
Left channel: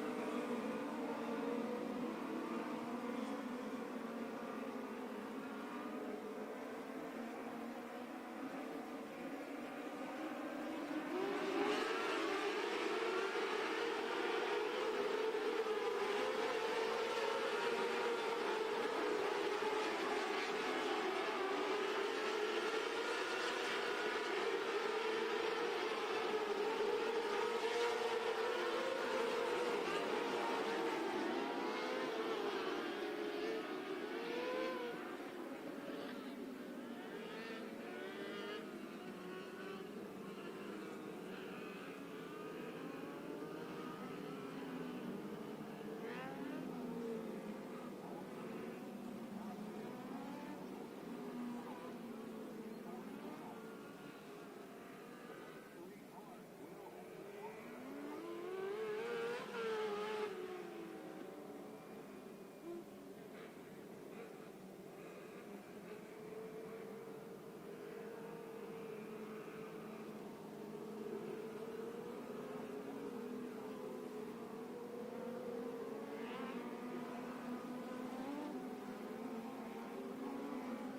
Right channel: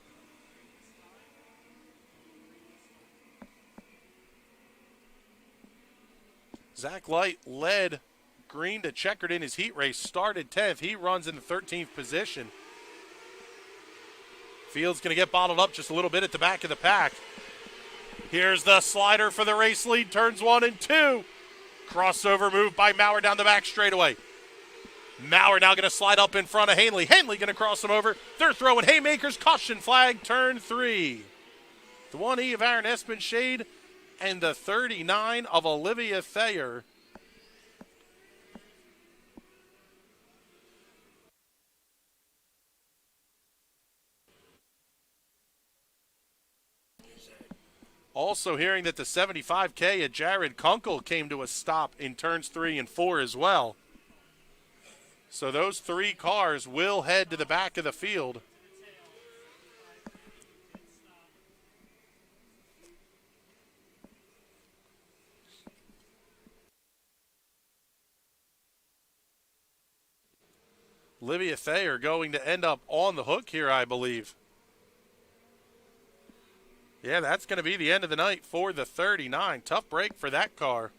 Zach Light led green to checkered in his heat race, started 10th. He runs in 13th position. Field's going to get bottled up just a little bit at the back of the pack. Here's the slider for the race lead, turns 1 and 2. Crossover move by Maurer down the back straightaway. Maurer now going to slide up in front of Hanley. Hanley going to cross him over. They're throwing haymakers, caution flag, turn 3. The 1E of Aaron Espenshade and the 39 of Olivia Thayer. Also hearing that the 75K at Jared Kunkel came to a stop in turns 3 and 4 as well. So those 3 cars will head to the back of the field. Olivia Thayer going to end up on the hook here, I believe. Yeah, that's going to be the end of the night for the 39. Tough break for that car.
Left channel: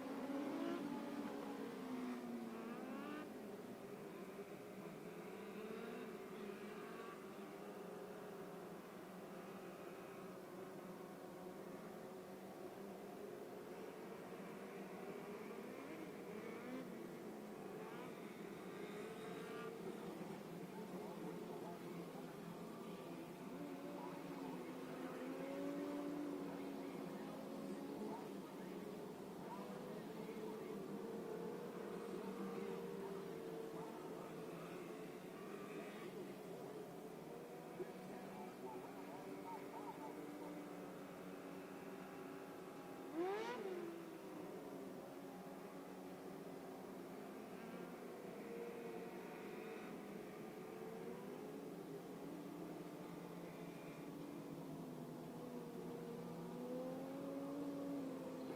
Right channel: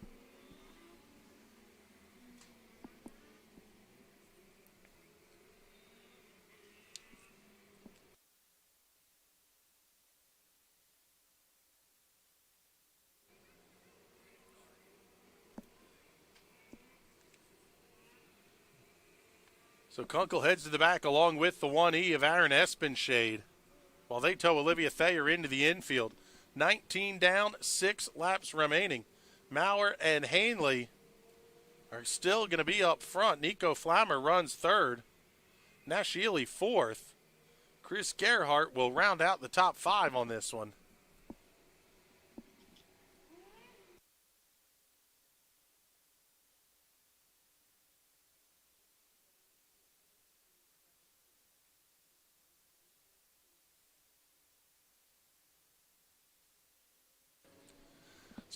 So Kunkel heads to the back along with the 1E of Aaron Espenshade, while they tow Olivia Thayer into the infield. 19 down, 6 laps remaining. Maurer and Hanley are still going to be up front. Nico Flammer runs third. Nashili fourth. Chris Gerhardt will round out the top 5 on this one.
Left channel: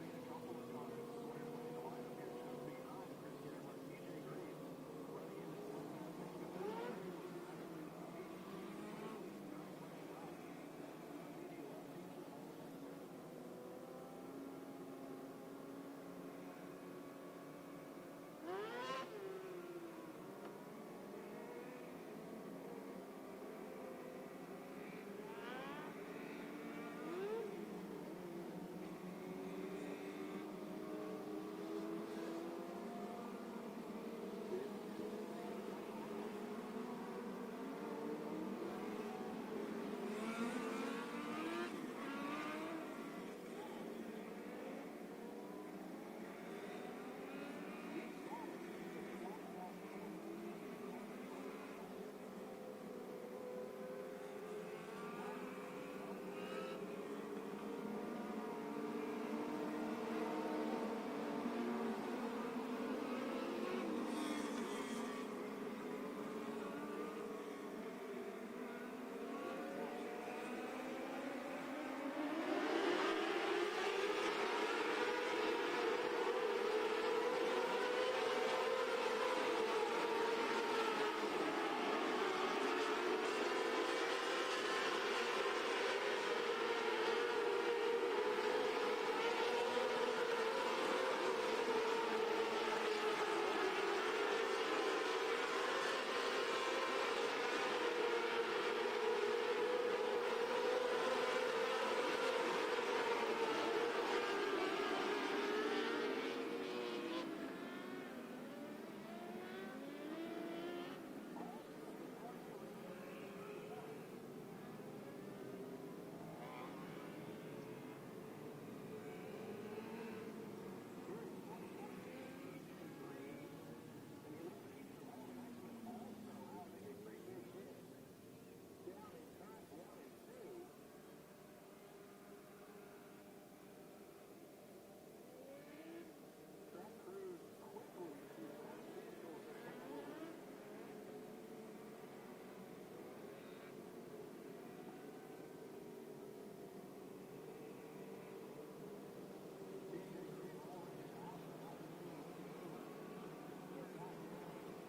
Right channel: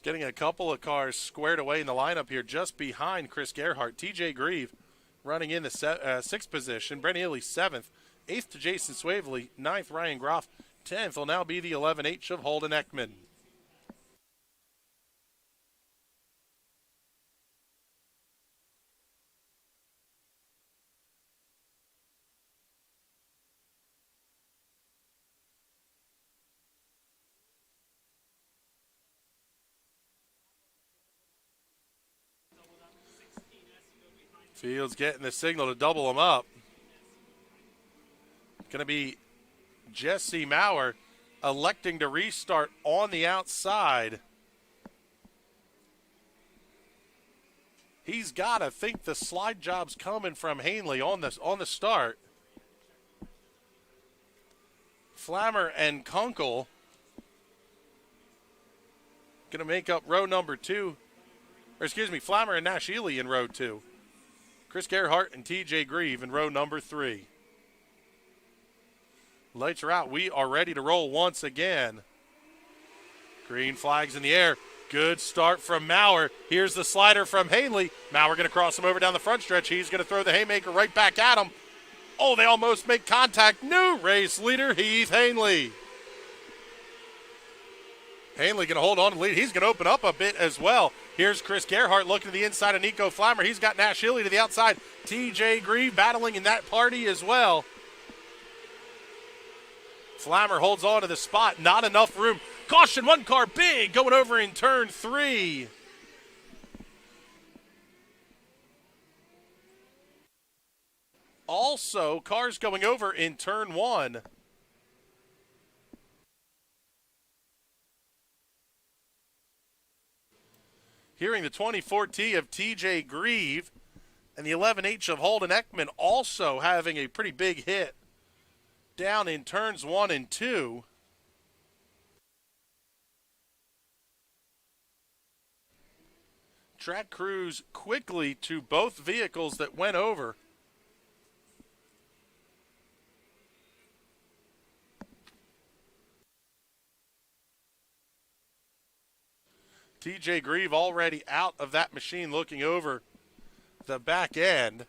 Getting a couple of cars squared away in the lineup here just behind Chris Gerhardt. TJ Grieve running in the 6th position. Brent Healy 7th. 8th to Jason Swavely. 9th Ryan Groff. 10th will now be the 11H of Holden Ekman. Fields getting the signal to double them up. Going to be Jesse Maurer electing to restart on the outside. He's got to think the slide job's coming from Hanley on the start. Flammer and Kunkel going to make up row number 2. Or excuse me, Flammer and Nashili in row 2. Chris Gerhardt and TJ Grieve in row number 3. Lights are out. We are ready to roll once again. Green flags in the air. Good start from Maurer. Here's the slider from Hanley. Maurer going to cross him over down the front stretch. He's going to throw the haymaker right back at him. Oh, they almost make contact. New race leader, Heath Hanley. Hanley going to hold on to the lead. He's going to open up a bit as well. Here's Chris Gerhardt looking to the inside of Nico Flammer. He's got Nash Hilly to the outside. TJ Grieve battling in that party as well. Flammer holds on to the spot. Not enough room. Caution, one car big going over in turn 3. Also, cars going over in turn 1. Hearing the 24T of TJ Grieve and the 11H of Holden Ekman also having a pretty big hit down in turns 1 and 2. Track crews quickly to both vehicles that went over. TJ Grieve already out of that machine looking over the back end.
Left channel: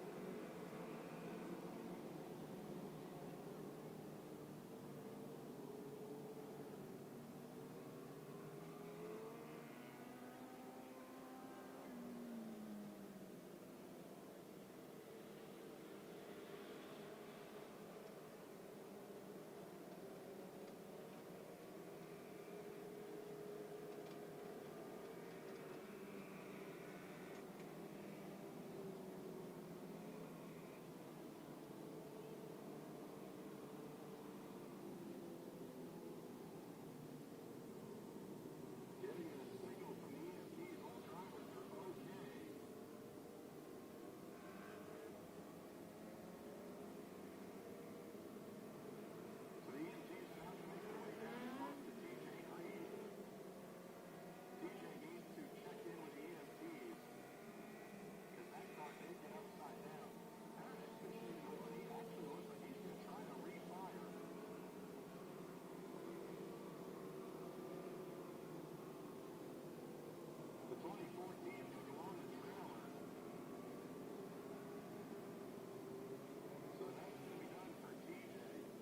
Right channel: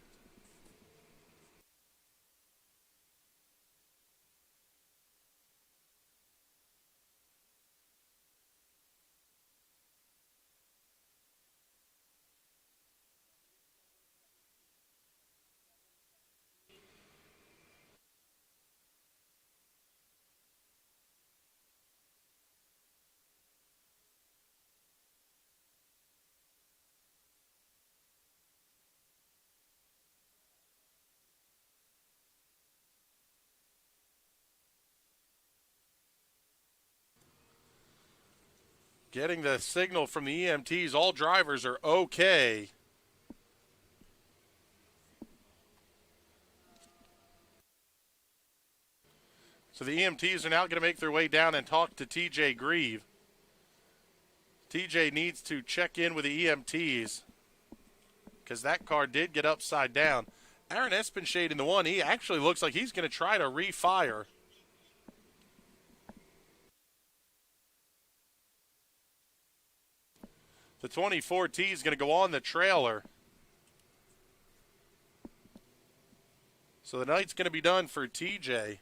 Getting the signal from the EMTs, all drivers are okay. So the EMTs are now going to make their way down and talk to TJ Grieve. TJ needs to check in with the EMTs because that car did get upside down. Aaron Espenshade in the 1E actually looks like he's going to try to refire. The 24T is going to go on the trailer. So the night's going to be done for TJ.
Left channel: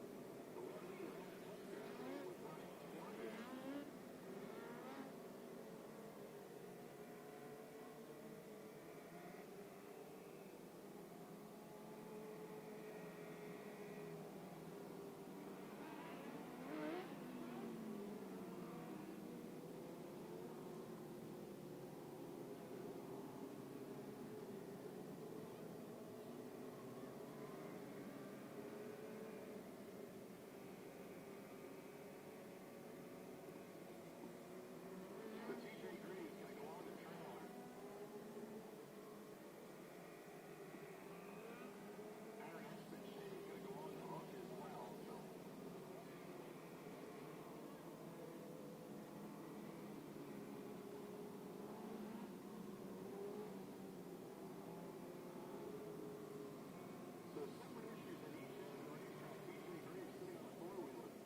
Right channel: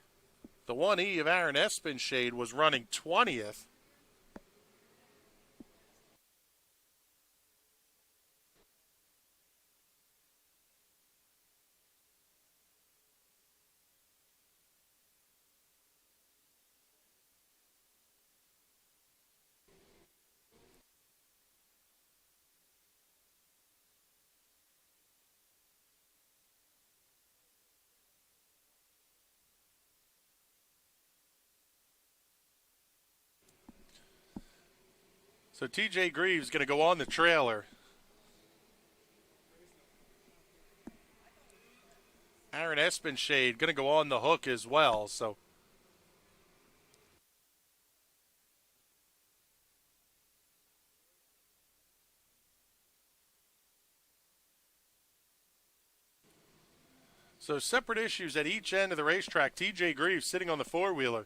The 1E of Aaron Espenshade was running 20th. So TJ Greaves going to go on the trailer. Aaron Espenshade going to go on the hook as well. So separate issues at each end of the racetrack. TJ Greaves sitting on the four-wheeler.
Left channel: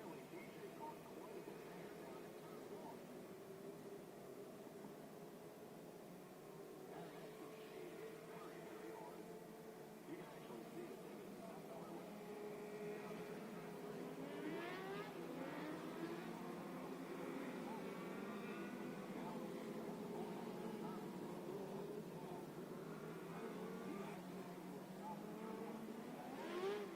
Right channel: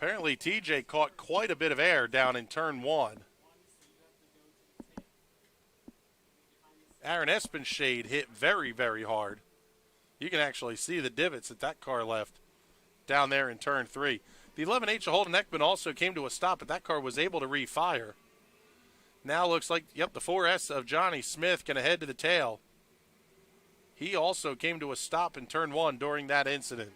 Apparently TJ caught quite a bit of air down in turn 1. Aaron Espenshade hit very, very hard. You can actually see the divots that car left down there in turn 3. The 11H of Holden Ekman also came to a stop, but that car was able to refire. Now looks like, the 4S of Johnny Smith going to head to the tail. He also came to a stop in turn 1 during that incident.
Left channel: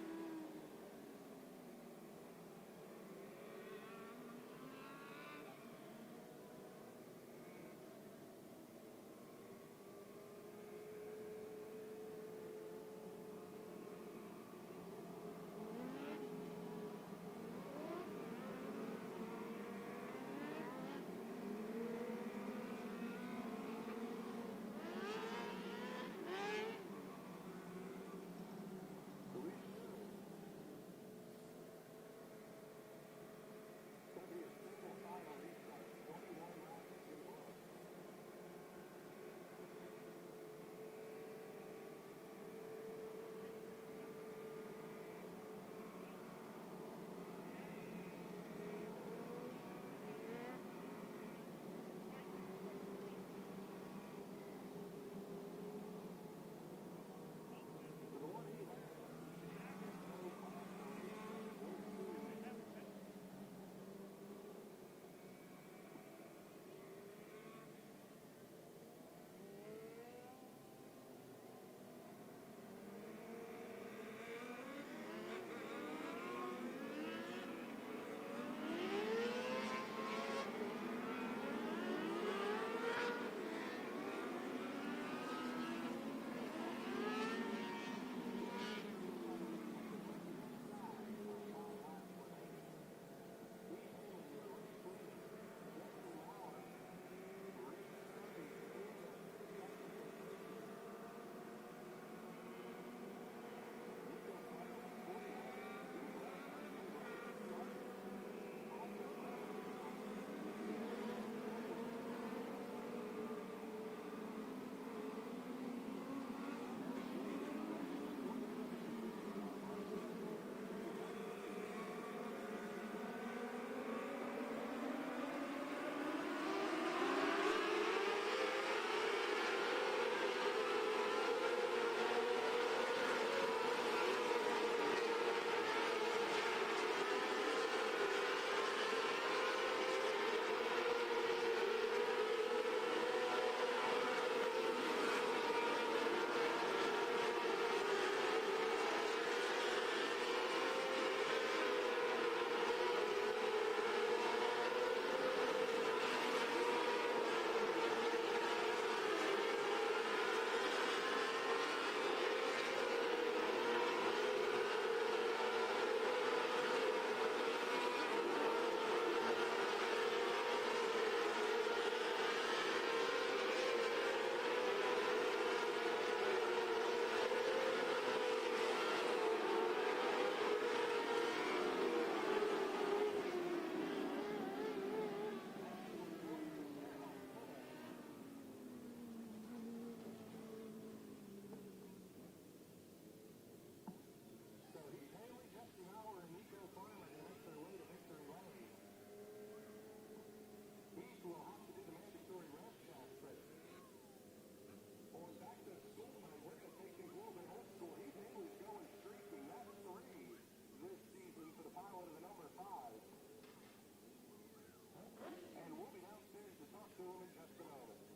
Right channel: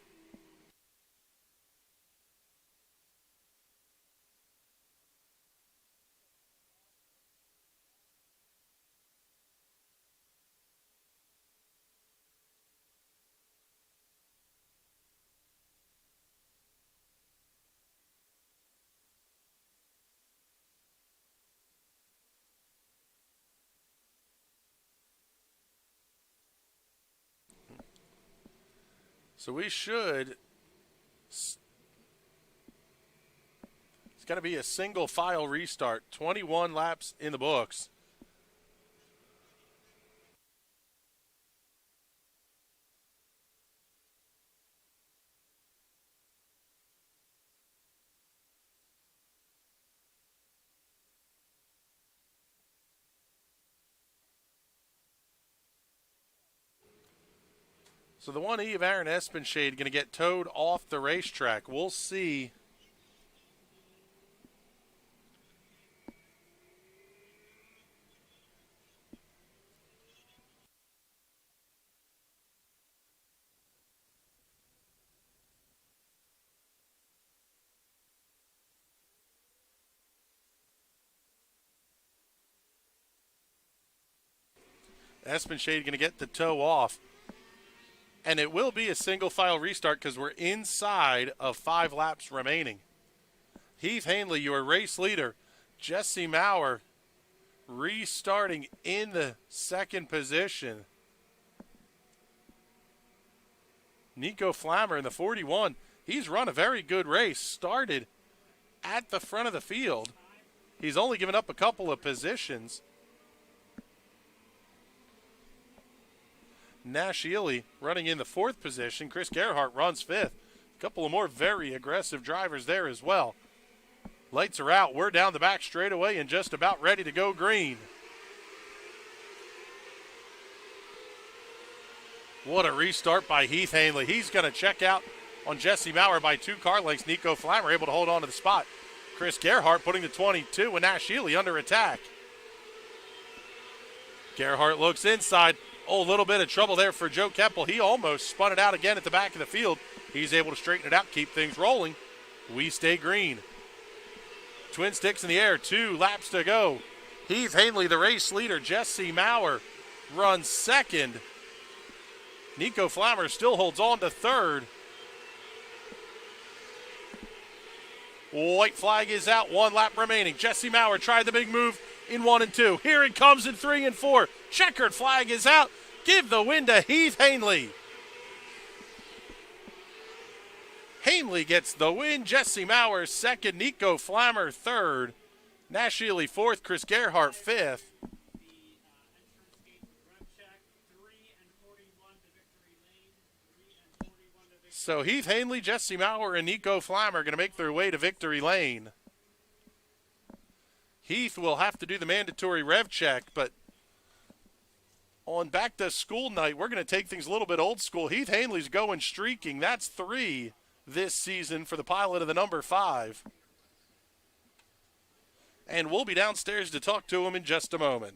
So we should, it's going to be a single file restart, 21 laps in the books. So the 1E of Aaron Espenshade going to get towed off the racetrack. We'll see. Espenshade going to get the tow off. And it will be a single file restart because we're inside of 5 laps remaining. Heath Hanley, your race leader. Jesse Maurer restarting in the second position. Nico Flammer in the 41. He's run a very good race. Started at the front of the field. He's only given up a couple of positions. Nash Ely running in the 4th position. Chris Gerhardt runs 5th. A couple of more very aggressive drivers there as well. Lights are out. We're down the back straightaway and just about ready to go green. What a restart by Heath Hanley. He's going to check out on Jesse Maurer by 2 car lengths. Nico Flammer able to hold on to the spot. Chris Gerhardt putting the 22 and Nash Ely under attack. Gerhardt looks inside. Oh, a little bit of trouble there for Joe Kempel. He almost spun it out again at the back of the field. He's able to straighten it out, keep things rolling. We stay green. Twin sticks in the air, 2 laps to go. Heath Hanley, the race leader. Jesse Maurer runs 2nd. Nico Flammer still holds on to 3rd. White flag is out, 1 lap remaining. Jesse Maurer tried the big move in 1 and 2. Here it comes in 3 and 4. Checkered flag is out. Give the win to Heath Hanley. Hanley gets the win. Jesse Maurer 2nd. Nico Flammer 3rd. Nash Ely 4th. Chris Gerhardt 5th. So Heath Hanley, Jesse Maurer, and Nico Flammer are going to make their way to victory lane. Heath will have to do the mandatory rev check, but on back to school night, we're going to take things a little bit old school. Heath Hanley's going streaking. That's 3 this season for the pilot of the number 5. And we'll be downstairs to talk to him in just a moment.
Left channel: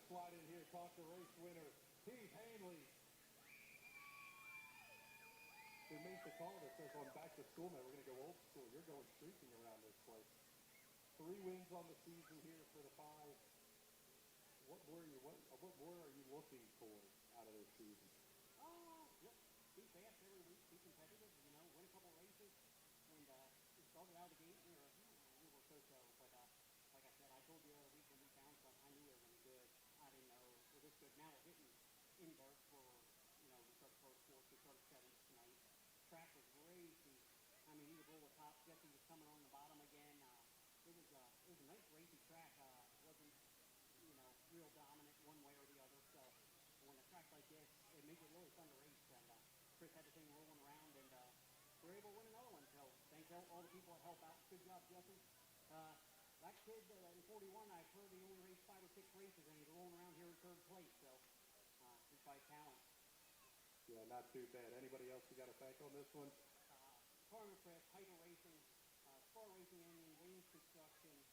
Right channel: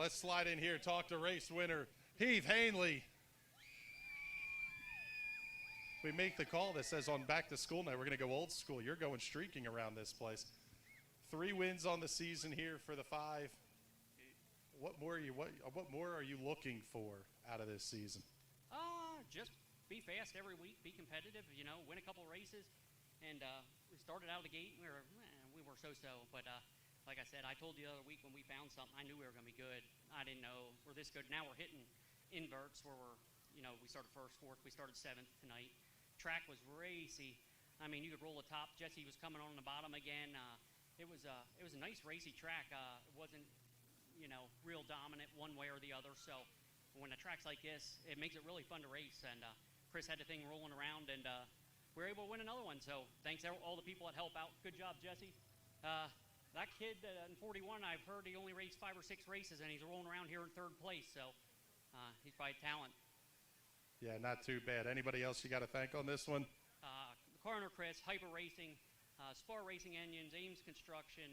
let's slide in here, talk to race winner Heath Hanley. We make the call that says on back to school night, we're going to go old school. You're going streaking around this place. 3 wins on the season here for the 5. What more are you looking for out of this season? Just be fast every week, be competitive, you know, win a couple races. And started out of the gate, we were so-so. But like I said, I told you the other week when we found something, I knew we were going to be good. I didn't know we're this good. Now we're hitting inverts where we're, you know, we started first, fourth, we started 7th tonight. Track was racy. I mean, you could roll the top. Jesse was coming on the bottom again. It was a nice racy track. It wasn't, you know, real dominant one way or the other. So when a track's like this, it makes it really fun to race. And Chris had the thing rolling around, and we were able to win another one. So thanks to all the people that help out. Good job, Jesse. That kid in 41, I've heard he only raced 5 or 6 races, and he's rolling around here in 3rd place. So he's probably talent. Yeah, not too bad. Anybody else you got to thank on this one? Coroner Chris, Hyper Racing, Spar Racing Engines, Ames Construction,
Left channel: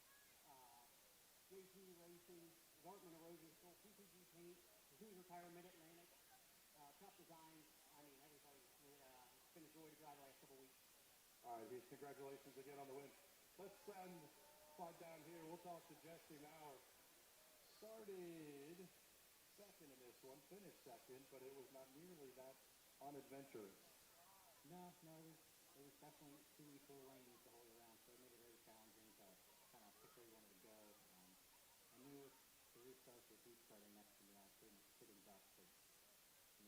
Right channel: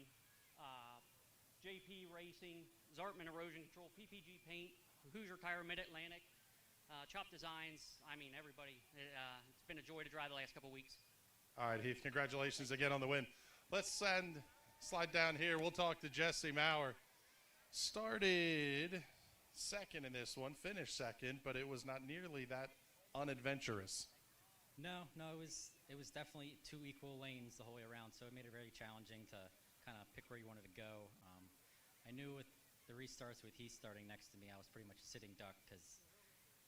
JP Racing, Zartman Erosion Control, PPG Paint, Hoosier Tire, Mid-Atlantic, Chop Designs. I mean, everybody. It's been a joy to drive the last couple weeks. All right, Heath, congratulations again on the win. Let's slide down here. We'll talk to Jesse Maurer. Started 2nd in this one, finished 2nd, but it was not nearly that unadventurous. No, it was definitely 2 equal lanes the whole way around, so it made it very challenging to kind of pick where you wanted to go. I knew with the restarts with Heath starting next to me, I was pretty much a sitting duck because,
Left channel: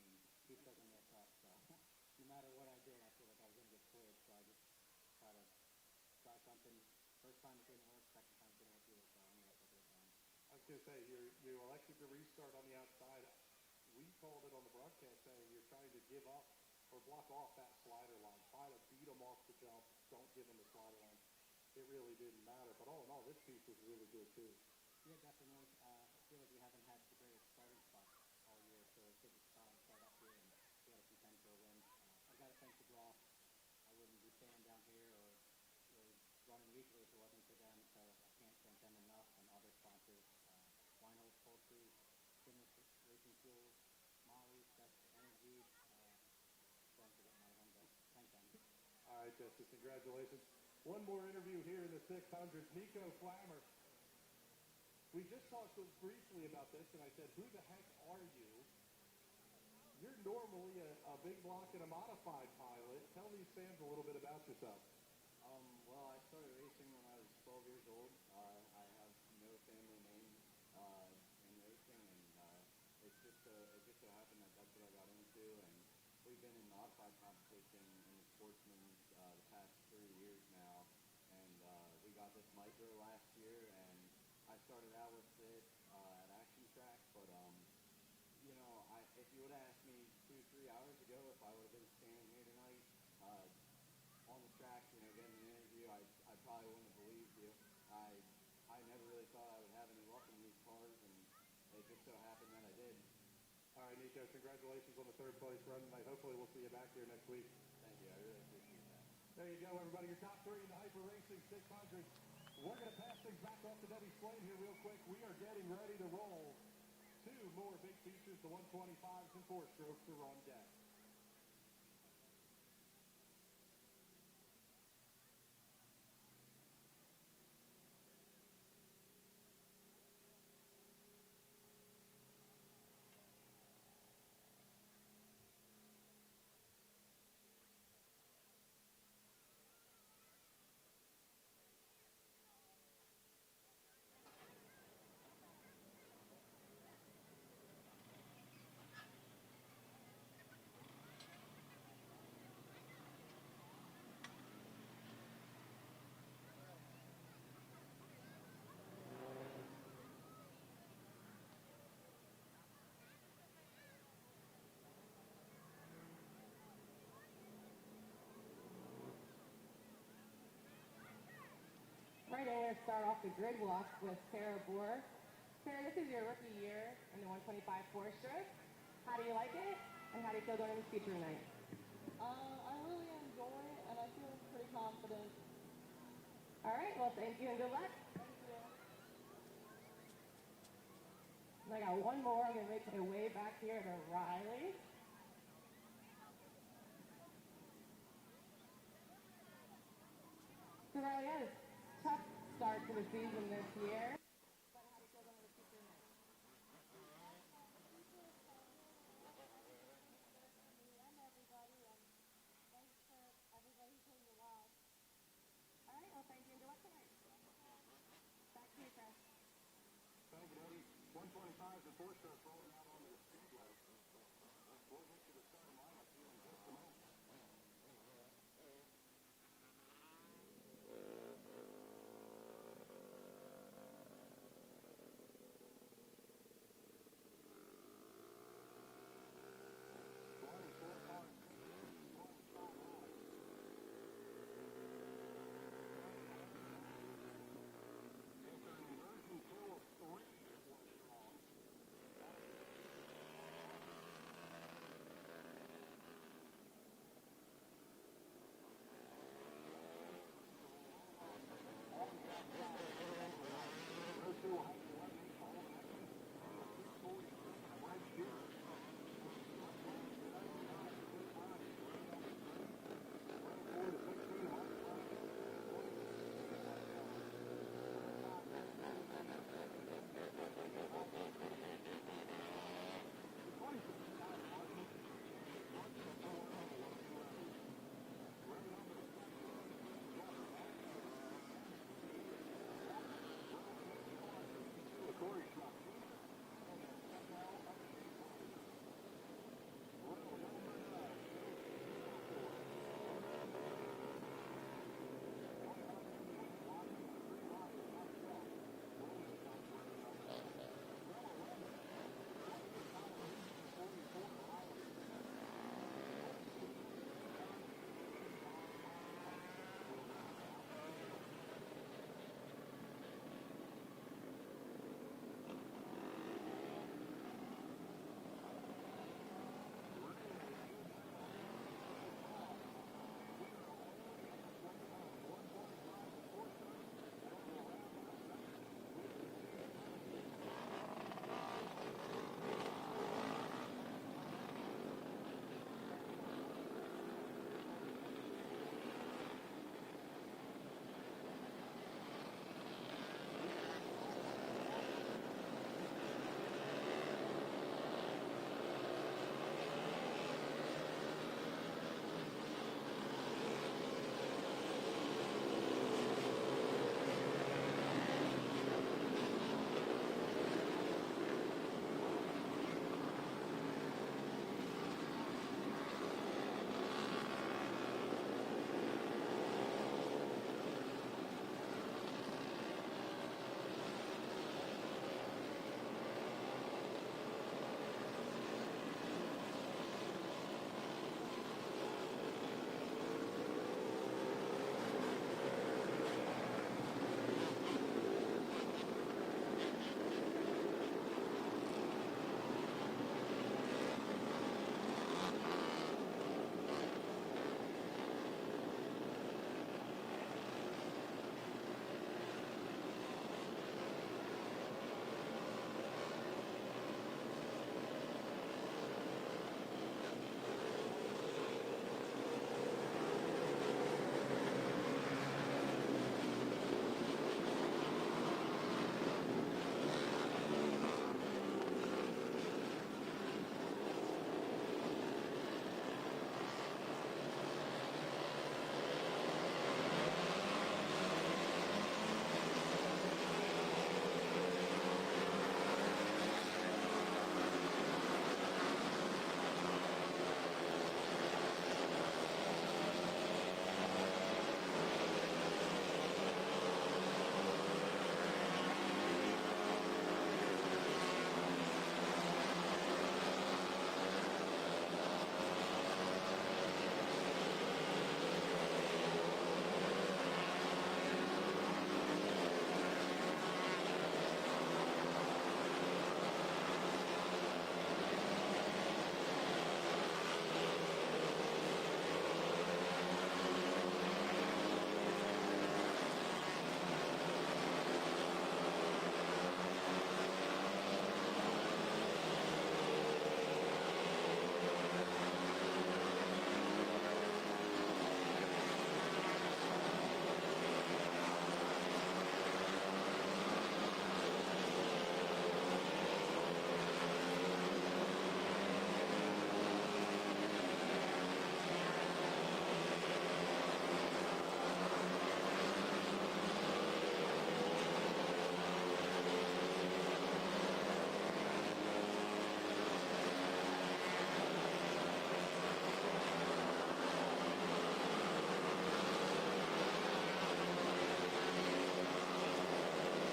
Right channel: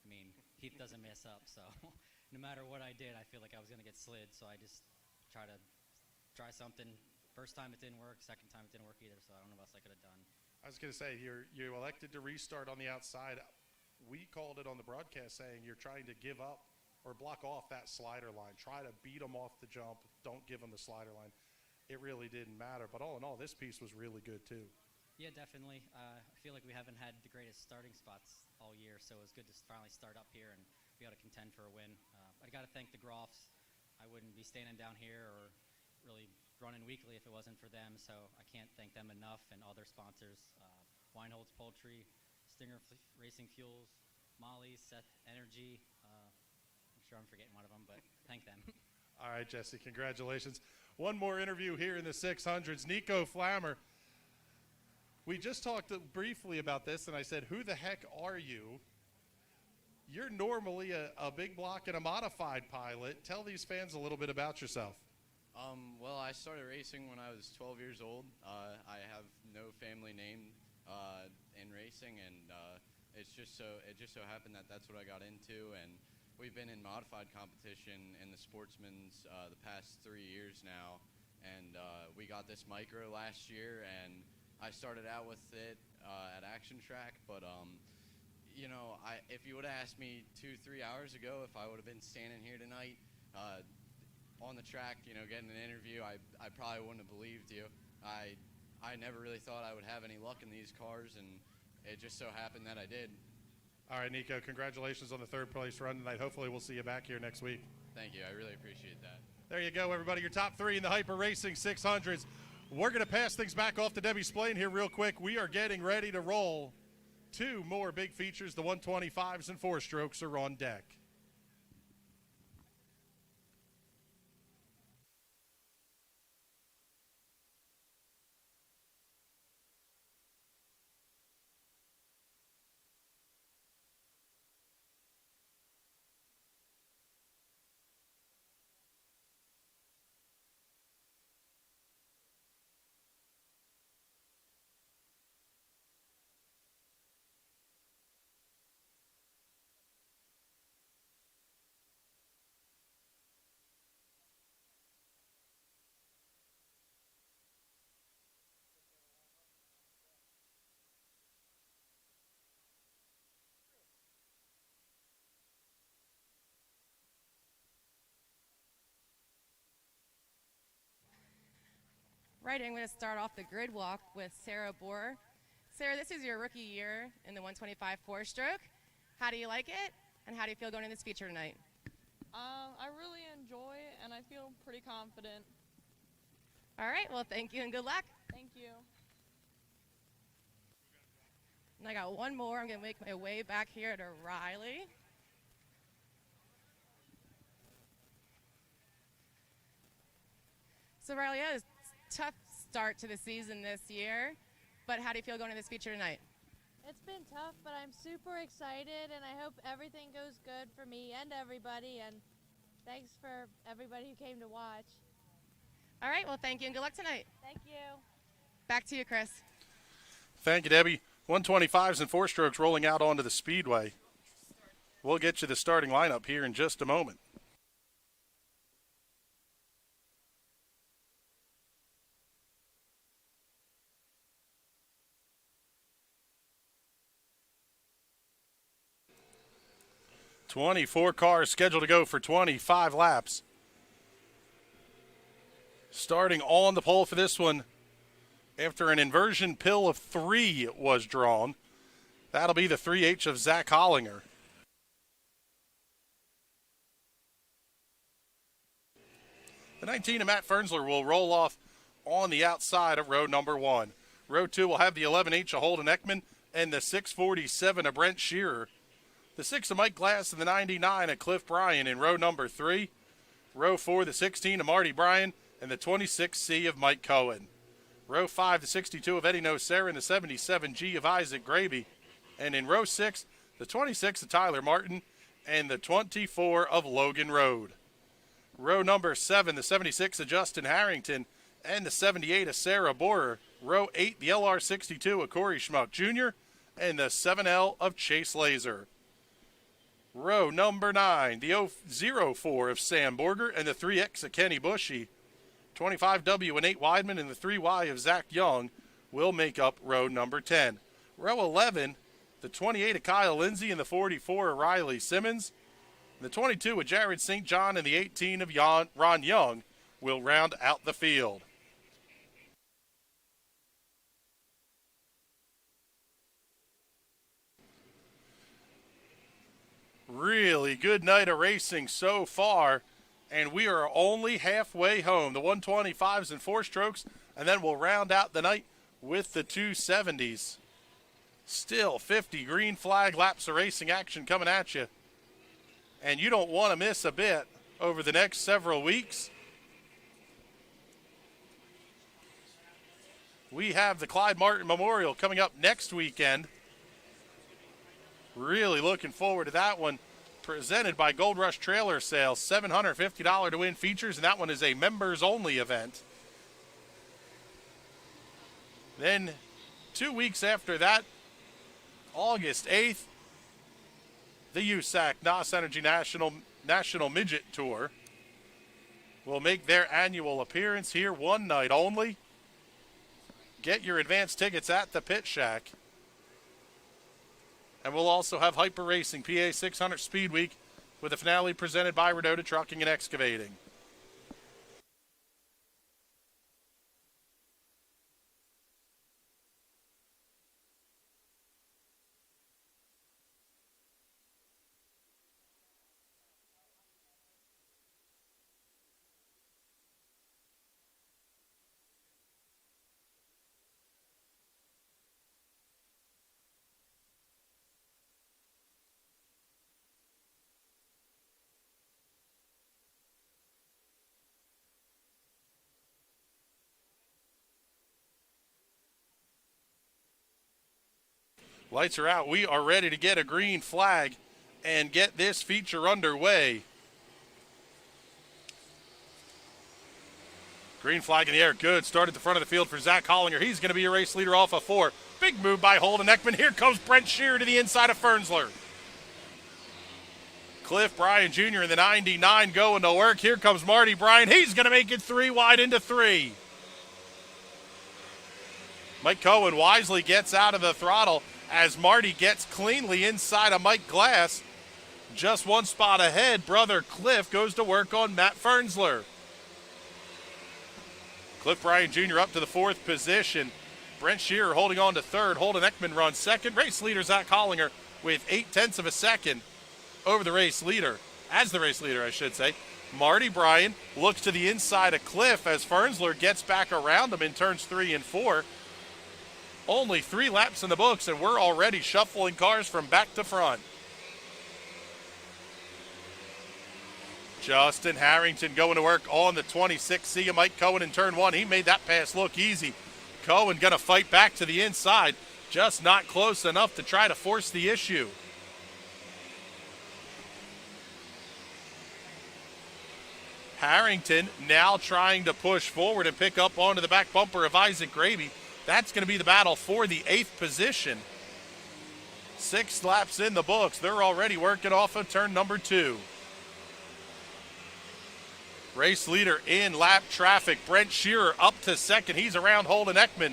I mean, Heath doesn't mess up, so no matter what I did, I feel like I was going to get slid, so I just try to try something. First time it didn't work, second time it didn't work either, so I don't know what else I could have done. I was going to say, you elected to restart on the outside. We called it on the broadcast saying you're trying to give up or block off that slider line. Try to beat them off the jump. Don't give them the slider line. It really didn't matter. But all in all, this piece was really good, too. Yeah, definitely. I feel like we haven't had the greatest starting spots all year, so it was good to finally start up here and be able to contend for a win. I got to thank the Groffs. I wouldn't be standing down here or really running weekly if it wasn't for them, so I can't thank them enough, and all their sponsors, Weinholz Poultry, Stinger Racing Fuels, Molly, Seth Energy. I'm sure I'm forgetting one of them, but thank them. All right, Jesse, congratulations. One more interview here in the 600s. Nico Flammer. We just talked briefly about this, and I said, who the heck are you? You're normally a big block and a modified pilot. Tell these fans a little bit about yourself. Well, I started racing when I was 12 years old. I have no family name in racing, and it just so happened that that's what I got into. And we've been in modified competition in the Sportsman's the past 3 years now, and we got this micro last year, and I started out with it at Action Track, but you know, if you would have asked me 2-3 hours ago if I would have been standing here tonight on the track, you know, getting an interview, I probably wouldn't have believed you. I never really thought I would have any luck in these cars, and it just so happened that I did. All right, Nico, congratulations on the 3rd place run tonight. Hopefully we'll see you back here next week. Thank you. I really appreciate that. There you go, everybody. Your top 3 in the Hyper Racing 600s. We're going to pass things back off to Debbie Splain here real quick. We are getting ready to roll 2 more big features. The 125s and 4-strokes are on deck. Right, I'm going to start off the grid block with Sarah Bohr. Sarah, this is your rookie year in the 125 4-stroke. How do you like it? And how do you feel going in this feature tonight? I really enjoy it, and I feel pretty confident. All right, well, thank you and good luck. Thank you. I got one more. I'm going to make my way back here to Riley. So Riley, had a tough start to the season this year, but how do you feel going to this feature tonight? It's been tough, but I'm super excited, and I hope everything goes good for me and everybody, and thanks for everybody who came to watch. All right, well, thank you, and good luck tonight. Thank you. Back to you, Chris. Thank you, Debbie. 125s and 4-strokes rolling out onto the Speedway. We'll get you the starting lineup here in just a moment. "24 cars scheduled to go for 25 laps. Starting on the pole for this one, after an inversion pill of 3 was drawn, that'll be the 3H of Zach Hollinger. The 19 of Matt Fernsler will roll off on the outside of row number 1. Row 2 will have the 11H of Holden Ekman and the 647 of Brent Shearer. The 6 of Mike Glass and the 99 of Cliff Bryan in row number 3. Row 4, the 16 of Marty Bryan and the 26C of Mike Cohen. Row 5, the 62 of Eddie Nocera and the 77G of Isaac Gravy. And in row 6, the 26 of Tyler Martin and the 24 of Logan Road. Row number 7, the 76 of Justin Harrington and the 78 of Sarah Borer. Row 8, the LR62 of Corey Schmuck Jr. and the 7L of Chase Laser. Row number 9, the 04 of Sam Borger and the 3X of Kenny Bushy. 25W and 8 Weidman and the 3Y of Zach Young will make up row number 10. Row 11, the 28 of Kyle Lindsay and the 44 of Riley Simmons. The 22 of Jared St. John and the 18 of Ron Young will round out the field. Really good night of racing so far, and we are only halfway home. The 125s and 4-strokes, and then we'll round out the night with the 270s. Still 50 green flag laps of racing action coming at you, and you don't want to miss a bit over the next several weeks. We have the Clyde Martin Memorial coming up next weekend. Really looking forward to that one. Presented by Gold Rush Trailer Sales, $750 to win features, and that one is a members-only event. Then 2 weeks after that, August 8th, the USAC NOS Energy National Midget Tour will make their annual appearance here, one night only. Get your advance tickets at the Pit Shack. And we'll also have Hyper Racing PA 600 Speed Week with a finale presented by Redota Trucking and Excavating. Lights are out. We are ready to get a green flag and get this feature underway. Green flag in the air. Good. Start at the front of the field for Zach Hollinger. He's going to be a race leader off of 4. Big move by Holden Ekman. Here comes Brent Shearer to the inside of Fernsler. Cliff Bryan Jr. in the 99 going to work. Here comes Marty Bryan. He's going to make it 3 wide into 3. Mike Cohen wisely gets out of the throttle as Marty gets cleanly inside of Mike Glass. Just one spot ahead, brother Cliff goes to work on Matt Fernsler. Cliff Bryan Jr. up to the 4th position. Brent Shearer holding on to 3rd. Holden Ekman runs 2nd. Race leader Zach Hollinger with 0.8 of a second over the race leader. As the race leader, I should say. Marty Bryan looks to the inside of Cliff as Fernsler gets back around him in turns 3 and 4. Only 3 laps in the books, and we're already shuffling cars from back to front. Justin Harrington going to work on the 26. See you, Mike Cohen in turn 1. He made that pass look easy. Cohen going to fight back to the inside. Just not close enough to try to force the issue. Harrington now trying to push forward and pick up onto the back bumper of Isaac Gravy. That's going to be the battle for the 8th position. 6 laps in the books. They're already working off of turn number 2. Race leader in lap traffic. Brent Shearer up to second. He's around Holden Ekman.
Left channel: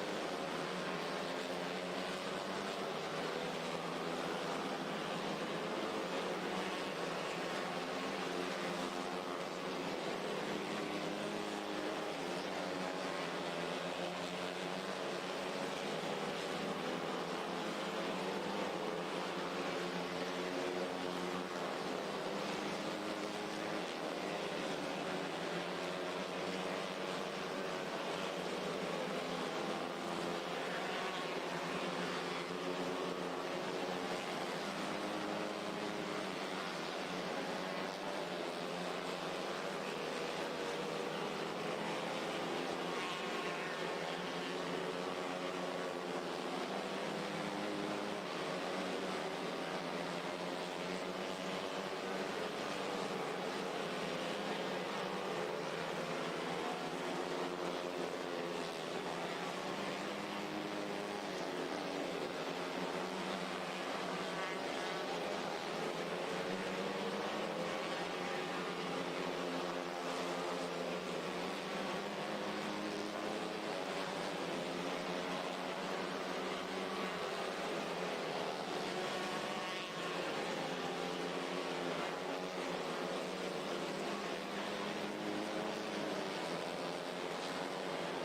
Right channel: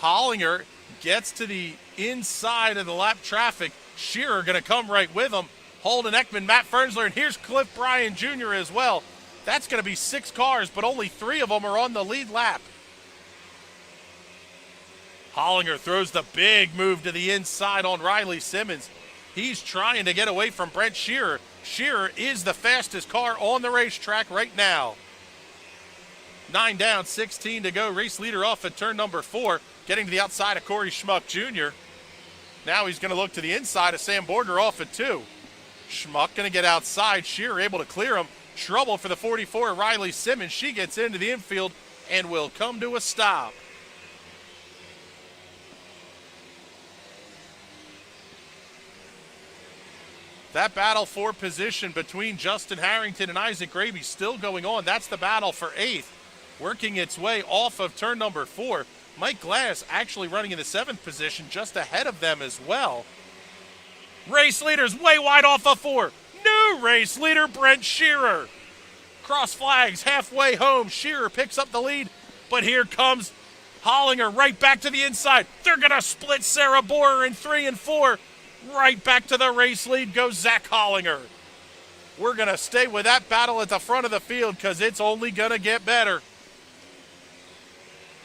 Hollinger gets to the inside of the lap traffic. Shearer going to come right with him. Holden Ekman, Matt Fernsler, and here's Cliff Bryan Jr. as well. That's going to be 6 cars, but only 3 of them are on the lead lap. Hollinger throws the big move to the inside on Riley Simmons. He's trying to get away from Brent Shearer. Shearer is the fastest car on the racetrack right now. 9 down, 16 to go. Race leader off at turn number 4, getting to the outside of Corey Schmuck Jr. Now he's going to look to the inside of Sam Borger off at 2. Schmuck going to get outside. Shearer able to clear him. Trouble for the 44, Riley Simmons. She gets into the infield and will come to a stop. That battle for position between Justin Harrington and Isaac Gravy still going on. That's the battle for 8th. Working its way off of turn number 4. Mike Glass actually running in the 7th position, just ahead of them as well. Race leader's way wide off of 4. New race leader, Brent Shearer. Cross flags halfway home. Shearer picks up the lead, but here comes Hollinger right back to the inside. They're going to split Sarah Borer in 3 and 4. Right back to the race lead goes Zach Hollinger. We're going to stay with that battle at the front of the field because it's only going to get better.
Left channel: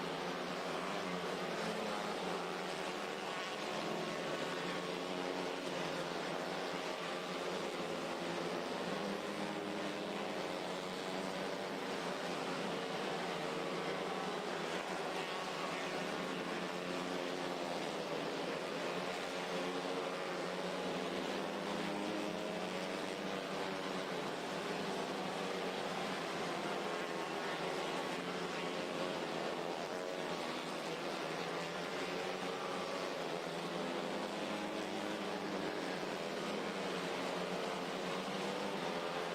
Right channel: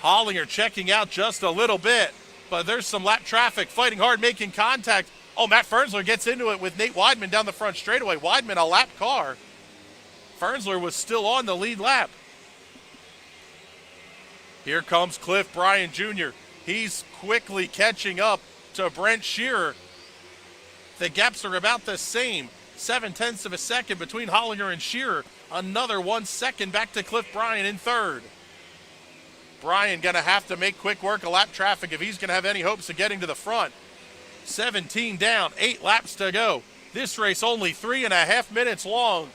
Hollinger checking out just a little bit, but there's some lap traffic fighting hard, making contact. Oh, Matt Fernsler gets into it with Nate Weidman down the front straightaway. Weidman a lap car. Fernsler was still on the lead lap. Here comes Cliff Bryan Jr. He's quickly catching up to Brent Shearer. The gaps are about the same. 0.7 of a second between Hollinger and Shearer. Another 1 second back to Cliff Bryan in 3rd. Bryan gonna have to make quick work of lap traffic if he's gonna have any hopes of getting to the front. 17 down, 8 laps to go. This race only 3.5 minutes long.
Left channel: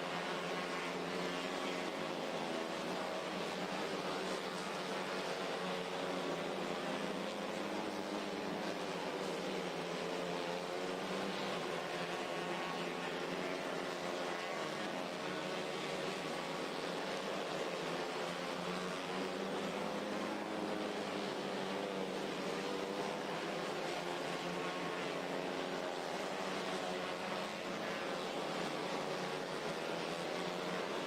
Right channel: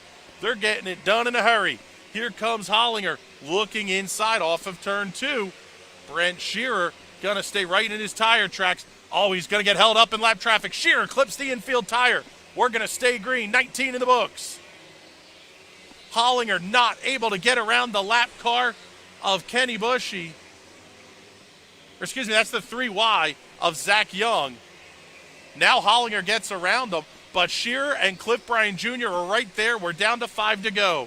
They're getting it done in a hurry. Here comes Hollinger looking inside off of turn 2. Brent Shearer gonna stay right in his tire tracks. Oh, he's gonna get held up in lap traffic. Shearer clips the infield tire. We're gonna stay green, 19 in the books. Hollinger not able to get around the lap car of Kenny Bushy. Or excuse me, that's the 3Y of Zach Young. Now Hollinger gets around them, but Shearer and Cliff Bryan Jr. are right there. We're down to 5 to go.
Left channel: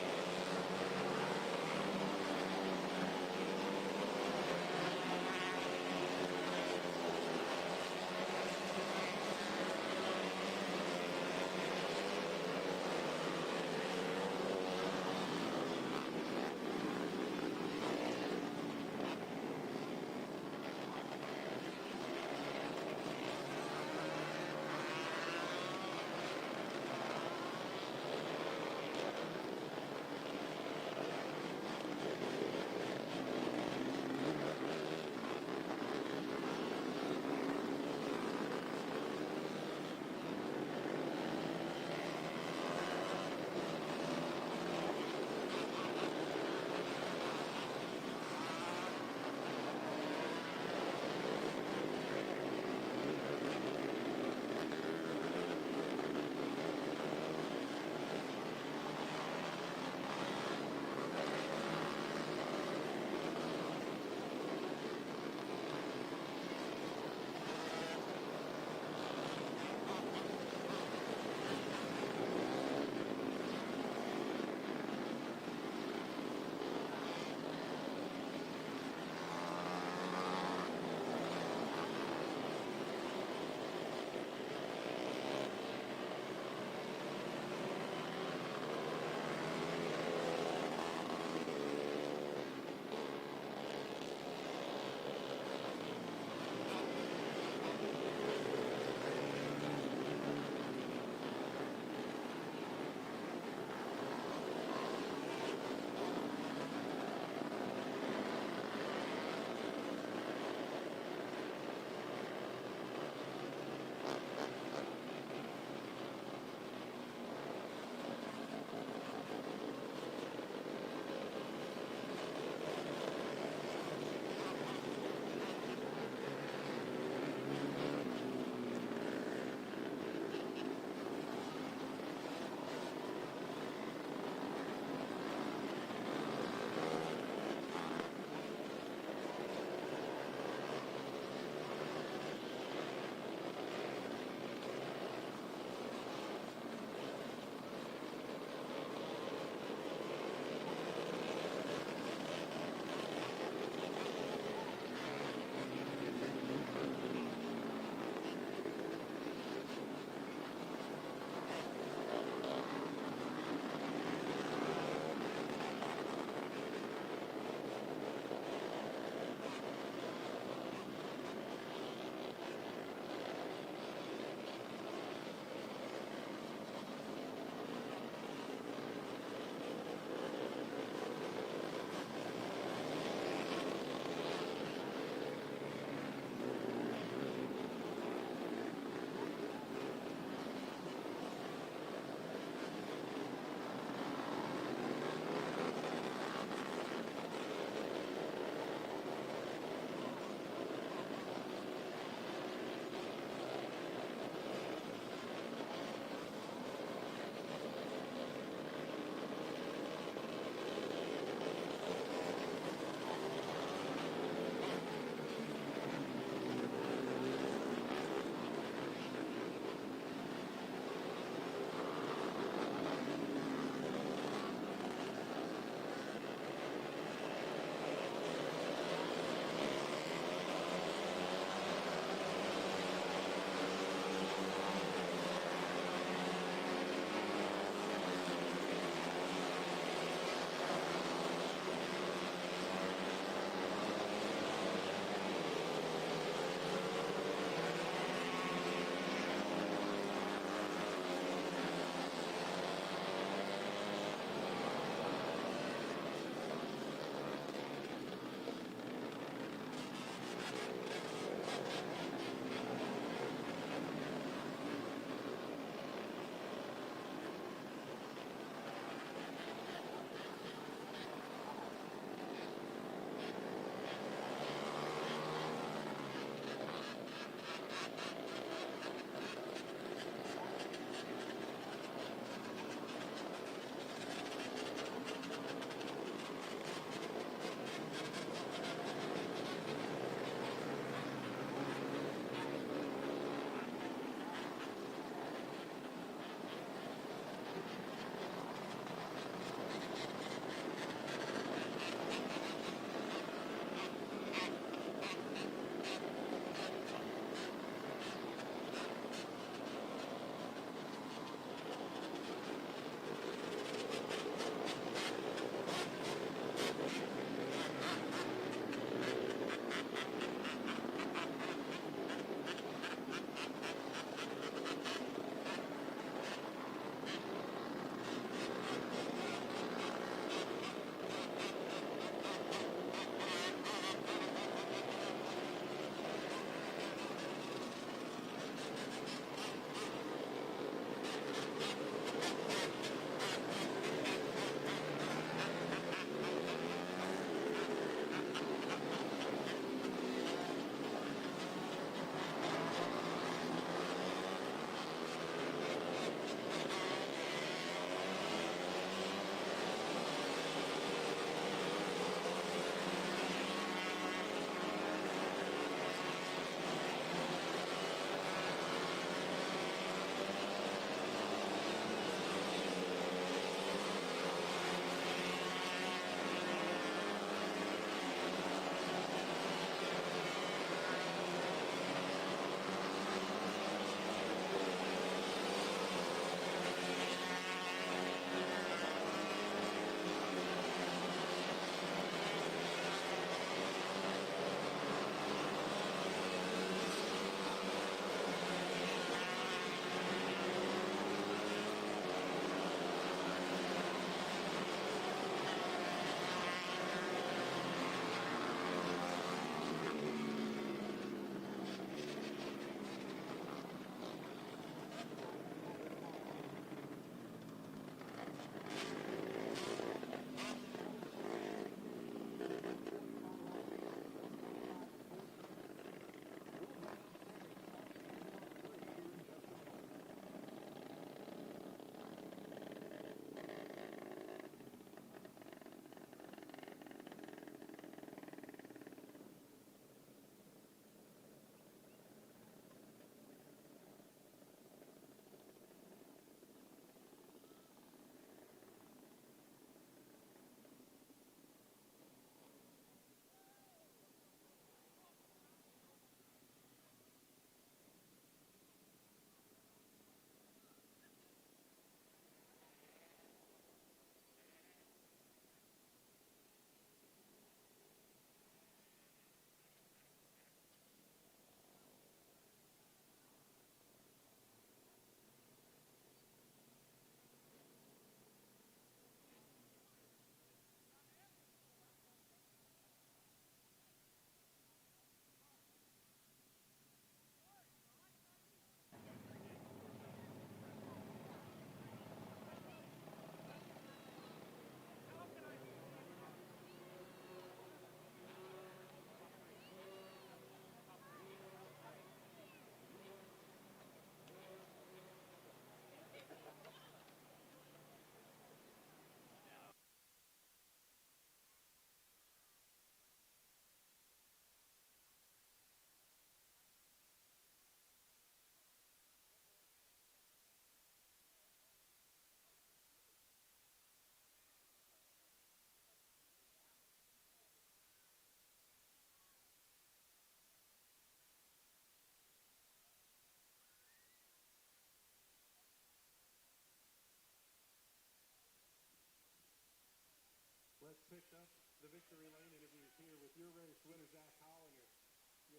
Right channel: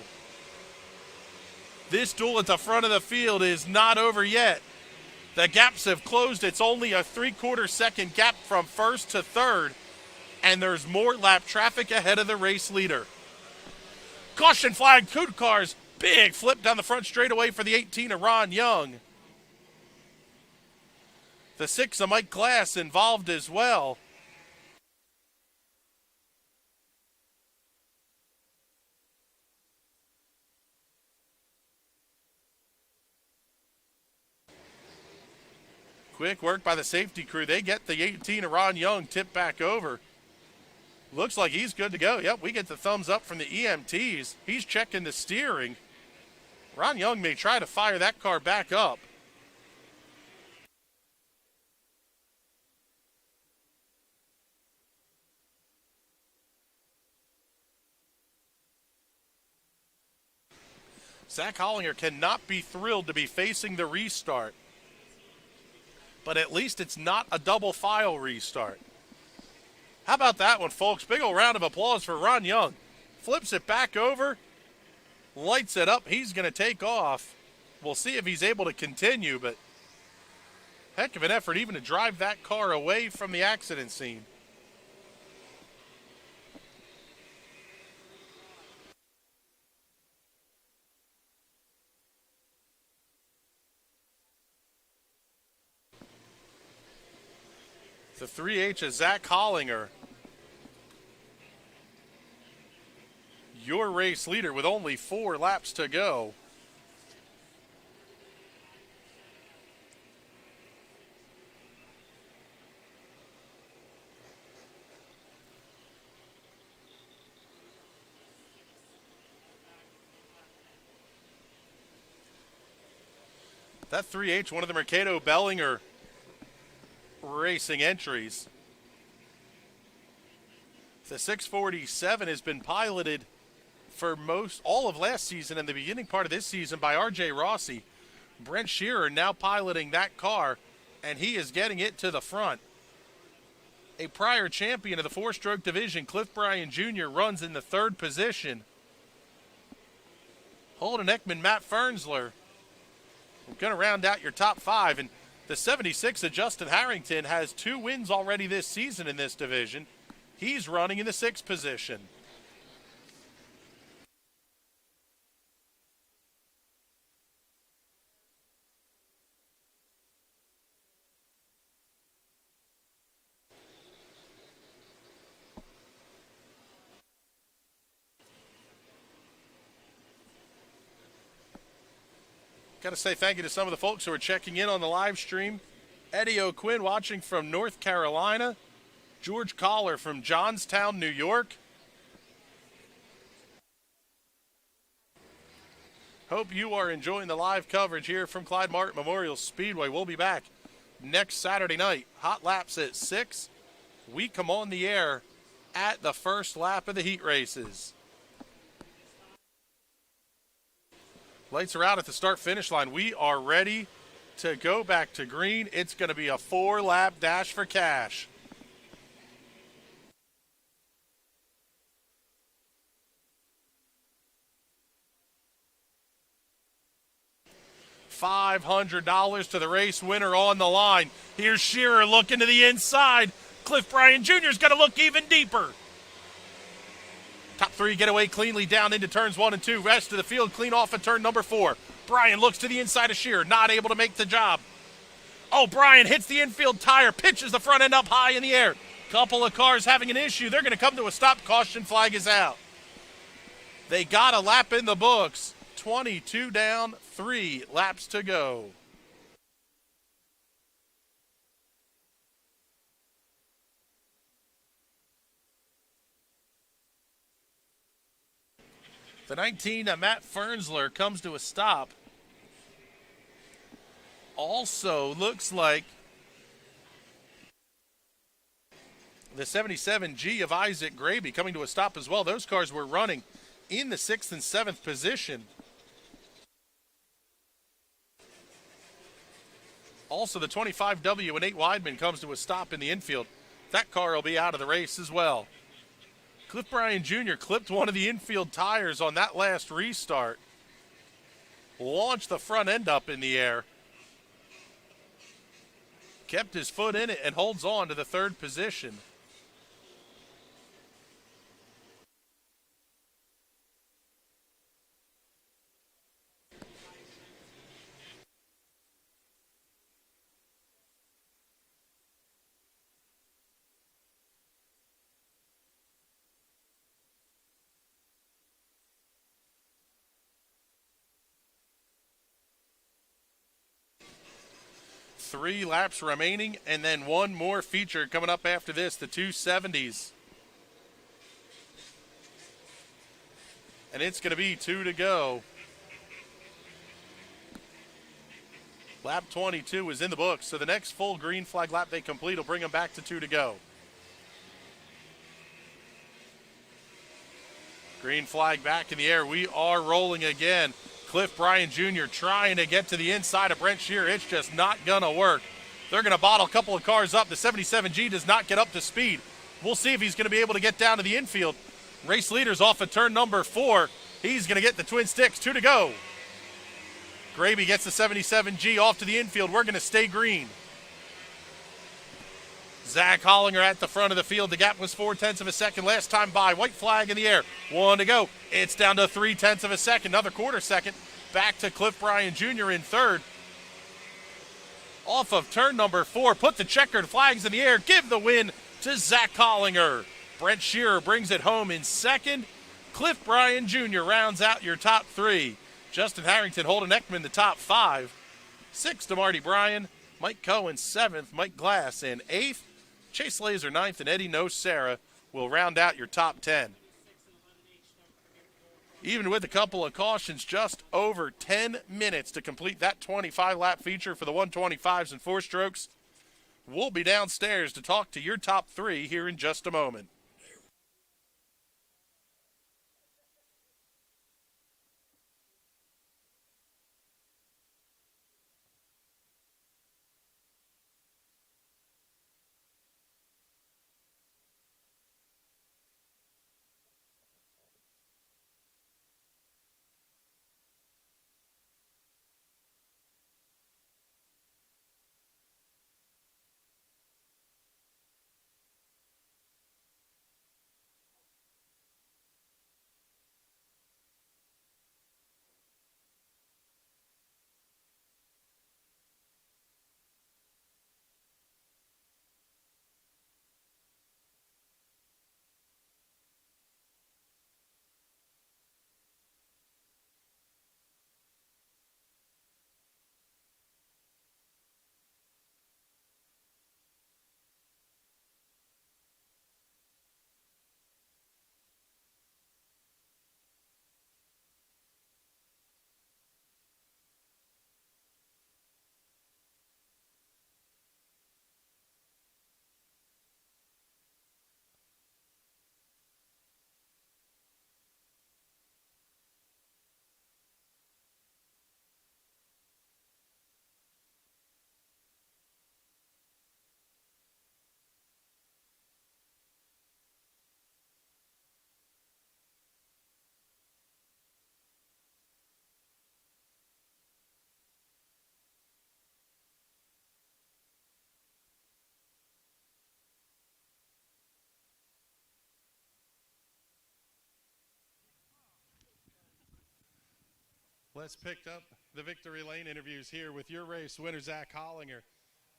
This duel at the front of the field is not over yet. The gaps have closed. It's only a 3/4 second gap from 1st to 3rd, and there's more lap traffic ahead of the race leader. Caution flag, 2 cars. Big flip down the front straightaway for the 18 of Ron Young. The 6 of Mike Glass involved as well. Quick work by the safety crew. They get the 18 of Ron Young tipped back over. Looks like he's good to go. Yep, we get the thumbs up from the EMTs. He's checking the steering. Ron Young may try to fire that car back up. Zach Hollinger cannot be thrilled to be facing the restart. But at least it's not a double file restart. How about that one, folks? Big old round of applause for Ron Young. Flips it back over, lights it up. He's going to take off. We'll see if he's able to continue, but heck of an effort even to drive that car away from the accident scene. 3H is Zach Hollinger, your race leader with only 4 laps to go. That 3H, one of the Mercado Bellinger racing entries. The 647 has been piloted for all of last season and the beginning part of this season by R.J. Rossi. Brent Shearer now piloting that car, and he is getting it to the front. A prior champion of the 4-stroke division, Cliff Bryan Jr., runs in the 3rd position. Holden Ekman, Matt Fernsler, going to round out your top 5. And the 76 of Justin Harrington has 2 wins already this season in this division. He's running in the 6th position. Got to say thank you to some of the folks who are checking in on the live stream. Eddie O'Quinn watching from North Carolina. George Collar from Johnstown, New York. Hope you are enjoying the live coverage here from Clyde Martin Memorial Speedway. We'll be back next Saturday night. Hot laps at 6. We come on the air at the first lap of the heat races. Lights are out at the start-finish line. We are ready to go back to green. It's going to be a 4-lap dash for cash. $500 to the race winner on the line. Here's Shearer looking to the inside. Cliff Bryan Jr. is going to look even deeper. Top 3 get away cleanly down into turns 1 and 2. Rest of the field clean off at turn number 4. Bryan looks to the inside of Shearer, not able to make the job. Oh, Bryan hits the infield tire, pitches the front end up high in the air. Couple of cars having an issue. They're going to come to a stop. Caution flag is out. They got a lap in the books. 22 down, 3 laps to go. The 19, Matt Fernsler, comes to a stop. Also looks like the 77G of Isaac Graby coming to a stop as well. Those cars were running in the 6th and 7th position. Also, the 25W and 8 Weidman comes to a stop in the infield. That car will be out of the race as well. Cliff Bryan Jr. clipped one of the infield tires on that last restart. Launched the front end up in the air. Kept his foot in it and holds on to the 3rd position. Three laps remaining, and then one more feature coming up after this, the 270s. And it's going to be 2 to go. Lap 22 is in the books, so the next full green flag lap they complete will bring them back to 2 to go. Green flag back in the air. We are rolling again. Cliff Bryan Jr. trying to get to the inside of Brent Shearer. It's just not going to work. They're going to bottle a couple of cars up. The 77G does not get up to speed. We'll see if he's going to be able to get down to the infield. Race leader's off at turn number 4. He's going to get the twin sticks. 2 to go. Graby gets the 77G off to the infield. We're going to stay green. Zach Hollinger at the front of the field. The gap was 0.4 of a second last time by. White flag in the air. 1 to go. It's down to 0.3 of a second. Another quarter second. Back to Cliff Bryan Jr. in 3rd. off of turn number 4. Put the checkered flags in the air. Give the win to Zach Hollinger. Brent Shearer brings it home in second. Cliff Bryan Jr. rounds out your top 3. Justin Harrington, Holden Ekman, the top 5. 6th to Marty Bryan. Mike Cohen 7th. Mike Glass in 8th. Chase Laser 9th, and Eddie Nocera will round out your top 10. Even with a couple of cautions, just over 10 minutes to complete that 25-lap feature for the 125s and 4-strokes. We'll be downstairs to talk to your top 3 here in just a moment. Let's pick up the Victory Lane interviews here with your race winner, Zach Hollinger.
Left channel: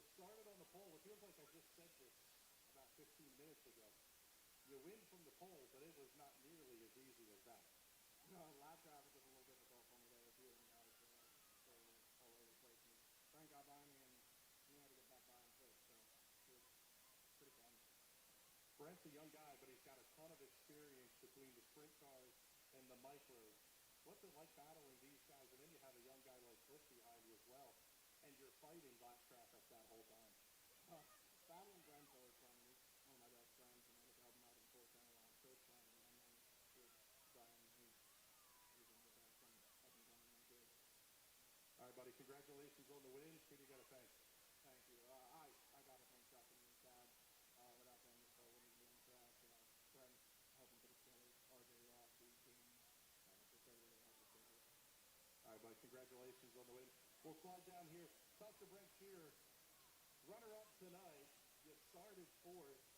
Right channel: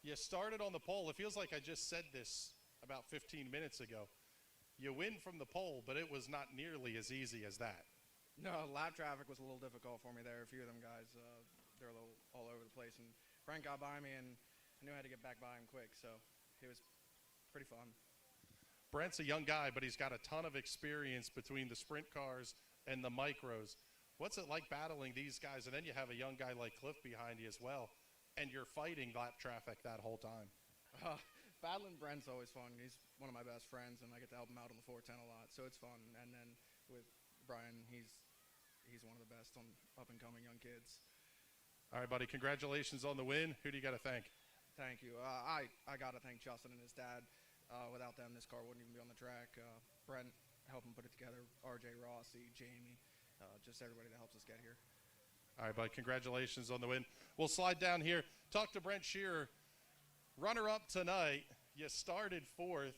You started on the pole. It feels like I just said this about 15 minutes ago. You win from the pole, but it was not nearly as easy as that. No, lap traffic was a little difficult for me there. A few of them guys, they're a little all over the place. And Frank got by me, and I knew I had to get back by him quick, so it was pretty fun. Brent's a young guy, but he's got a ton of experience between the sprint cars and the micros. What's it like battling these guys? And then you have a young guy like Cliff behind you as well, and you're fighting lap traffic that whole time. Battling Brent's always fun. He's one of my best friends, and I get to help him out on the 410 a lot, so it's fun. And then with Brian, he's one of the best on up-and-coming young kids. All right, buddy, congratulations on the win. Who do you got to thank? Thank you. I got to thank Justin and his dad. Without them, this car wouldn't even be on the track. Brent helped him put it together, RJ Rossi, Jamie, just everybody that helps us get here. All right, bud, congratulations on the win. We'll slide down here. Talk to Brent Shearer. Runner-up tonight. You started 4th.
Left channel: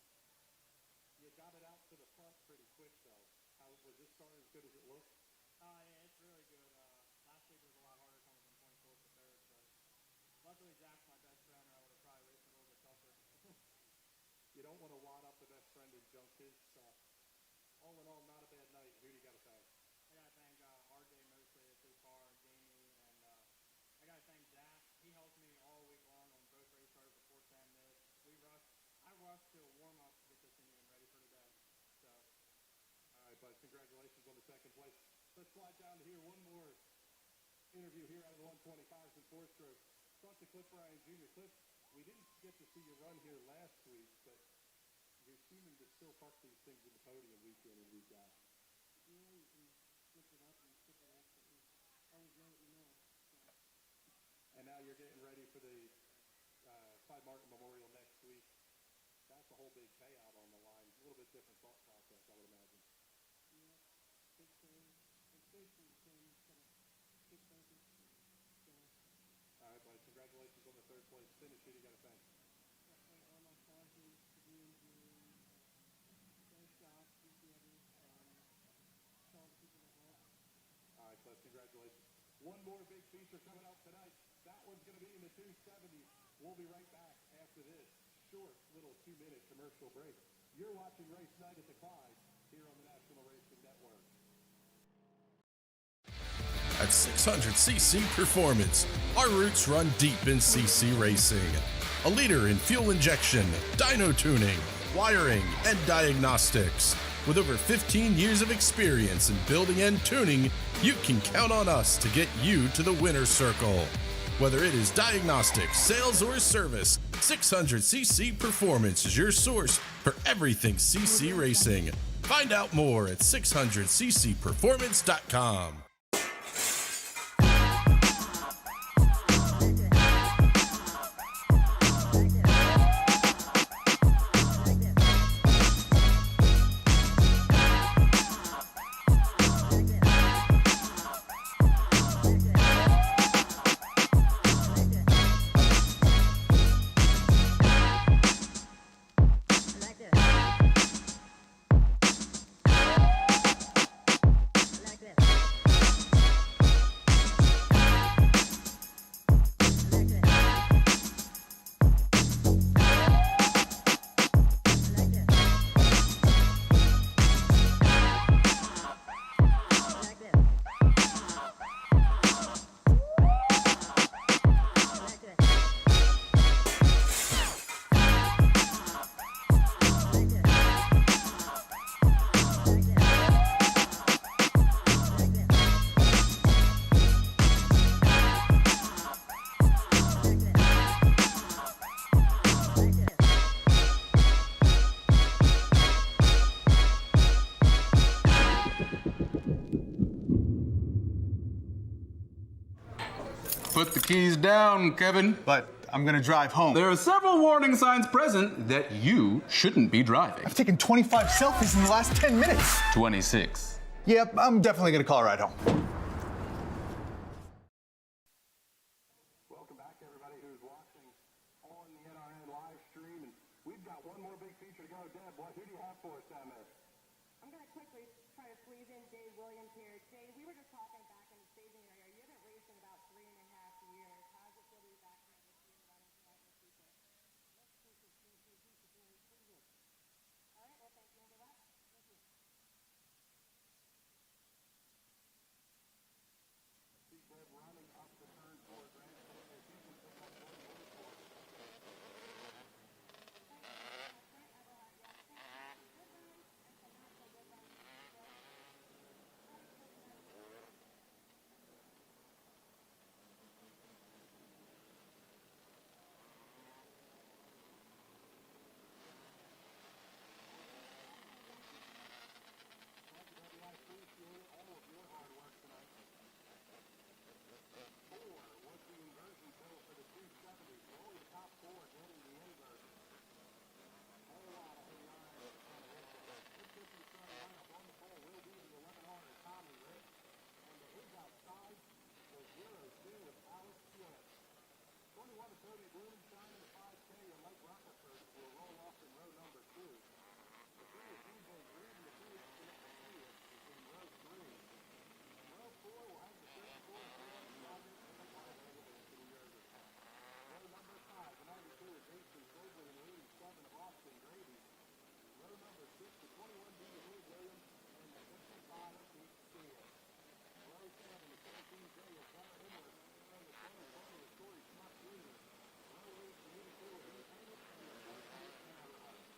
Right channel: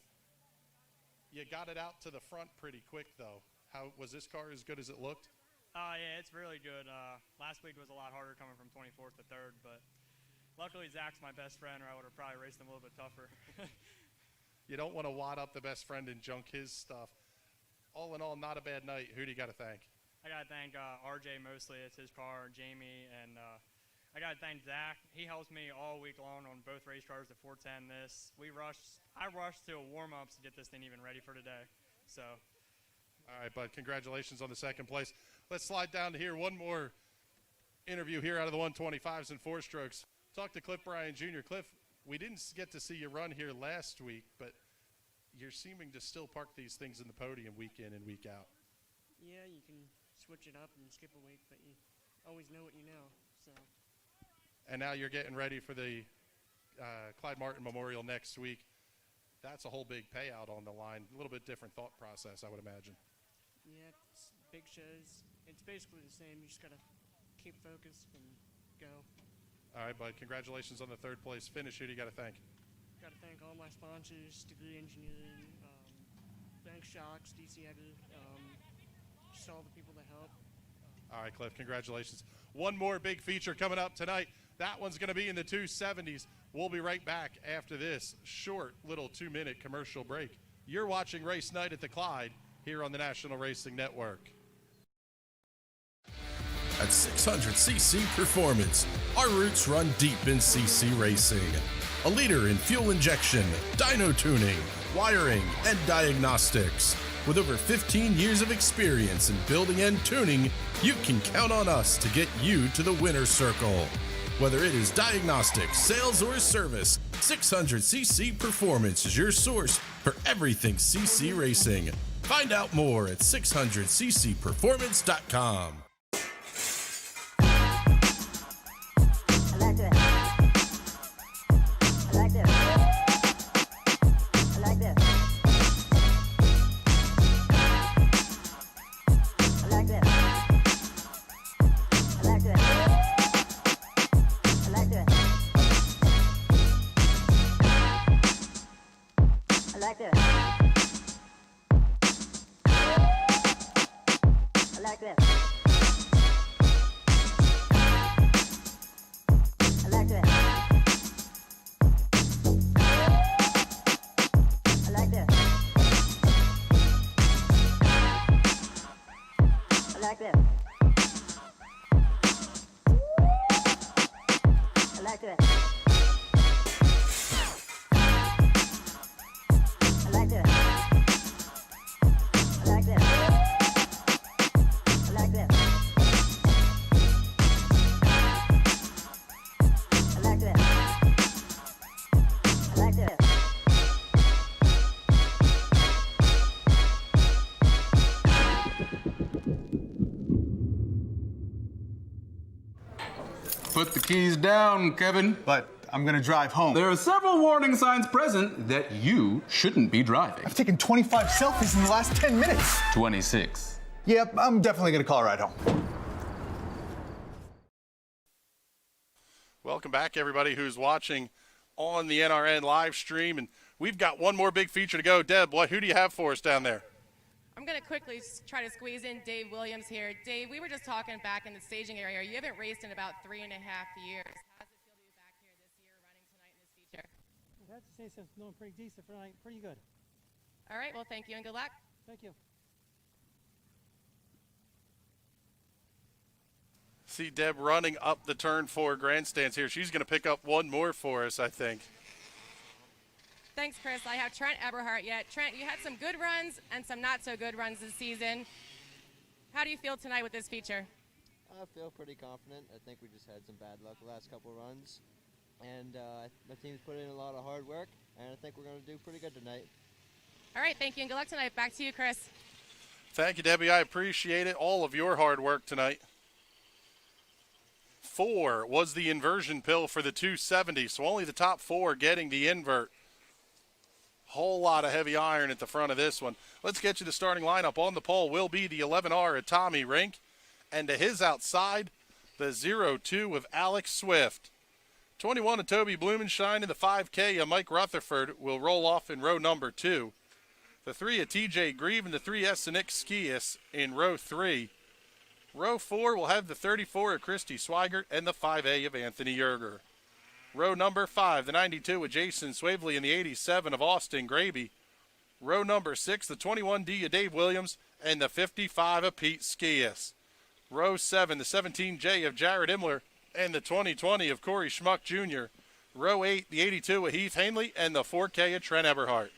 You got it out to the front pretty quick, though. How was this car as good as it looked? Yeah, it's really good. Last week was a lot harder coming from 24th to 3rd, but luckily Zach's my best friend, or I would have probably raced him a little bit tougher. You don't want to wad up the best friend and junk his stuff. All in all, not a bad night. Who do you got to thank? I got to thank RJ mostly. It's his car, Jamie, and I got to thank Zach. He helps me all week long on both race cars, the 410 this. I rushed to warm-ups to get this thing even ready for today. So. All right, bud, congratulations on the 2nd place. Let's slide down to here. One more interview here out of the 125s and 4-strokes. Talk to Cliff Bryan Jr. Cliff, we didn't get to see you run here last week, but you're seeming to still park these things in the podium week in and week out. Yeah, you can switch it up and skip a week, but you always know what you know. So. And now you're getting ready for the Clyde Martin Memorial next week. That's a whole big payout on the line. A little bit different thought process, I would imagine. Yeah, it's big shows. It's basically the same. You just got to keep focused and go. All right, bud. Congratulations on the 3rd place finish. Who do you got to thank? Got to thank all my sponsors, Degree Engineering, Bank Shocks, DC Egger, just all the people that help. All right, Cliff, congratulations. One more big feature coming up tonight. That one's going to be in the 270s. We'll be right back after this short little 2-minute commercial break. You're watching Race Night at the Clyde here on the National Racing Network. At 600cc Performance, our roots run deep in CC racing. A leader in fuel injection, dyno tuning, wiring, and diagnostics. With over 15 years of experience in building and tuning, you can count on us to get you to the winner's circle. Whether it is diagnostics, sales, or service, 600cc Performance is your source for everything CC racing. Find out more at 600ccperformance.com. Put the keys down, Kevin. But I'm gonna drive home. There are several warning signs present that you shouldn't be driving. I've taken 25 selfies in the last 10 minutes. 26. Yep, I'm definitely gonna call a ride home. Welcome back, everybody who's watching on the NRN live stream. And we've got one more big feature to go. Deb, who do you have for us down there? I'm going to quickly try to squeeze in Dave Williams here. Dave, we were just talking back in the staging area. You haven't raced in about 3.5 years. I have to say, so it's doing pretty decent, pretty good. All right, well, thank you and good luck. Thank you. See Deb running up the turn 4 grandstands here. She's going to pick up one more for us, I think. Thanks, Chris. I have Trent Eberhardt yet. Trent, you had some good runs and some not so good runs this season. How do you feel tonight with this feature? I feel pretty confident. I think we just had some bad luck the last couple of runs. And the team's put in a lot of hard work, and I think we're going to do pretty good tonight. All right, thank you and good luck tonight. Back to you, Chris. Thank you, Debbie. I appreciate it. All of your hard work tonight. 4 was the inversion pill for the 270, so only the top 4 getting the invert. Whole lot of heavy iron at the front of this one. Let's get you the starting lineup. On the pole will be the 11R of Tommy Rink, and to his outside, the 02 of Alex Swift. 21 of Toby Blumenstein and the 5K of Mike Rutherford will roll off in row number 2. The 3 of TJ Grieve and the 3S of Nick Skias in row 3. Row 4 will have the 34 of Christy Swigert and the 5A of Anthony Yerger. Row number 5, the 92 of Jason Swavely and the 87 of Austin Graby. Row number 6, the 21D of Dave Williams and the 55 of Pete Skias. Row 7, the 17J of Jared Imler and the 2020 of Corey Schmuck Jr. Row 8, the 82 of Heath Hanley and the 4K of Trent Eberhardt.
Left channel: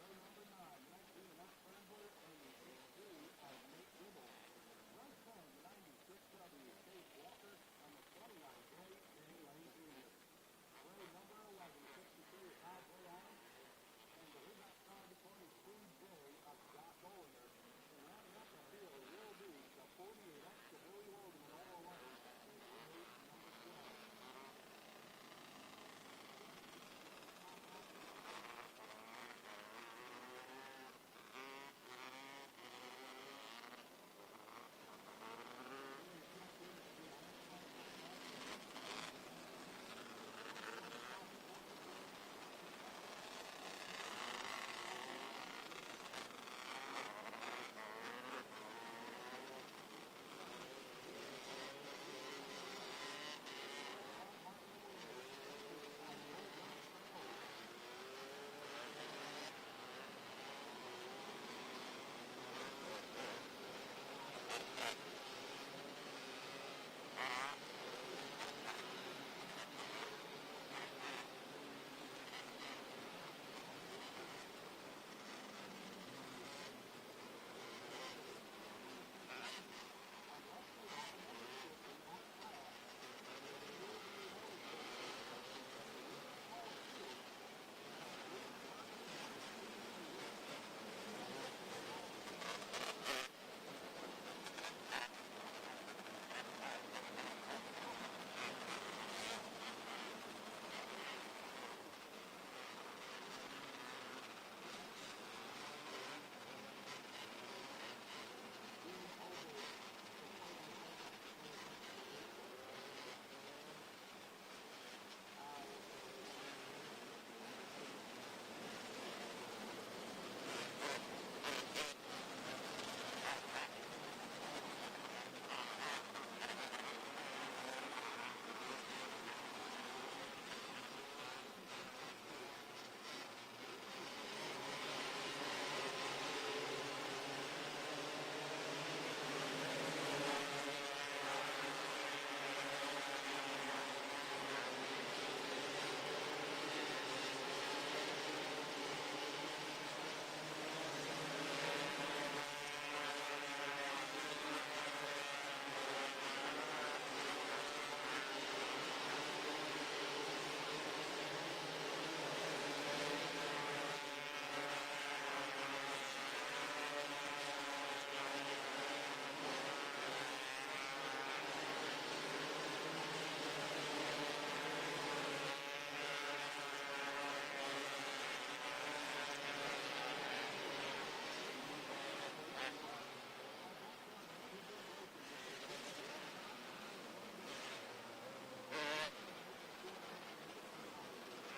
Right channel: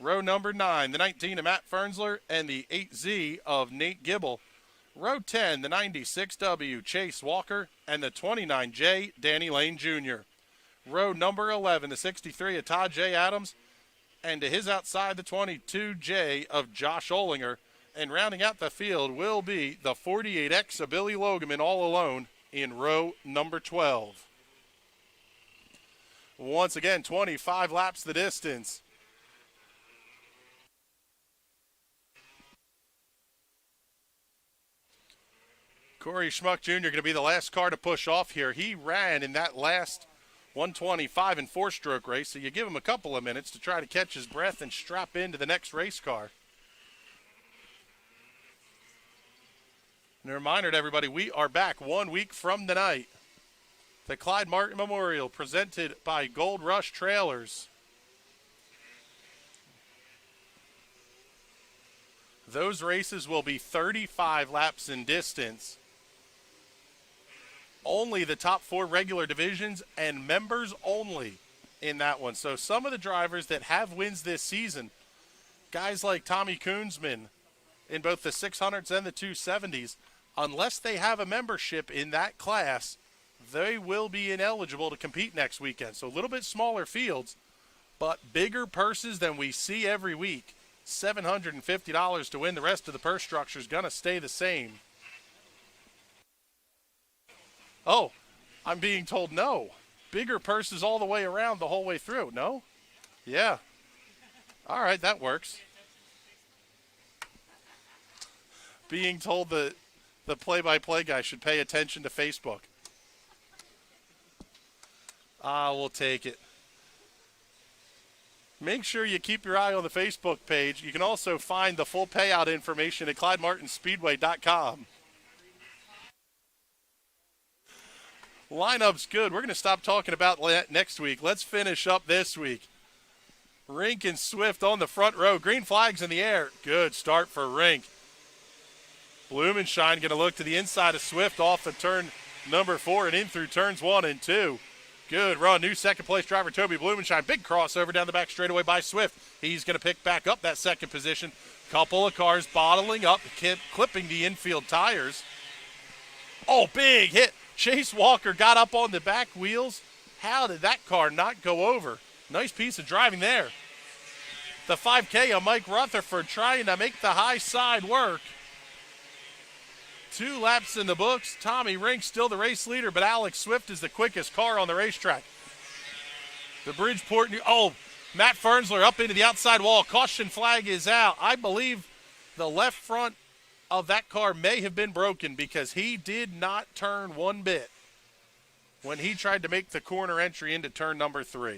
Row number 9, the 19 of Matt Fernsler and the 8Z of Nate Gibble. Row 10, the 96W Chase Walker and the 29J Danny Lane Jr. Row number 11, the 63 of Todd J. Adams, and to his outside, the 22J of Josh Olinger. And rounding out the field will be the 48X of Billy Logeman all alone in row number 12. Once again, 25 laps the distance. Corey Schmuck Jr. going to be the last car to push off here. He ran in that last 125 and 4-stroke race, so you give him a couple of minutes to try to catch his breath and strap into the next race car. And a reminder to everybody, we are back 1 week from tonight. The Clyde Martin Memorial, presented by Gold Rush Trailers. Those races will be 35 laps in distance. Only the top 4 regular divisions and members only in that one. So some of the drivers that have wins this season, guys like Tommy Koonsman in both the 600s and the 270s, unless they have a membership in that class, they will be ineligible to compete next weekend. So a little bit smaller fields, but bigger purses than we see every week. $750 to win. The rest of the purse structure is going to stay the same. Oh, I'm being told no. Bigger purses all the way around the whole way through. No? Yeah. All right, that works. Being told that the play-by-play guy should pay attention to Facebook. We'll take it. Make sure you keep your eye on the Facebook page. You can also find the full payout information at ClydeMartinSpeedway.com. Lineup's good. We're going to stop talking about that next week. Let's finish up this week. Rink and Swift on the front row. Green flags in the air. Good start for Rink. Blumenshine going to look to the inside of Swift off of turn number 4 and in through turns 1 and 2. Good run. New second place driver Toby Blumenshine. Big crossover down the back straightaway by Swift. He's going to pick back up that second position. Couple of cars bottling up, clipping the infield tires. Oh, big hit. Chase Walker got up on the back wheels. How did that car not go over? Nice piece of driving there. The 5K of Mike Rutherford trying to make the high side work. 2 laps in the books. Tommy Rink still the race leader, but Alex Swift is the quickest car on the racetrack. The Bridgeport, Matt Fernsler up into the outside wall. Caution flag is out. I believe the left front of that car may have been broken because he did not turn one bit when he tried to make the corner entry into turn number 3.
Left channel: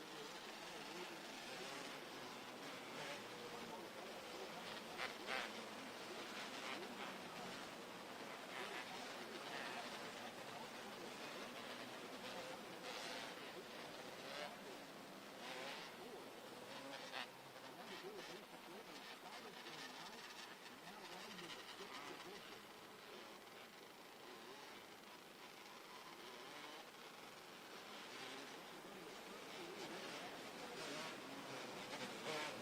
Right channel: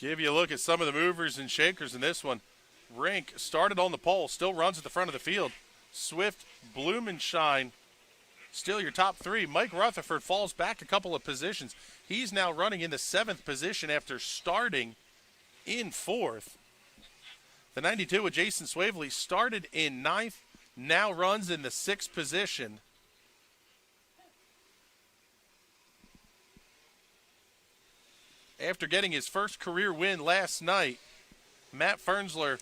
Give you a look at some of the movers and shakers in this one. Rink started on the pole, still runs at the front of the field. Swift, Blumenshine, still your top 3. Mike Rutherford falls back a couple of positions. He's now running in the 7th position after starting in 4th. The 92 with Jason Swavely started in 9th, now runs in the 6th position. After getting his first career win last night, Matt Fernsler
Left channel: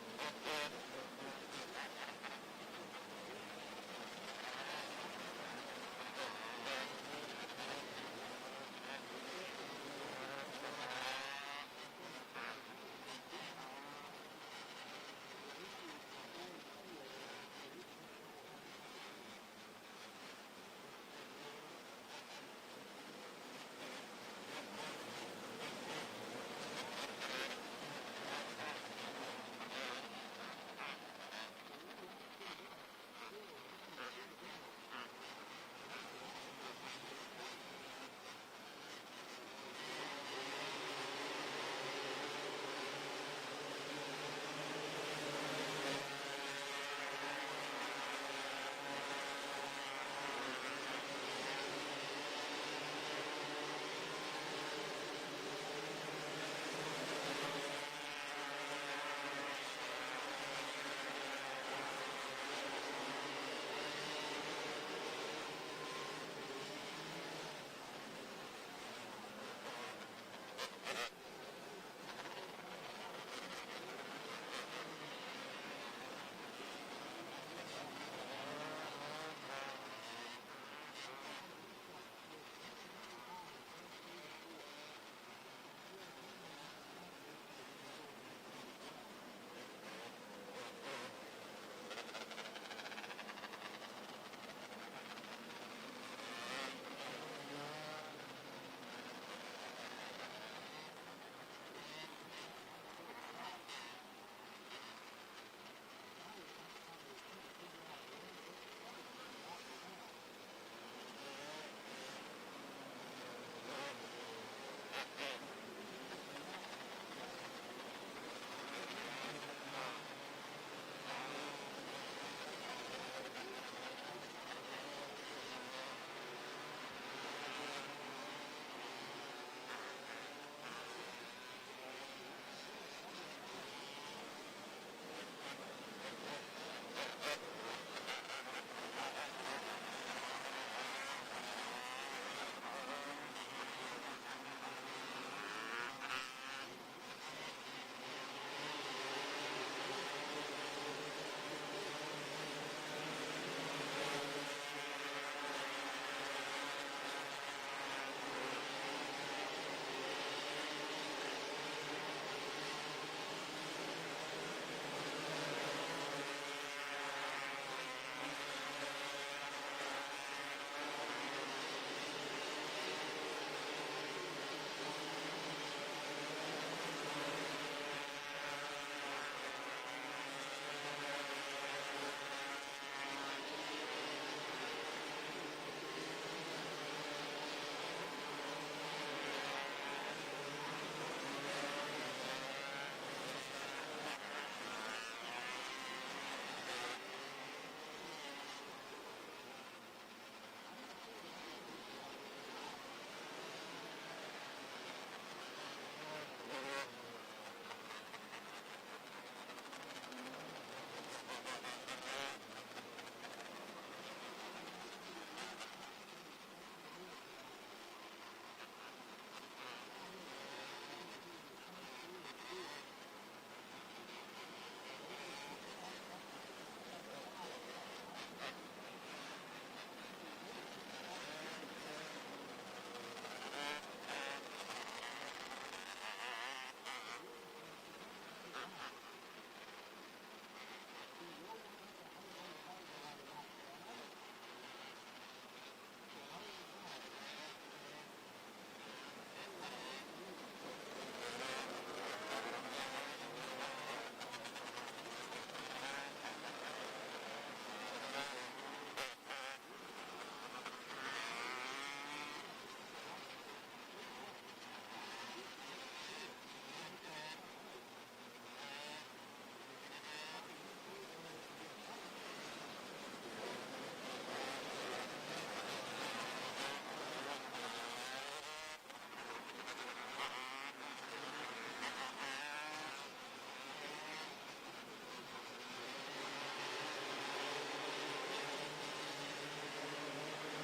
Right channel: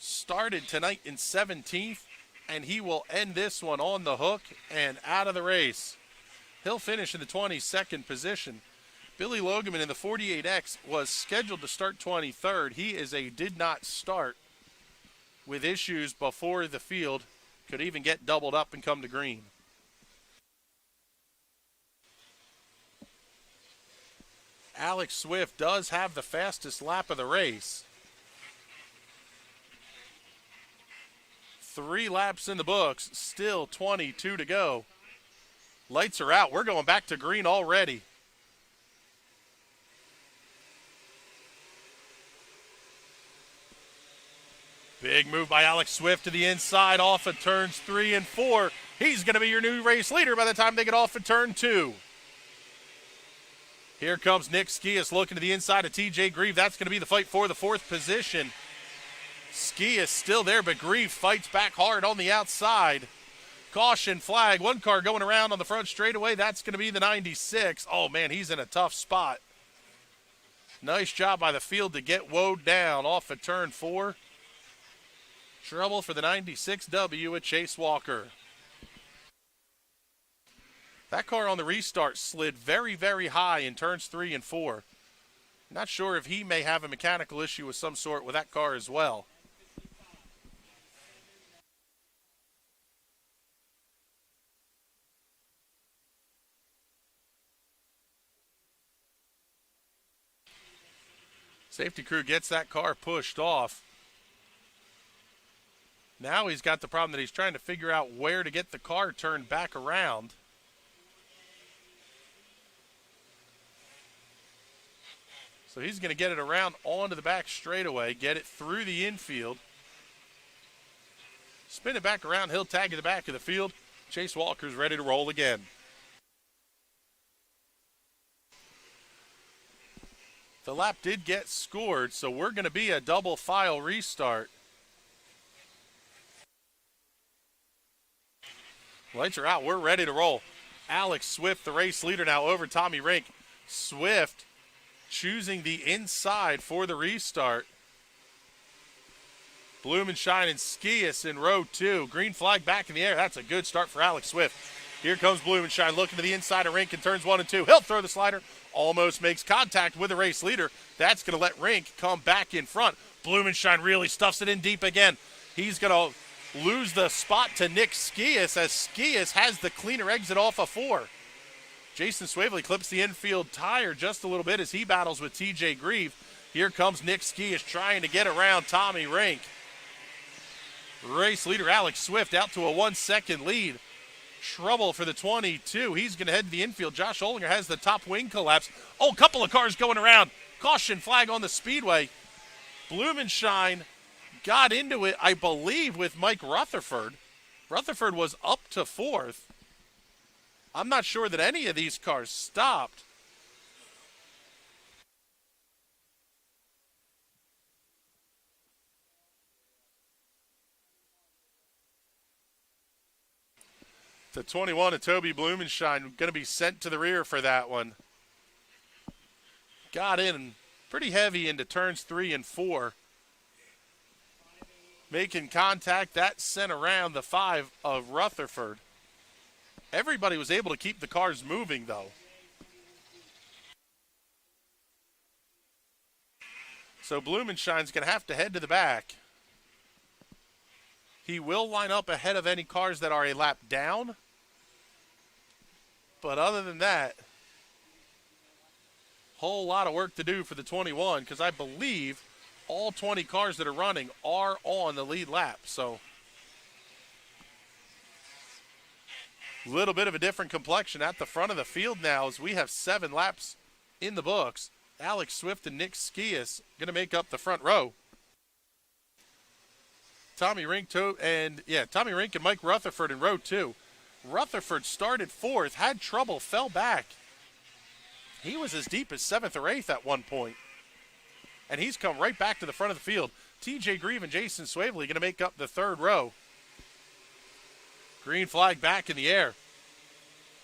started tonight in 17th, and he will end this one on the hook and out of the race. He'll finish in the 22nd position. Billy Logeman in the 48X was scheduled to start 23rd. He did not start with issues before the field. Could even get doubled up and come to green. Alex Swift does have the fastest lap of the race. 3 laps in the books, still 22 to go. Lights are out. We're going back to green already. Big move by Alex Swift to the inside off of turns 3 and 4. He's going to be your new race leader by the time they get off of turn 2. Here comes Nick Skias looking to the inside of TJ Grieve. That's going to be the fight for the 4th position. Skias still there, but Grieve fights back hard on the outside. Caution flag. One car going around on the front straightaway. That's going to be the 96. Oh, man, he's in a tough spot. Nice job by the field to get woed down off of turn 4. Trouble for the 96W at Chase Walker. That car on the restart slid very, very high in turns 3 and 4. Not sure if he may have a mechanical issue of some sort with that car as well. Safety crew gets that car pushed off. Now he's got the problem that he's trying to figure out where to get the car turned back around. So he's going to get it around onto the back straightaway, get it through the infield. Spin it back around, he'll tag in the back of the field. Chase Walker's ready to roll again. The lap did get scored, so we're going to be a double file restart. Lights are out, we're ready to roll. Alex Swift, the race leader, now over Tommy Rink. Swift choosing the inside for the restart. Blumenshine and Skias in row 2. Green flag back in the air. That's a good start for Alex Swift. Here comes Blumenshine looking to the inside of Rink in turns 1 and 2. He'll throw the slider. Almost makes contact with the race leader. That's going to let Rink come back in front. Blumenshine really stuffs it in deep again. He's going to lose the spot to Nick Skias as Skias has the cleaner exit off of 4. Jason Swavely clips the infield tire just a little bit as he battles with TJ Grieve. Here comes Nick Skias trying to get around Tommy Rink. Race leader Alex Swift out to a 1-second lead. Trouble for the 22. He's going to head to the infield. Josh Olinger has the top wing collapse. Oh, a couple of cars going around. Caution flag on the Speedway. Blumenshine got into it, I believe, with Mike Rutherford. Rutherford was up to 4th. I'm not sure that any of these cars stopped. The 21 of Toby Blumenshine going to be sent to the rear for that one. Got in pretty heavy into turns 3 and 4. Making contact, that sent around the 5 of Rutherford. Everybody was able to keep the cars moving, though. So Blumenshine's going to have to head to the back. He will line up ahead of any cars that are a lap down. But other than that, whole lot of work to do for the 21, because I believe all 20 cars that are running are on the lead lap. So a little bit of a different complexion at the front of the field now as we have 7 laps in the books. Alex Swift and Nick Skias going to make up the front row. Tommy Rink and Mike Rutherford in row 2. Rutherford started 4th, had trouble, fell back. He was as deep as 7th or 8th at one point. And he's come right back to the front of the field. TJ Grieve and Jason Swavely going to make up the 3rd row. Green flag back in the air.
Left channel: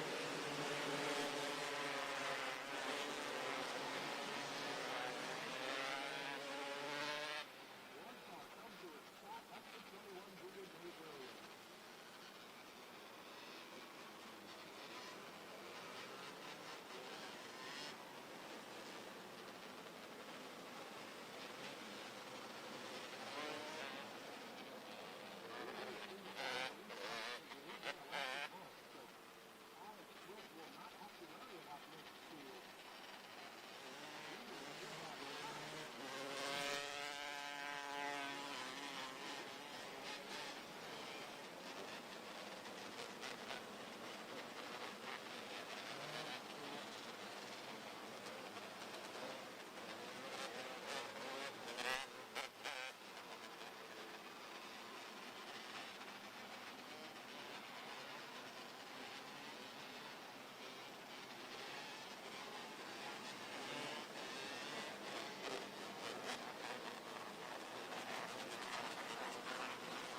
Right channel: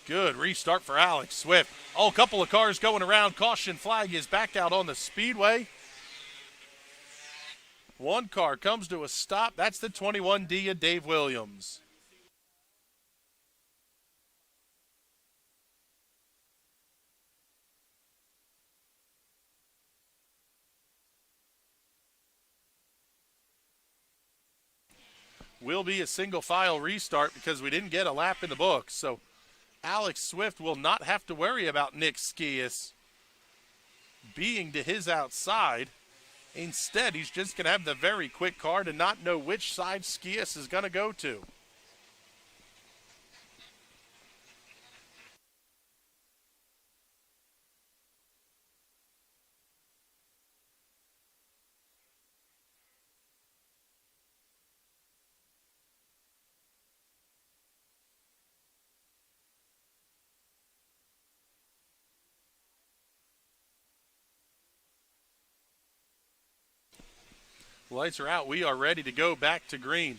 Good restart for Alex Swift. Oh, a couple of cars going around. Caution flag is back out on the Speedway. One car comes to a stop. That's the 21D of Dave Williams. Will be a single file restart because we didn't get a lap in the books. So Alex Swift will not have to worry about Nick Skias being to his outside. Instead, he's just going to have the very quick car to not know which side Skias is going to go to. Lights are out. We are ready to go back to green.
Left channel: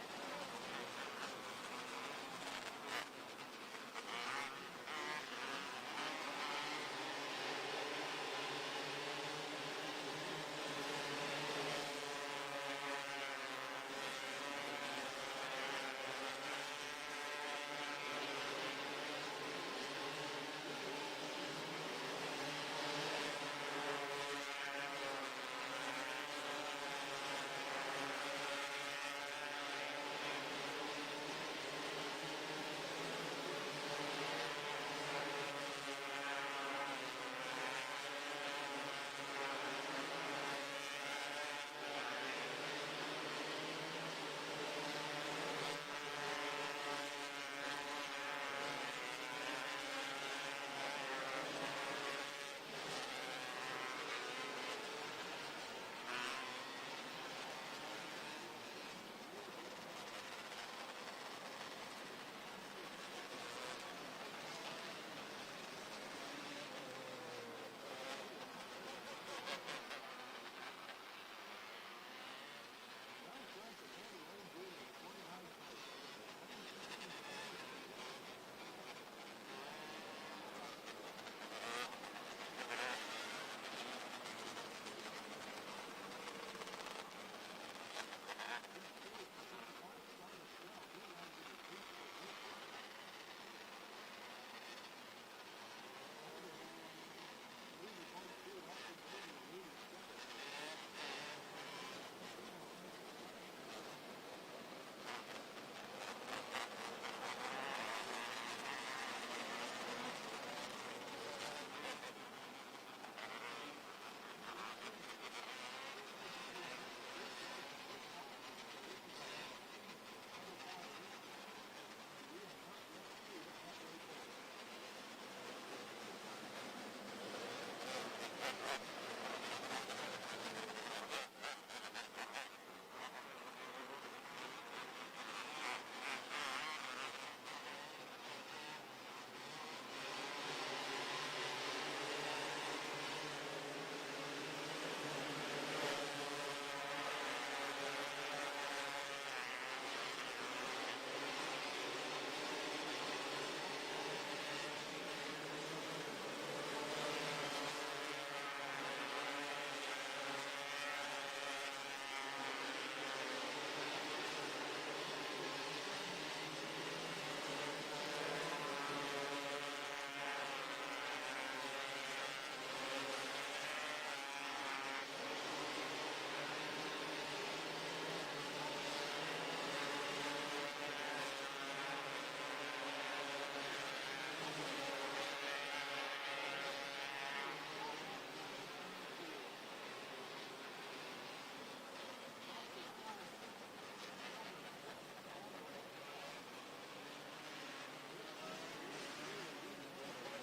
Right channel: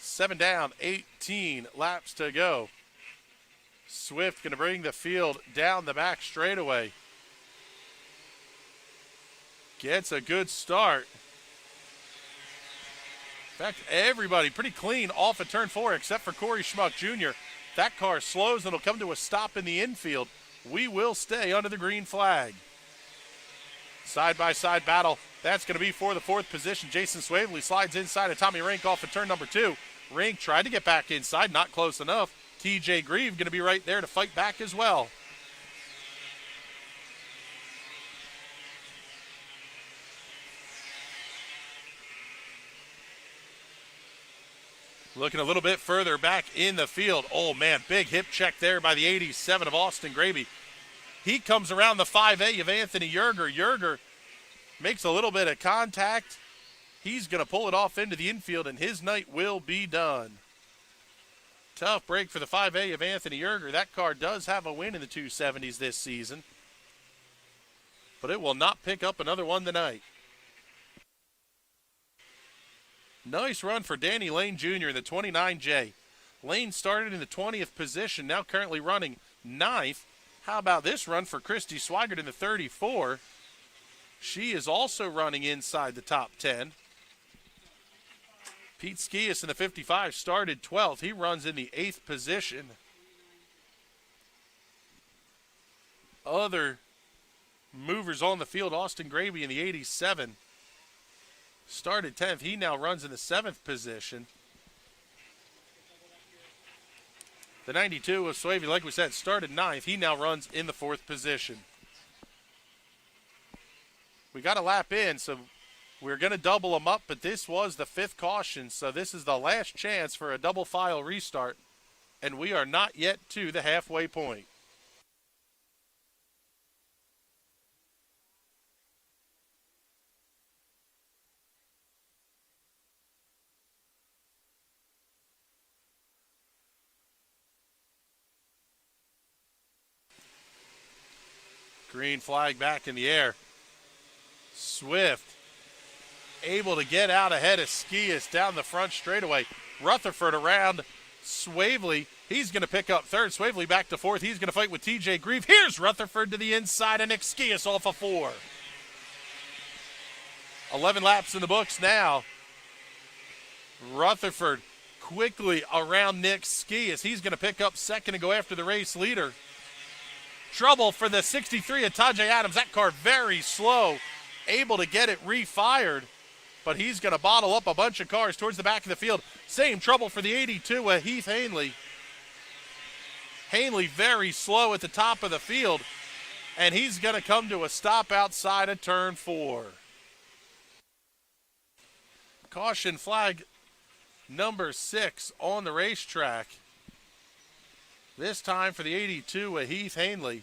7 down, 18 laps to go. Swift going to bring the field down the back straightaway. Gets a good start. In fact, everybody pretty clean off of turn 4 except for Corey Schmuck Jr. That car slows and will come to a stop in the infield. We will stay under the green flag. Side-by-side battle. That's going to be for the 4th position. Jason Swavely slides inside of Tommy Rink off of turn number 2. Rink tried to get back inside, not close enough. TJ Grieve going to be right there to fight back as well. Looking a little bit further back in the field. Oh, man, big hip check there by the 87 of Austin Graby. He comes around the 5A of Anthony Yerger. Yerger makes a little bit of contact. He's going to pull it off into the infield, and his night will be done. Tough break for the 5A of Anthony Erger. That car does have a win in the 270s this season, but it will not pick up another one tonight. Nice run for Danny Lane Jr. in the 29J. Lane started in the 20th position, now currently running 9th. How about this run for Christy Swigert in the 34? She is also running inside the top 10. Pete Skias in the 55 started 12th. He runs in the 8th position. Other movers on the field, Austin Graby in the 87 started 10th. He now runs in the 7th position. The 92 of Swavey, like we said, started 9th. He now runs in the 4th position. We got a lap in, so we're going to double them up, but this was the 5th caution, so this is the last chance for a double file restart, and we are not yet to the halfway point. Green flag back in the air. Swift able to get out ahead of Skias down the front straightaway. Rutherford around Swavely. He's going to pick up 3rd. Swavely back to 4th. He's going to fight with TJ Grieve. Here's Rutherford to the inside, and Nick Skias off a 4. 11 laps in the books now. Rutherford quickly around Nick Skias. He's going to pick up 2nd and go after the race leader. Trouble for the 63 of Tajay Adams. That car very slow, able to get it refired, but he's going to bottle up a bunch of cars towards the back of the field. Same trouble for the 82 of Heath Hanley. Hanley very slow at the top of the field, and he's going to come to a stop outside of turn 4. Caution flag number 6 on the racetrack. This time for the 82 of Heath Hanley.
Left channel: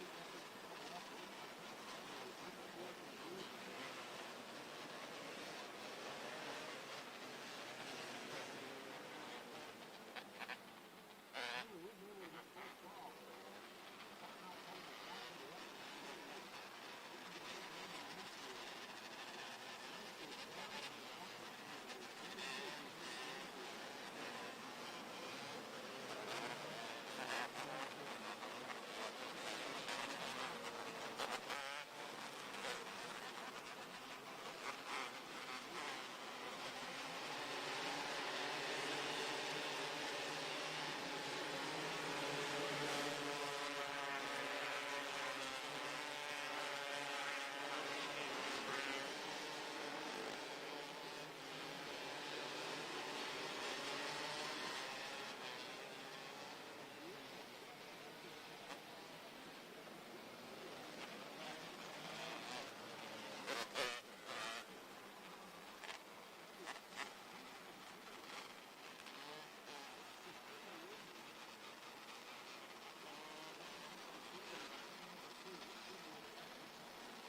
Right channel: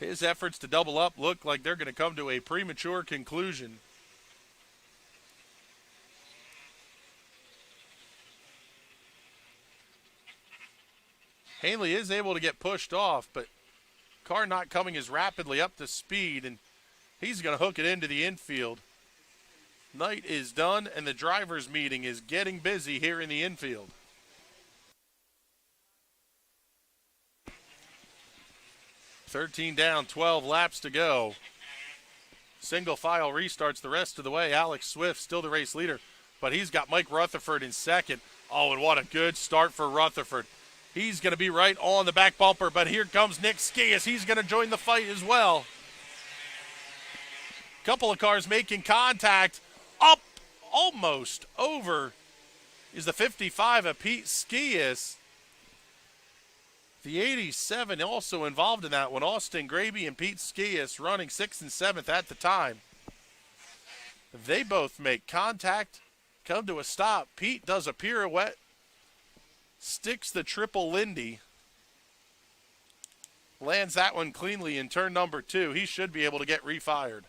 His efforts to double up look like they're going to come to a premature conclusion. Hanley is able to get pushed off, but car not coming as rapidly up to speed, and he's going to hook it into the infield. Night is done, and the drivers' meeting is getting busy here in the infield. "13 down, 12 laps to go." Single file restarts the rest of the way. Alex Swift still the race leader, but he's got Mike Rutherford in 2nd. Oh, and what a good start for Rutherford. He's going to be right on the back bumper, but here comes Nick Skias. He's going to join the fight as well. Couple of cars making contact. Up, almost over, is the 55 of Pete Skias. The 87 also involved in that one. Austin Graby and Pete Skias running 6th and 7th at the time. They both make contact, come to a stop. Pete does a pirouette, sticks the triple Lindy, lands that one cleanly in turn number 2. He should be able to get refired.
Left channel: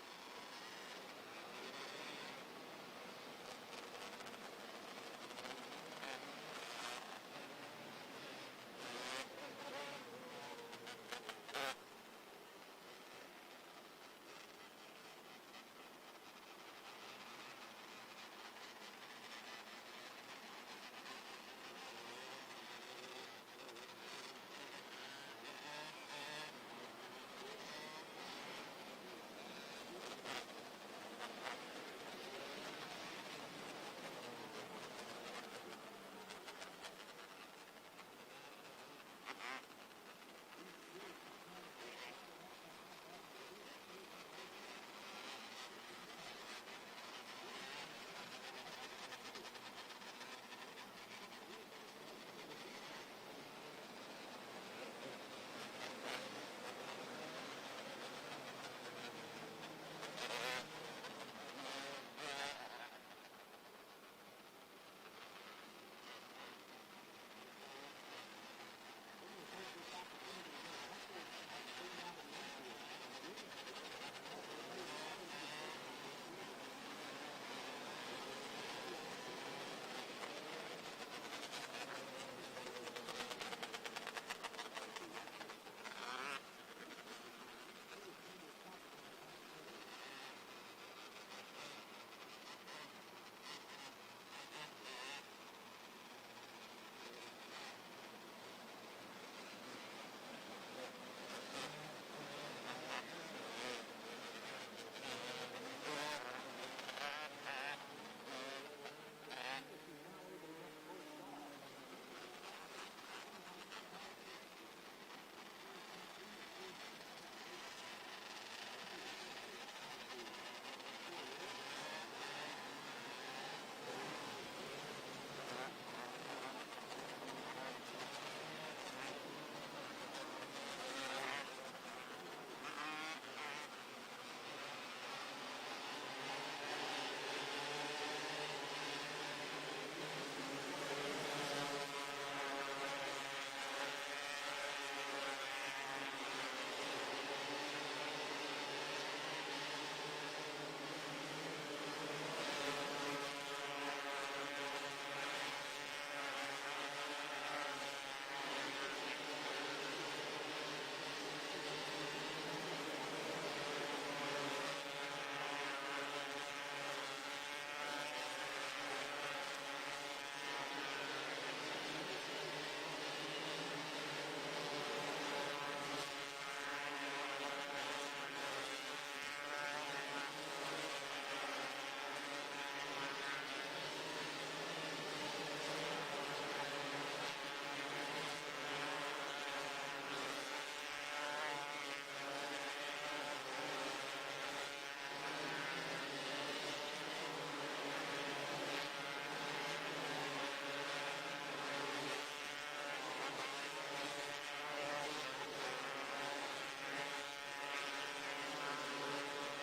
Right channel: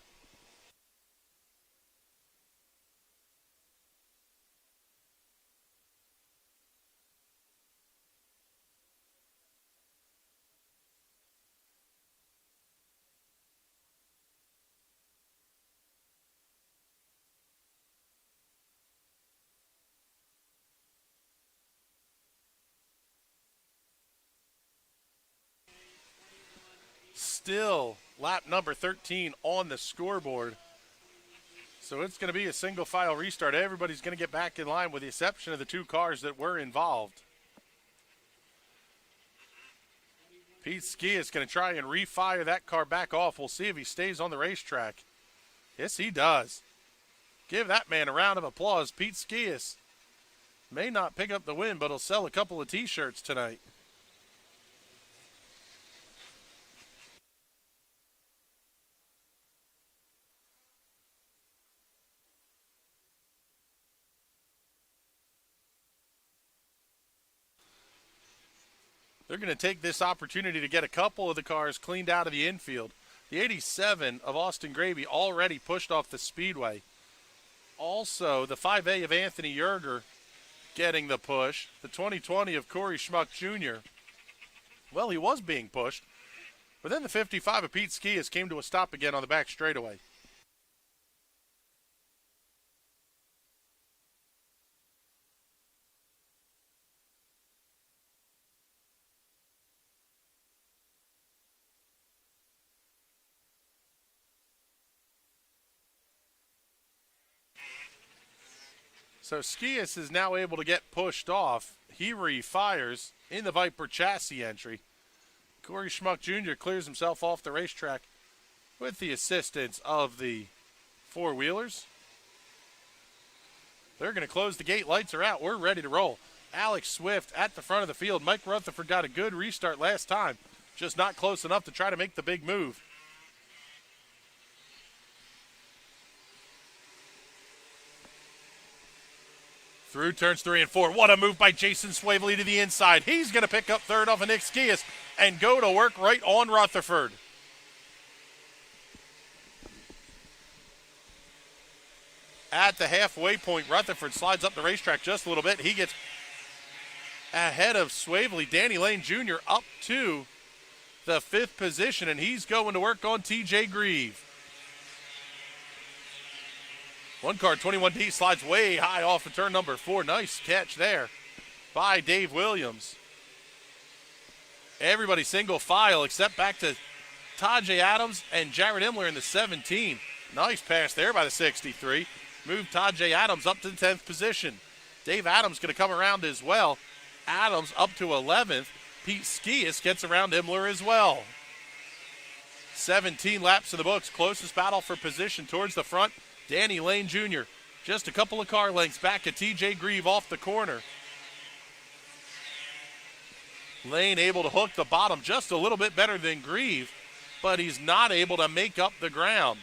Still lap number 13 on the scoreboard. So it's going to be a single file restart. Everybody's going to get back in line with the exception of the 2 cars that were involved. Pete Skias is going to try and refire that car back off. We'll see if he stays on the racetrack. Yes, he does. Give that man a round of applause. Pete Skias may not pick up the win, but he'll sell a couple of t-shirts tonight. They're going to take this opportunity to get a couple of the cars cleaned out of the infield. The 87 of Austin Gravy already pushed off the Speedway. Also, the 5A of Anthony Yerger getting the push. The 2020 of Corey Schmuck Jr. Well, he was being pushed. But then the 55 of Pete Skias came to a stop again on the back straightaway. So Skias is now able to get pushed off. He refires in the Viper chassis entry. Corey Schmuck Jr. clears himself off the racetrack with the assistance of the four-wheelers. They're going to close the gate. Lights are out. We're ready to roll. Alex Swift at the front of the field. Mike Rutherford got a good restart last time, just not close enough to try to make the big move. Through turns 3 and 4. What a move by Jason Swavely to the inside. He's going to pick up third off of Nick Skias and go to work right on Rutherford. At the halfway point, Rutherford slides up the racetrack just a little bit. He gets ahead of Swavely. Danny Lane Jr. up to the 5th position, and he's going to work on TJ Grieve. One car, 21D, slides way high off of turn number 4. Nice catch there by Dave Williams. Everybody single file except back to Tajay Adams and Jared Imler in the 17. Nice pass there by the 63. Moved Tajay Adams up to the 10th position. Dave Adams going to come around as well. Adams up to 11th. Pete Skias gets around Imler as well. 17 laps to the books. Closest battle for position towards the front. Danny Lane Jr. just a couple of car lengths back at TJ Grieve off the corner. Lane able to hook the bottom just a little bit better than Grieve, but he's not able to make up the ground.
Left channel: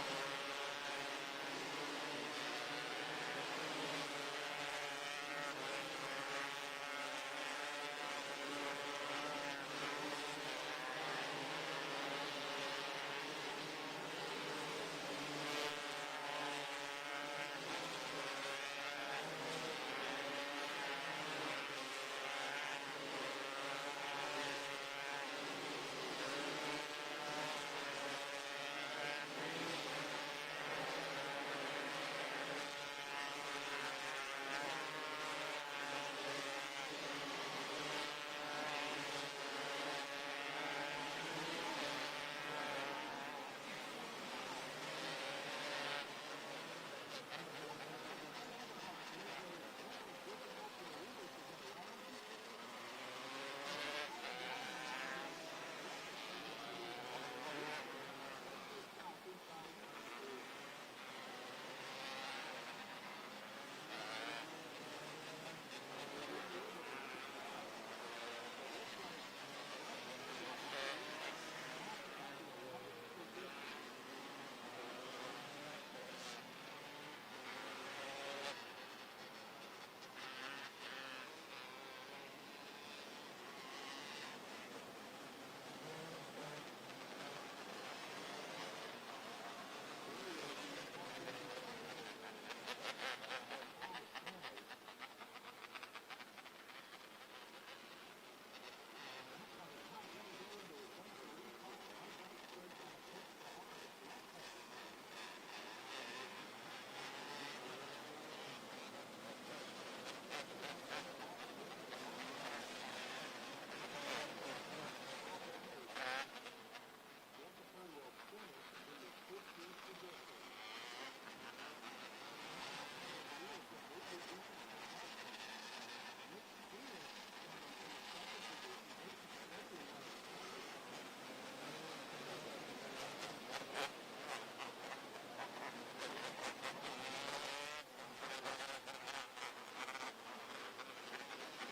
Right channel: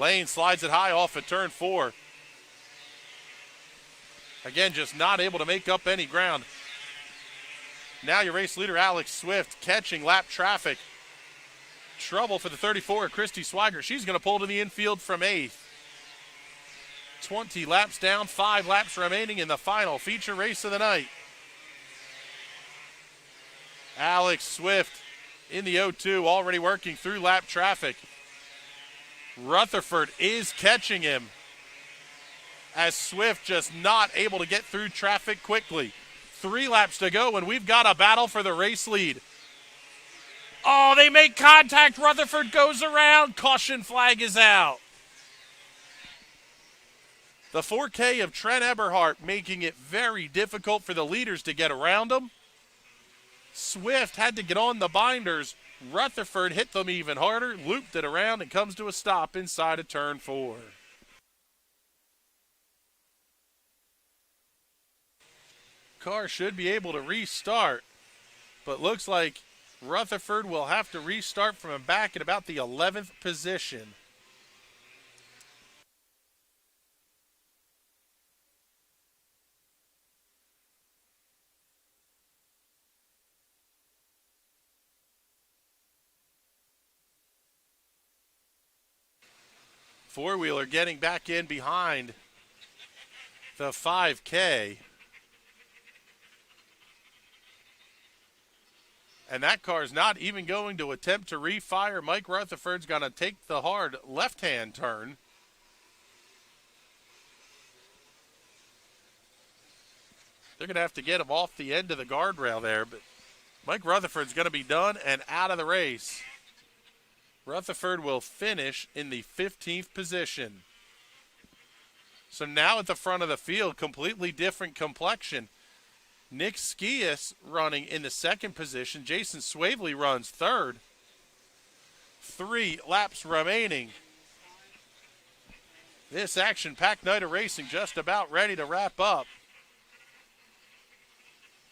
Lane slides it high off at turn 4. Again, just not able to make up any ground. Now your race leader, Alex Swift, catching lap traffic. Trouble for the 34, Christy Swiger. She's going to pull to the infield from 8th. 20 laps down, 5 laps remaining in the final feature race of the night. Alex Swift in the 0-2, already working through lap traffic. Rutherford is catching him as Swift just not able to get through traffic quickly. 3 laps to go, and we've got a battle for the race lead. Oh, they make contact. Rutherford goes around. Caution flag is out. The 4K of Trent Eberhardt making it very difficult for the leaders to get around him. Swift had to get on the binders. Rutherford hit them even harder, looped it around, and comes to a stop inside of turn 4. Car should be able to restart, but looks like Rutherford will have to restart from back at about the 11th position. Four-wheeler getting back in behind the 5K. And that car is not even going to attempt to refire. Mike Rutherford's going to take the hard left-hand turn. They're going to have to get him off the end of the guardrail there. But Mike Rutherford's going to be done and out of the race. Rutherford will finish in the 15th position. So now at the front of the field, completely different complexion. Nick Skias running in the 2nd position. Jason Swavely runs 3rd. 3 laps remaining. This action-packed night of racing just about ready to wrap up.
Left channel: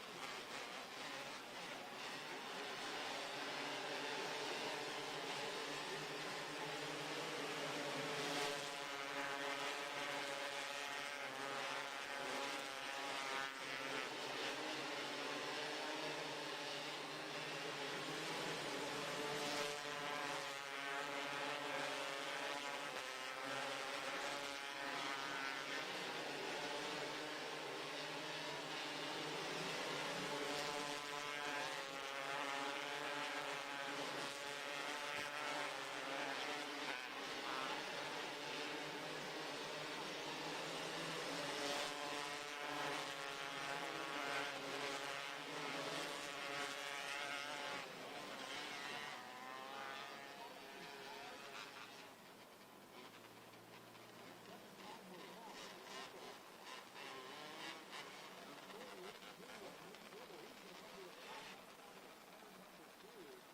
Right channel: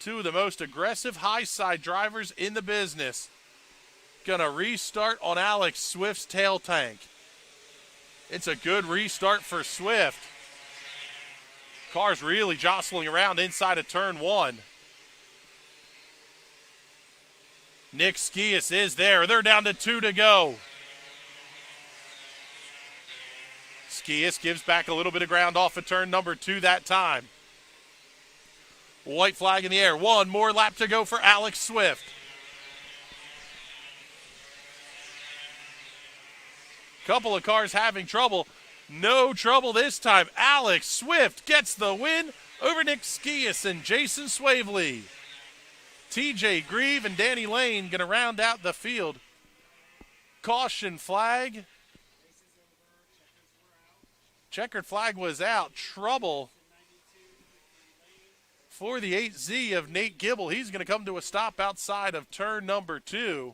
2 of the most aggressive high-side drivers in the business. Gonna restart on Alex Swift's tail tank. It's a good restart for Swift. Car's really jostling around inside of turn 1. Nick Skias is there. They're down to 2 to go. Skias gives back a little bit of ground off of turn number 2 that time. White flag in the air. One more lap to go for Alex Swift. Couple of cars having trouble. No trouble this time. Alex Swift gets the win over Nick Skias and Jason Swavely. TJ Grieve and Danny Lane going to round out the field. Caution flag. Checkered flag was out. Trouble for the 8Z of Nate Gibble. He's going to come to a stop outside of turn number 2.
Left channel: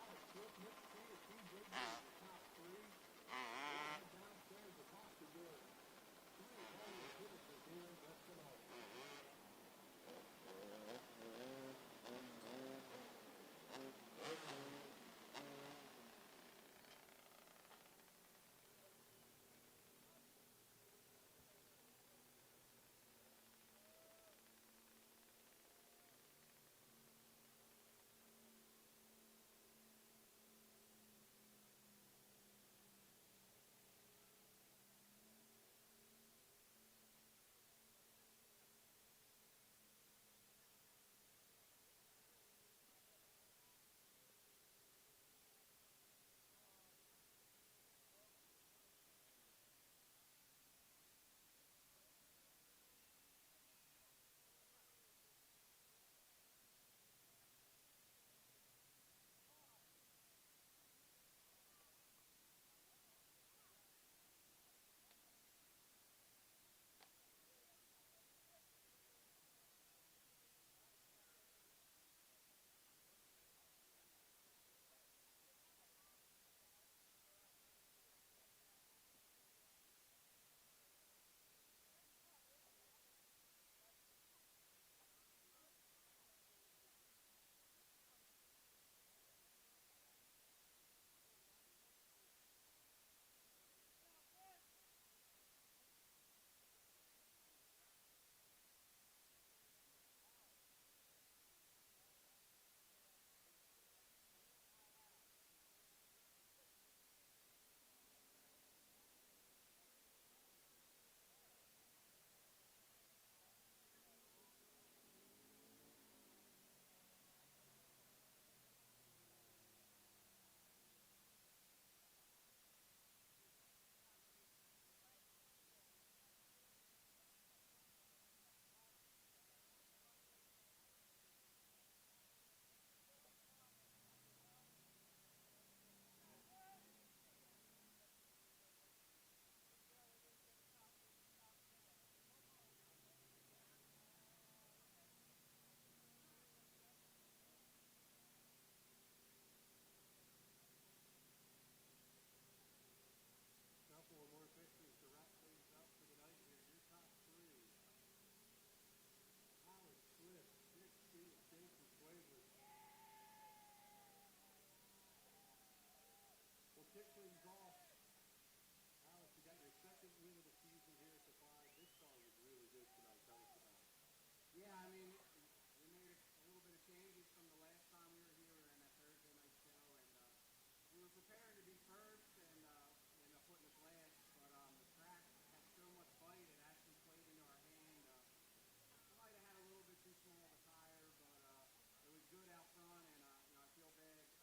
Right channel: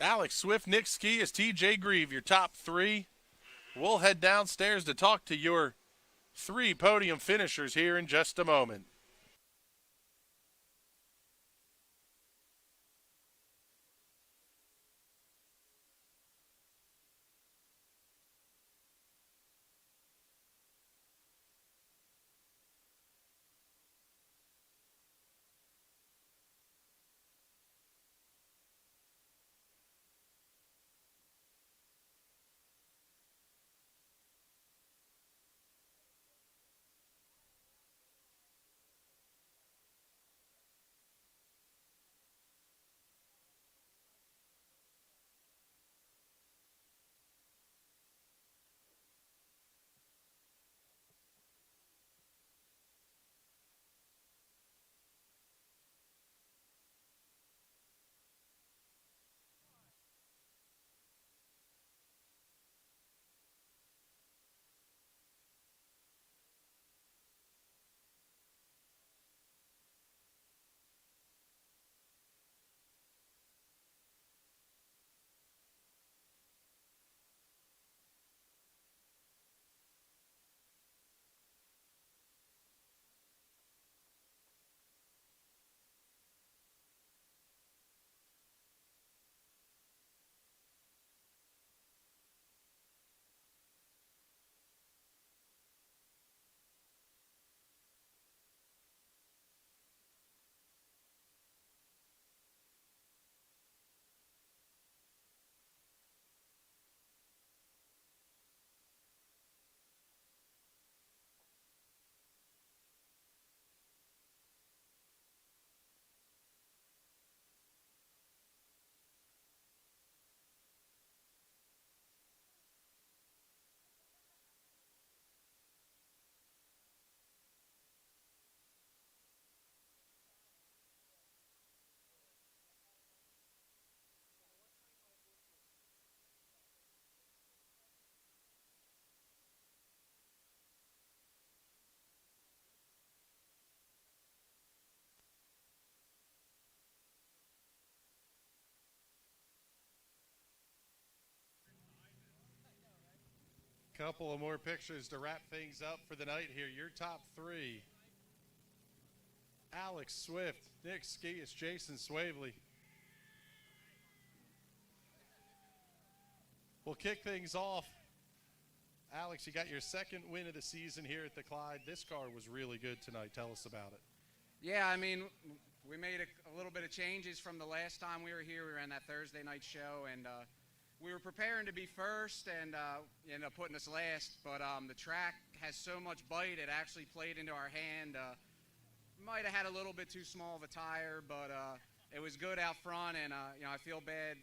Alex Swift, Nick Skias, TJ Grieve, your top 3. We'll head downstairs to talk to your 3 podium finishers here in just a moment. Couple of more pictures to wrap things up for the night here. Your top 3. Alex Swift, Nick Skias, Jason Swavely. We'll kick things off. Alex, you got your 2nd win of the season here at the Clyde. This car was really good tonight. Tell us about it. Yeah, I mean, we made a little bit of changes from the last time we were here. We were on that Thursday night show, and we were preparing to be first and ended up putting us last, but the track has so much bite, it actually played into our hand. Might have had a little bit too small of a tire, but it was good out front, and I feel bad.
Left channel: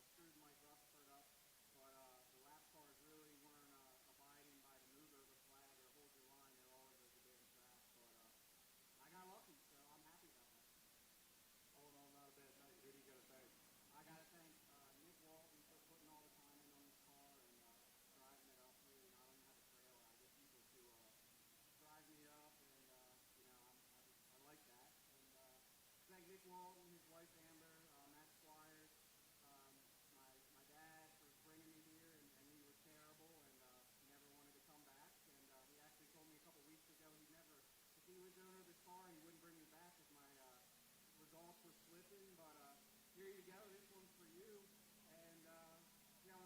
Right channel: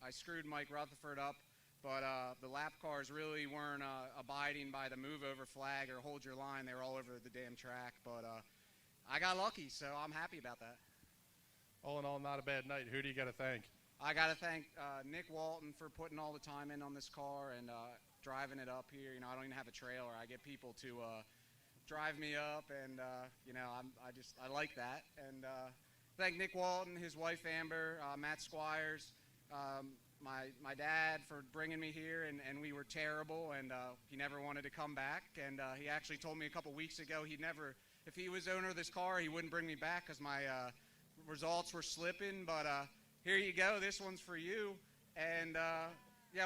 I screwed Mike Rutherford up, but the lap cars really weren't abiding by the move over flag or hold your line. They were all over the damn track, but I got lucky, so I'm happy about that. All in all, not a bad night. Who do you got to thank? I got to thank Nick Walton for putting all the time in on this car and driving it up here. I don't even have a trailer. I get people to drive me up, and I like that. And thank Nick Walton, his wife Amber, Matt Squires, my dad for bringing me here, and we were terrible, and he never wanted to come back. And he actually told me a couple weeks ago if he was owner of this car, he wouldn't bring me back because my results were slipping, but here you go. This one's for you. And I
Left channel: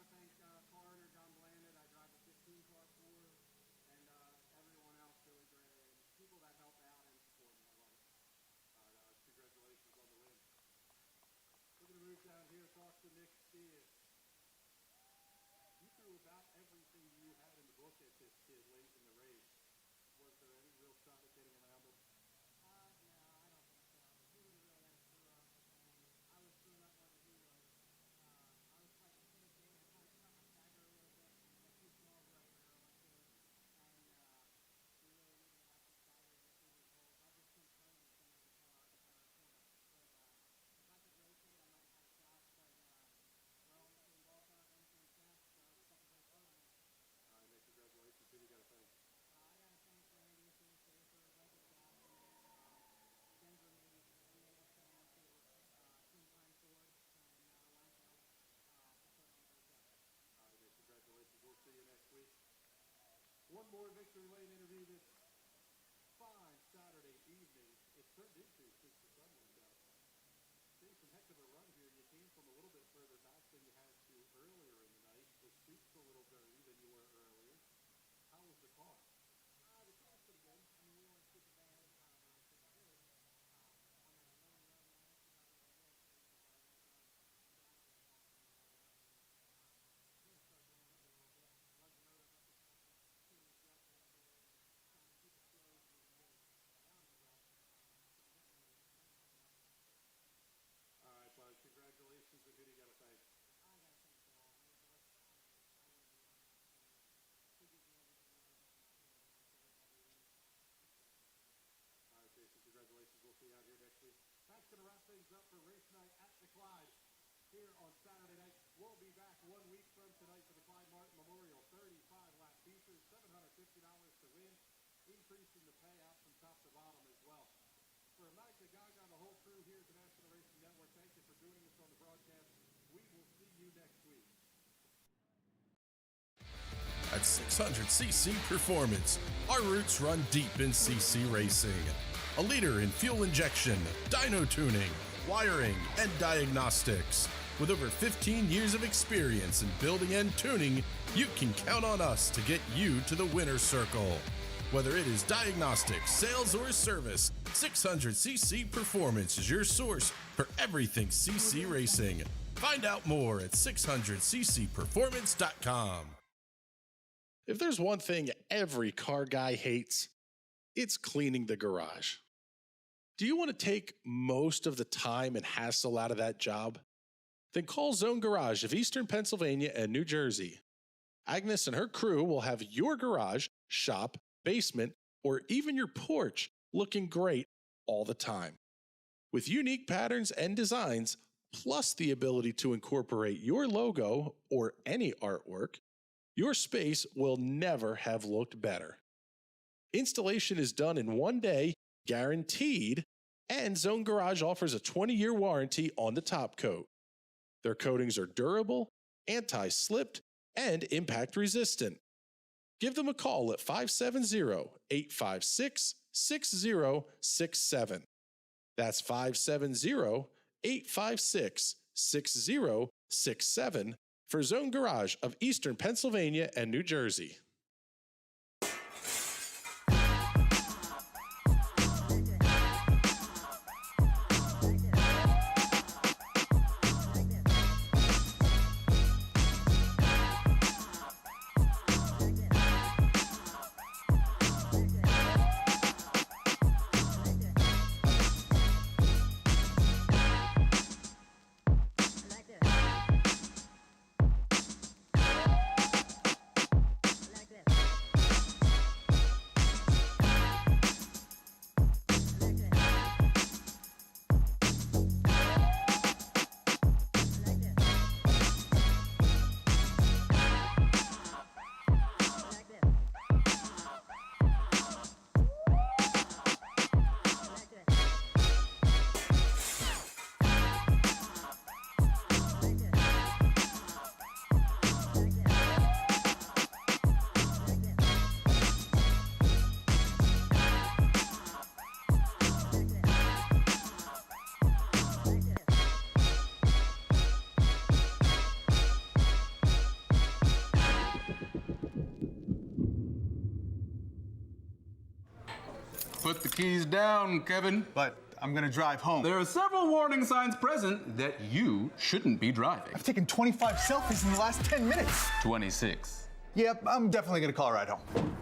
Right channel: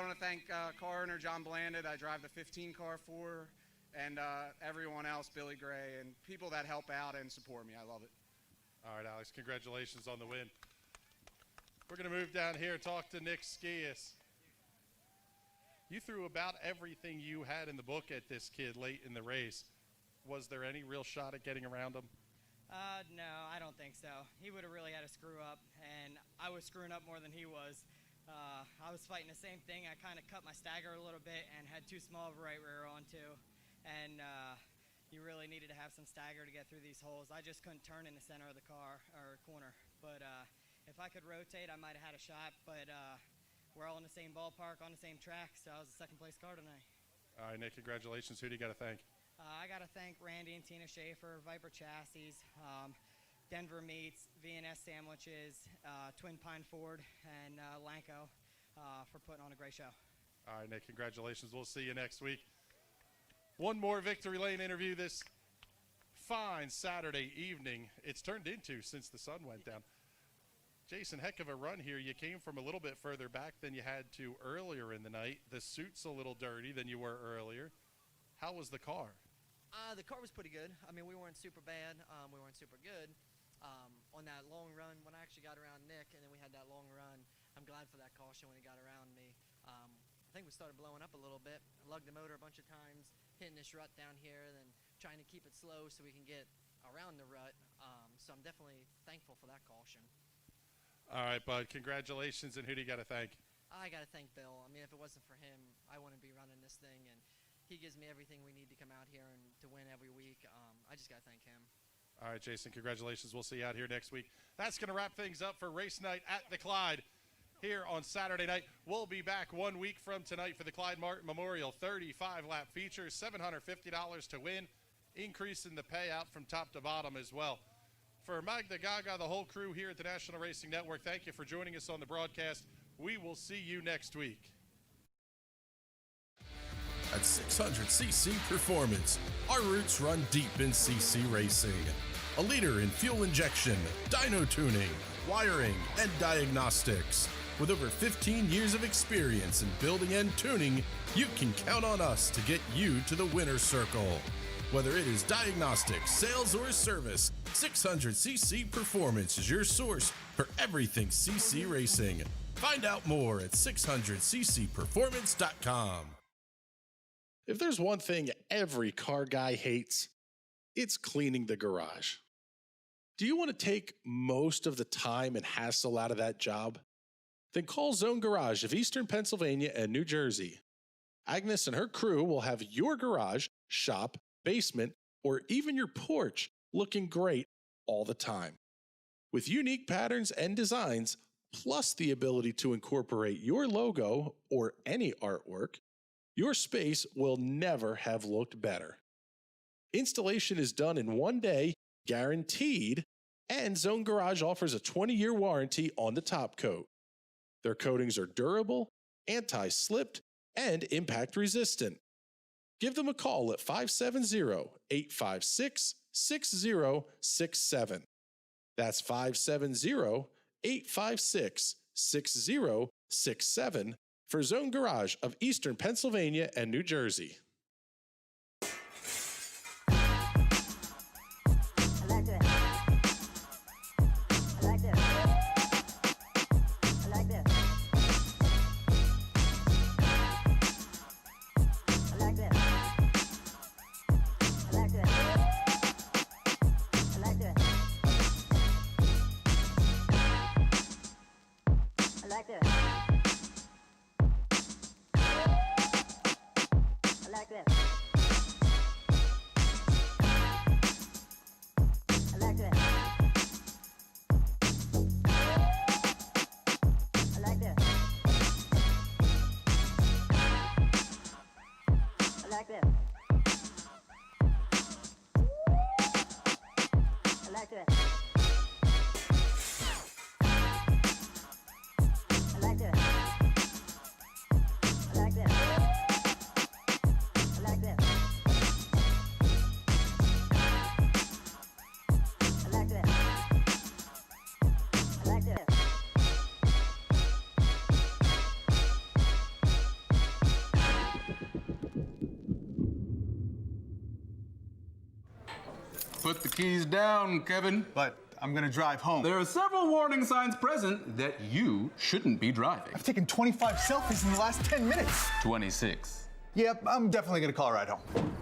want to thank car owner John Blanded. I drive the 15 car for, and everyone else, Billy Gray, and people that help out and support me. I love it. All right, Alex, congratulations on the win. We're going to move down here and talk to Nick Skias. You threw about everything you had in the book at this kid late in the race. Was there any real shot at getting around him? No, I don't think so. He would have really had to screw up, and I was screwing up more than he was. I was fighting the same thing. I kind of cut my stagger a little bit and had too small of a right rear on too. And you really needed to have some stagger to get through these holes. I just couldn't turn in the center of the car or corner. But if I could rotate, I might have had a shot. But we're all in the same ballpark, on the same track, so I was a second-place car tonight. All right, Nick, congratulations. Who do you got to thank? I got to thank Randy and Tina Schaefer, Viper Chassis, Denver Meats, V&S Sandwiches, Twin Pine Ford, and Lanco for putting on a great show. All right, Nick, congratulations. We'll see you next week. One more Victory Lane interview this fine Saturday evening. It's turned into since the sun went down. Jason, heck of a run here. You came from a little bit further back than you had to earlier in the night. The suit's a little dirty than you were earlier. How was the car? The car was pretty good. I mean, we weren't super bad. We weren't super good. On that long run, when I actually got around Nick, and then we had that long run, I'm glad for that caution when he got around me. I think we started blowing up a little bit. I lugged the motor a bunch of times, hitting this rut down here, then trying to keep it slow so we can get around the rut. So I'm definitely thankful for that caution. All right, bud, congratulations, and who do you got to thank? I got to thank Bill. I mean, if it wasn't for him, I wouldn't be running this thing, and he gives me everything we need to come out here and to win every week. I just got to thank him. All right, Jason, congratulations. We'll see you out here next week. That's going to wrap things up for race night at the Clyde here on Saturday night. We'll be back 1 week from tonight for the Clyde Martin Memorial 35-lap feature, $750 to win, increase in the payout from top to bottom as well. For Magda Gaga, the whole crew here at the National Racing Network, thank you for joining us on the broadcast. We will see you next week. At 600cc Performance, our roots run deep in CC racing. A leader in fuel injection, dyno tuning, wiring, and diagnostics. With over 15 years of experience in building and tuning, you can count on us to get you to the winner's circle. Whether it is diagnostics, sales, or service, 600cc Performance is your source for everything CC racing. Find out more at 600ccperformance.com. If there's one thing every car guy hates, it's cleaning the garage. Do you want to take most of the time and hassle out of that job? Then call Zone Garage of Eastern Pennsylvania and New Jersey. Agnes and her crew will have your garage, shop, basement, or even your porch looking great all the time. With unique patterns and designs, plus the ability to incorporate your logo or any artwork, your space will never have looked better. Installation is done in 1 day, guaranteed, and Zone Garage offers a 20-year warranty on the top coat. Their coatings are durable, anti-slipped, and impact resistant. Give them a call at 570-856-6067. That's 570-856-6067 for Zone Garage of Eastern Pennsylvania and New Jersey. Put the keys down, Kevin. But I'm gonna drive home. There are several warning signs present that you shouldn't be driving. I've taken 25 selfies in the last 10 minutes. 26. Yep, I'm definitely gonna call a ride home.